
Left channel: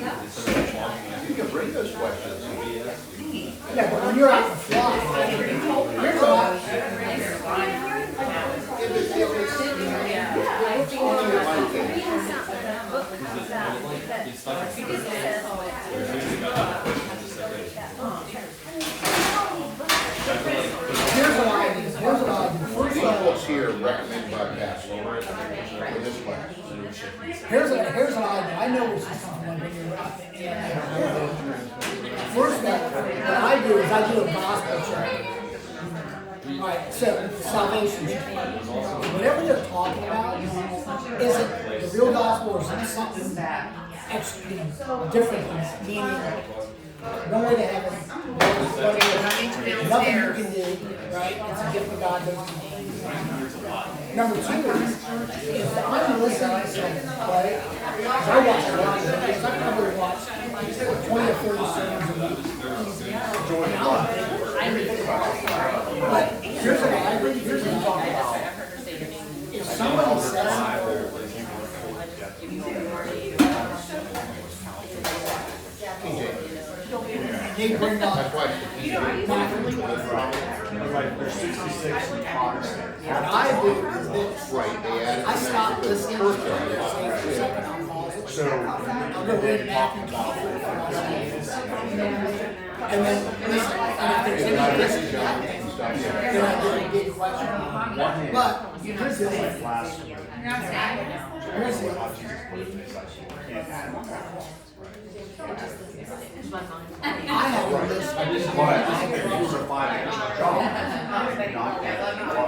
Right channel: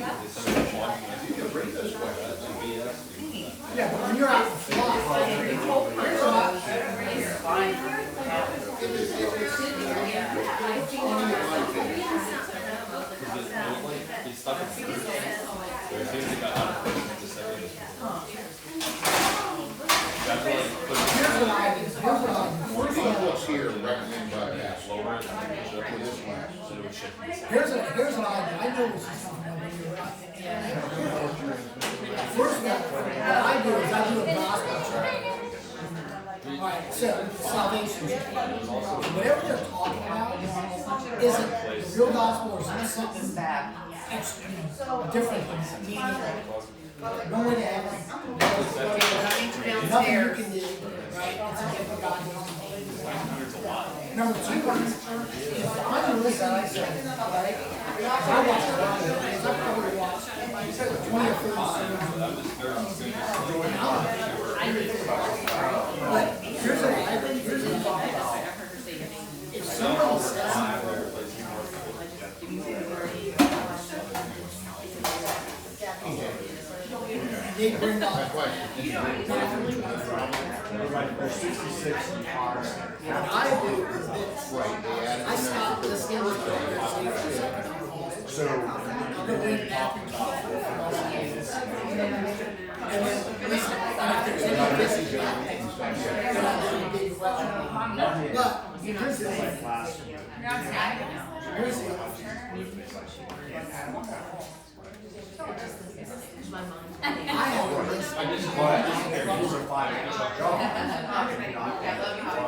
You can bring those questions. yeah, but when you're out in the fly, here's what here's what I do. First These of all, books here are recommended by Pastor for this class. here's what I do. I know what she's talking about when you're out First of all, what I do is I do a gospel check. Alright, so salvation check. Whatever they're talking about, isn't the real gospel or is it something extra, different, meaning one way to heaven, nothing you can do, right? It's a gift of God. Number 2, if I'm listening to something, right? I watch a lot of videos. I probably watch 20 or 30 sermons a week. But here's what I think. If somebody says, they bring up Matthew 24. What I do is this. I stop listening to the conversation. I'll go read Matthew 24. And then listen, and if there's any disconnect, then I get a big question. But here's the thing. Here's the I have a list.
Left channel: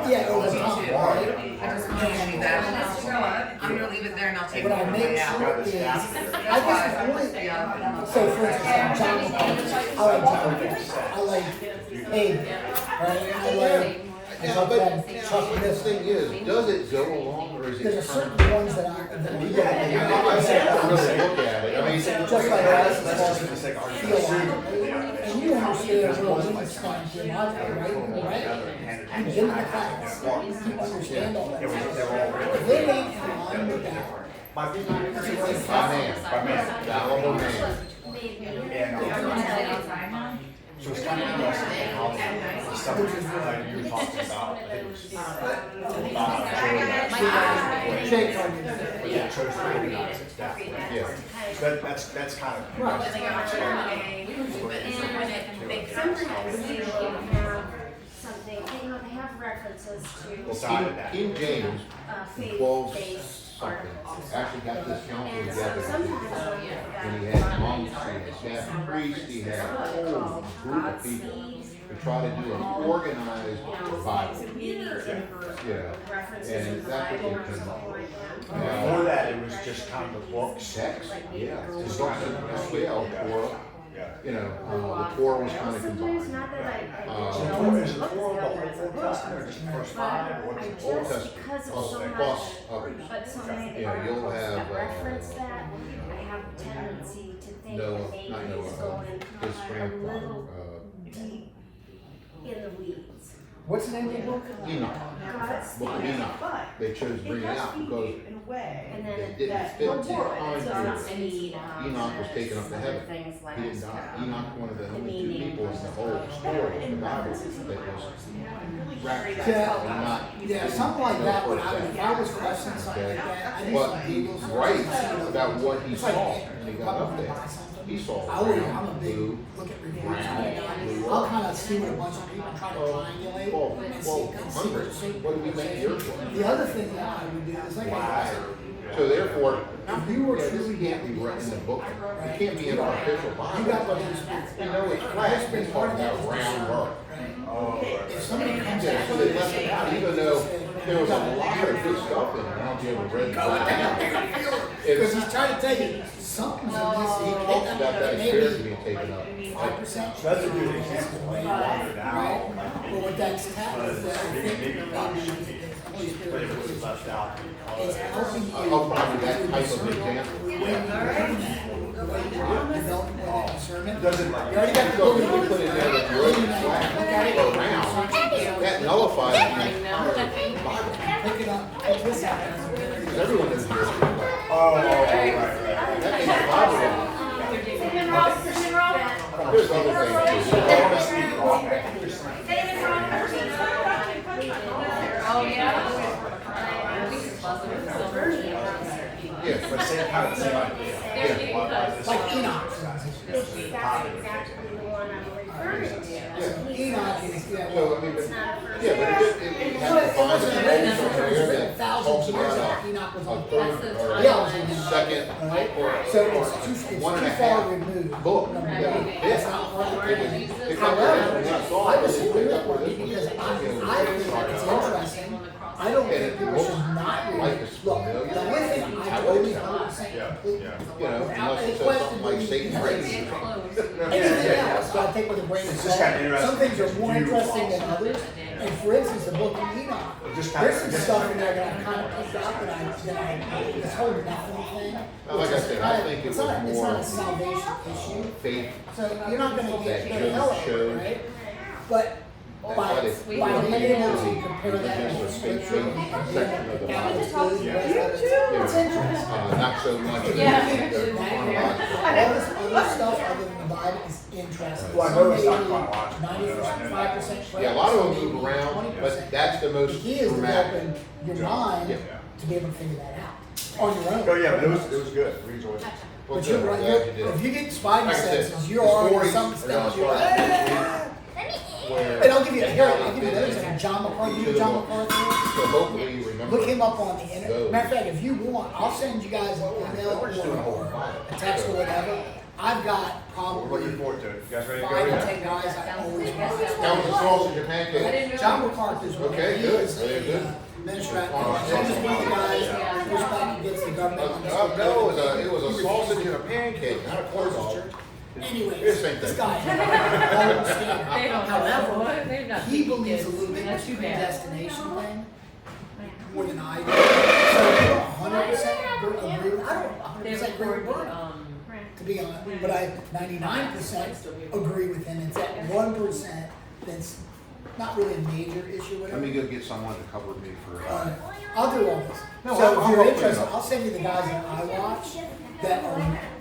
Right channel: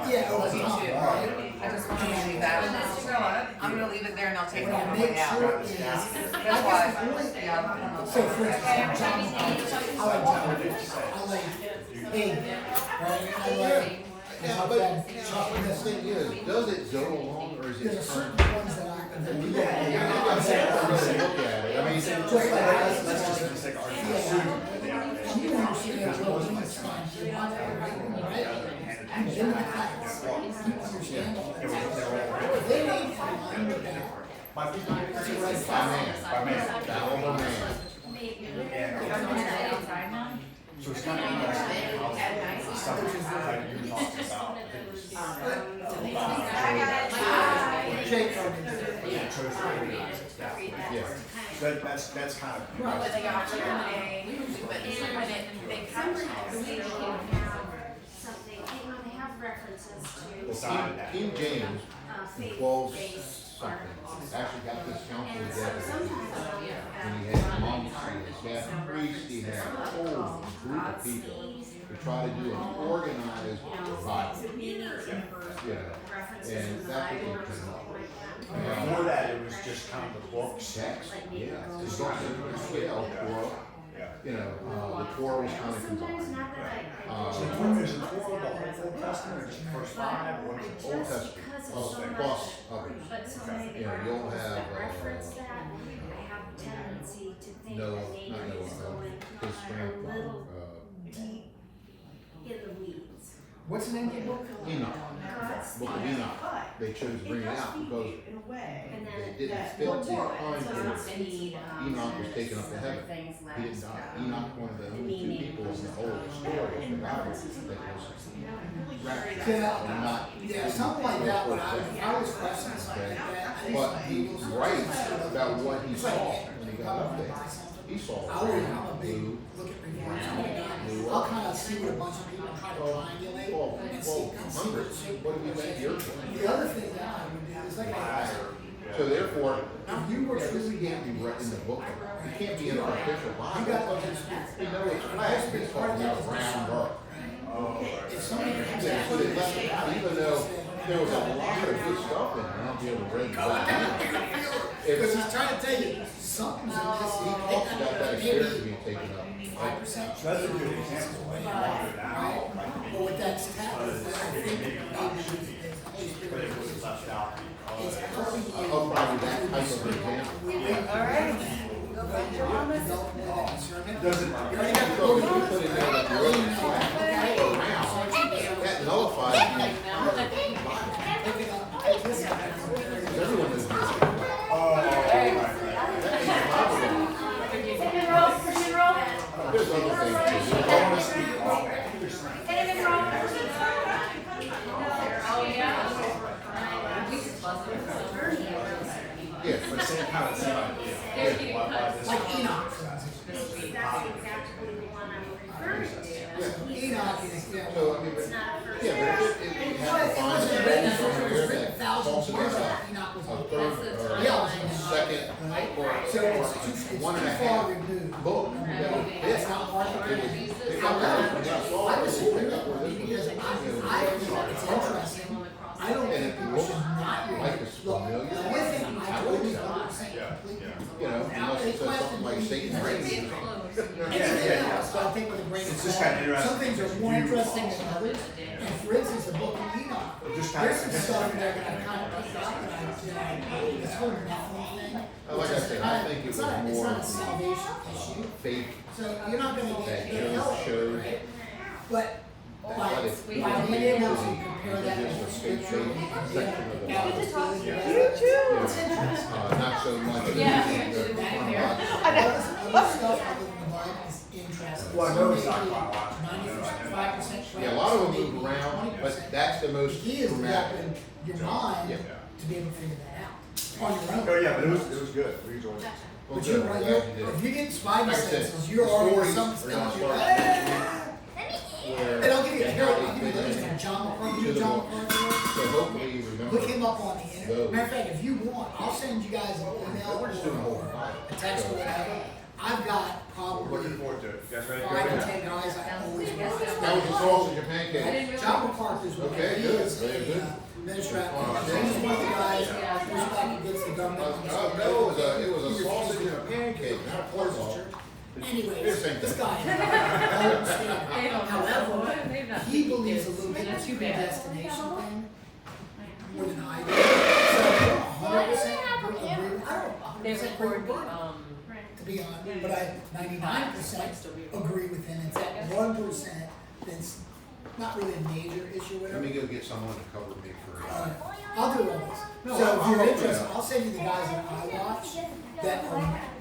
Yeah, over time, right? I just want to leave that. I'm gonna leave it there and I'll take it But I on the make way out. sure is, I guess the point, so for instance, John McCain, I like John McCain, I like Abe, right? I like, Chuck This thing is, does it go along or is There's it? certain ones that we get. I say, look at it, I mean, Just like us, as far as theologically, And you understand where we stand in my right? Right? You've been in the class. You understand all that. If they ain't in line with that, it's a red flag. That one was me. So it's kind of interesting how the stuff that you're talking about. Jake told me. Yeah, chose to organize it, definitely. Yeah. That's kind of. Right. Sometimes they will have something, they have references to, King James, faith-based 12 articles. actually got this council And so together. sometimes they'll give And he that had one monks, he had some priests, he had a references whole called group God of people Sees, to try to do an organized Bible. meanings and Yeah. references And in the that's what Bible or they can- something like that. Before that, it was just comic books. Text, yeah, it's on a scale for, you know, the Torah was kind of Sometimes combined. not that I So don't Torah know is the books Torah, together as a Old book, Testament is the first but five. I Old just, Testament because it's plus, so much, plus others. but so many of the Yeah, you'll articles have, that reference that, I have a tendency to think Noah, that not maybe it's Noah, going his a grandpa, little deep in the weeds. What's the name of the book? Enoch. God's Book of Enoch. They chose to bring it out because and then it didn't fit the time God's period. need, Enoch was taken up to other heaven. things like, He didn't die. Enoch, one of the only two people in the whole story of the Bible that was Yeah, something like that, when if I was questioning something like that, I do But some he Googles. writes about what he It's saw like, when he got up there. He saw I'm a big, blue, look at reviews, I'll kind of see what a bunch of people try to triangulate and see, hundreds. What do we think yours was? The other thing that I would do is like, So therefore, if you were this truly can't be written in the book. It can't be in an official you Bible. got the whole spirit. You know, it's class based part of that round earth. If somebody comes Yeah, out so they left it, even though there was a lot of good stuff in it, I don't know if you read it. because It's, he's trying to tell you, something's amiss, he he talks about that experience being taken up. 5%. That's a good example. Right? But what that's telling is that I think maybe the Holy Spirit is helping you. I'll find that type of example. The way you learn that, the way you develop more that discernment. Doesn't- You already got the book, you put it there, you look at it, That nullifies the pick it up, pick this out. everyone is here. Oh, right. There's other things too. Yes, The same kind of same idea. Like Enoch. That's exactly the one I'm referring to. Enoch is, yeah, well, well, I mean, It's not a first. yeah, but it well, has it to wasn't find written, that it was written that thousands talks of years about after Enoch was a on the third planet. or Theology. second Right? So it's one too and a far half removed. book. It's not part of the canon. It- However, it- I disagree with Courtney because I think it's interesting. I don't think people should not read it. Look, the only thing I totally 100% complete, You know, without unless any it says question, something like believe Satan in raised anything him. else, I take with a grain of salt. Some things are more interesting than others. And for instance, the book of Enoch, there's some stuff in there that I kind of picked up that this whole nothing thing. Like I said, I think it It's was not more a salvation issue. faith. So you're not gonna get to hell, Showed- right? But by being able to compare that to scripture and being able to pick out what's good and what's bad, it's interesting. Not so much. If you think that all this other stuff other than the Bible is interesting. Well, I Some know it's may not be chronological. 95% correct. Yeah, a lot of some them may move be around, 20%. but that's the most The key is dramatic. developing your mind Yeah. to be able to figure that out on your own. Oh, yeah, but it was good. We enjoyed it. But you're right, if you get spidey Like I said, senses, you're the already stories some are stuff, you're gonna like, start and I'll give you, I'll give you another example, John McCarthy, you know who John McCarthy is? So hopefully you remember. Look him up on the internet. Matter of fact, if you want, I'll send you guys an email or a text or whatever. I've got probably Looking forward to it. You guys ready to go? 5 to 10 guys I always watch. That was the sausage and pancakes. John McCarthy is one. Okay, He good. is Very good. administrator. He's one of the guys who's back against the government. on this whole No, thing. it was a sausage and a pancake, not a pork church. Anyways, Same this thing. guy, however, he believes a little bit in the predestination thing more than I do. So you're 100% agree. I don't 100% agree with Bernie. to be honest, but I 99% agree with him. It's that 1% that's not really a major issue, Let whatever. me go get someone to cover me for, I'll do all this. No, So if I'll you're put it interested, up. I'll send you the guys that I watch that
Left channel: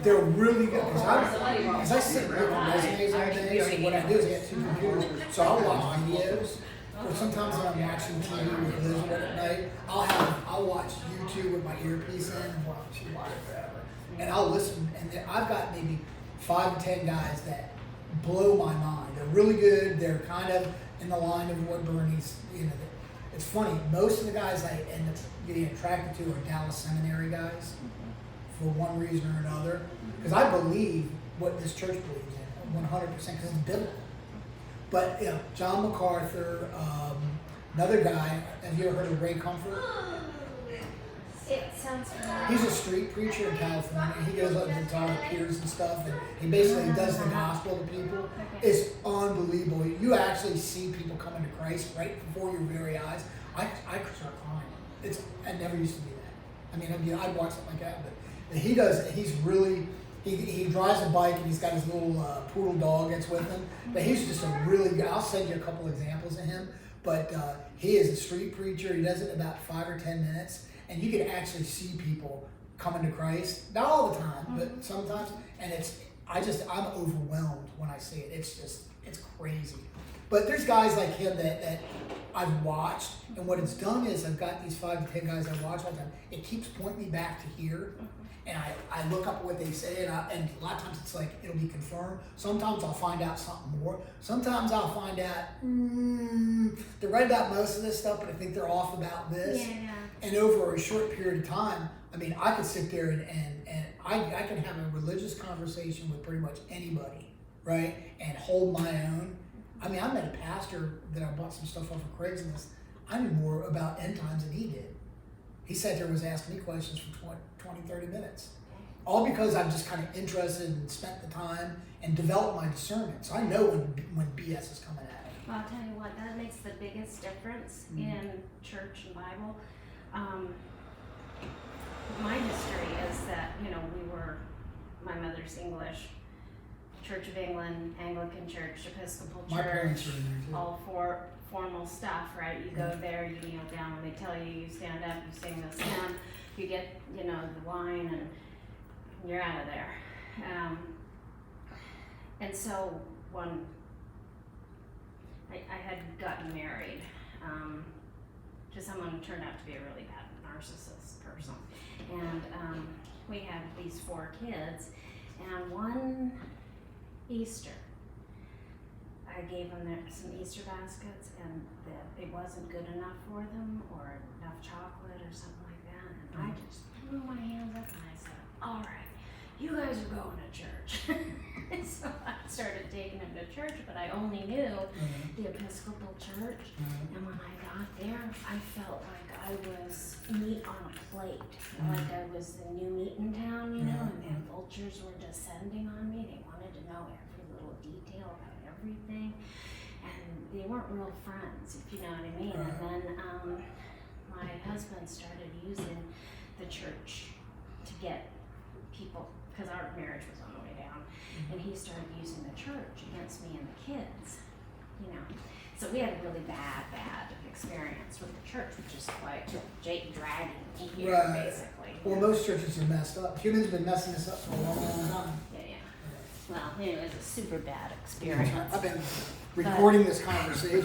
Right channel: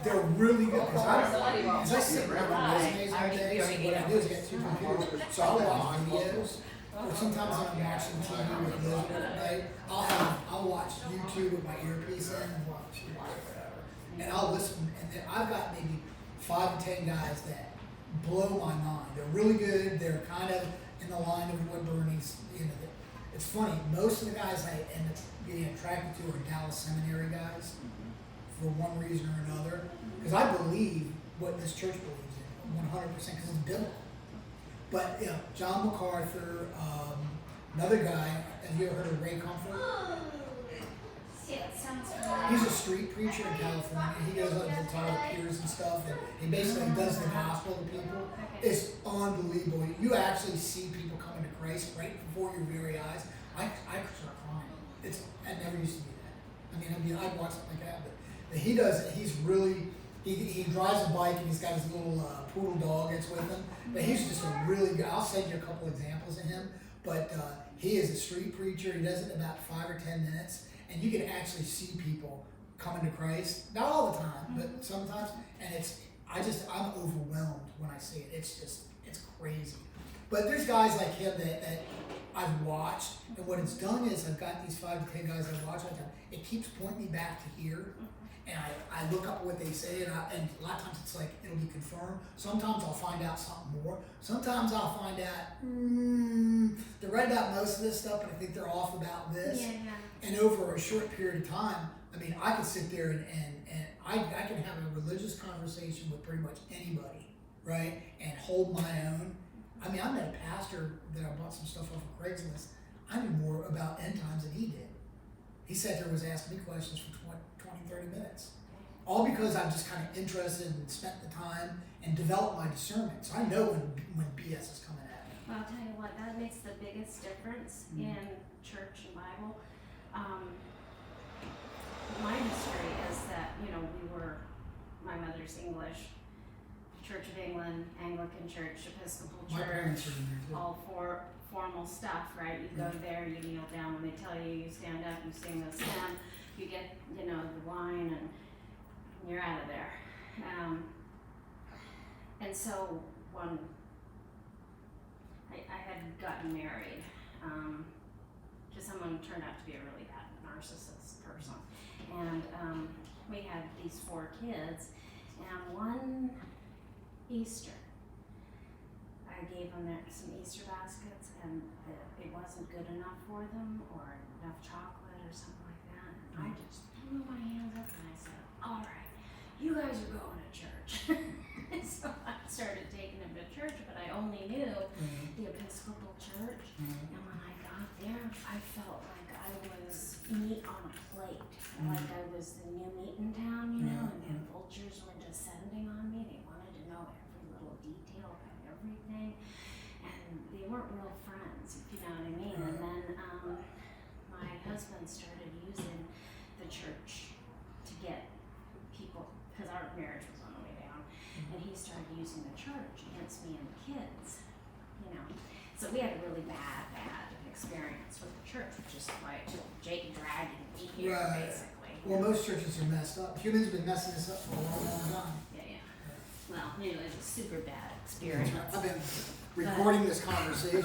they're really good. As I sit and look at resumes every day, so what I do is I get two computers, so I'll watch videos. Or sometimes when I'm watching TV with Liz at night, I'll watch YouTube with my earpiece in and watch whatever. And I'll listen, and then I've got maybe 5 to 10 guys that blow my mind. They're really good. They're kind of in the line of what Bernie's, it's funny, most of the guys I end up getting attracted to are Dallas Seminary guys for one reason or another. Because I believe what this church believes in 100% because it's biblical. But, John MacArthur, another guy, have you ever heard of Ray Comfort? It sounds familiar. He's a street preacher in California. He goes up and talks to peers and stuff, and he basically does the gospel to people. It's unbelievable. You actually see people coming to Christ right before your very eyes. I start crying. I never used to do that. I mean, I'd watch something like that, but he's really, he drives a bike and he's got his little poodle dog that's with him. But he's just a really good, I'll send you a couple examples of him. But he is a street preacher. He does it in about 5 or 10 minutes. And you can actually see people coming to Christ. Not all the time, but sometimes. And I'm overwhelmed when I see it. It's crazy. But there's guys like him that I've watched. And what it's done is I've got these 5 to 10 guys I watch all the time. It keeps pointing me back to here. And I look up what they say, and a lot of times it's like, it'll be confirmed. Sometimes I'll find out something more. Sometimes I'll find out, they're right about most of this stuff, but I think they're off about this. Yeah. And over a short period of time, I mean, I could sit there and I can have a religious conversation with pretty much anybody, right? And hold my own. I mean, I met a pastor that I bought some stuff off of Craigslist. I knew more about end times than he did. He sat there and was asking me questions for 20, 30 minutes. All because I'm just kind of interested and spent the time and developed my discernment. So I know when BS is coming at me. Well, I'll tell you what, that makes the biggest difference in church and Bible. My history is that, my mother's English, Church of England, Anglican Church, Episcopal My parents Church, are in there too. all formal stuff, right? You go there, you kneel down when they tell you, you stand up, you sing this hymn, you get, the wine, and you're out of there. And so when I had gotten married to someone who turned out to be a really bad narcissist person, and we had these 4 kids, and one Easter, I gave them some Easter baskets, and it wasn't good enough for them, or enough chocolate, or something like that, and I just threw my hands up and I said, all right, you guys are going to church. And so I started taking them to church, but I only knew the Episcopal Church, and when I got there, I felt like I was meat on a plate, like I was the new meat in town, and the vultures were descending on me. They wanted to know every little detail about everything, and they weren't real friends, if you know what I mean. And then my husband started using the church to get people, because our marriage was on the way down, and he started using the church against me and the kids, So we had a really bad experience with the church, which is why it took Jake dragging me here, basically. Well, most churches are messed up. Humans have been messing this up for a long, long time. Yeah. Well, it was a super bad experience. I've been recording this conversation.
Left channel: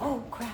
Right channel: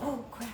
Oh crap,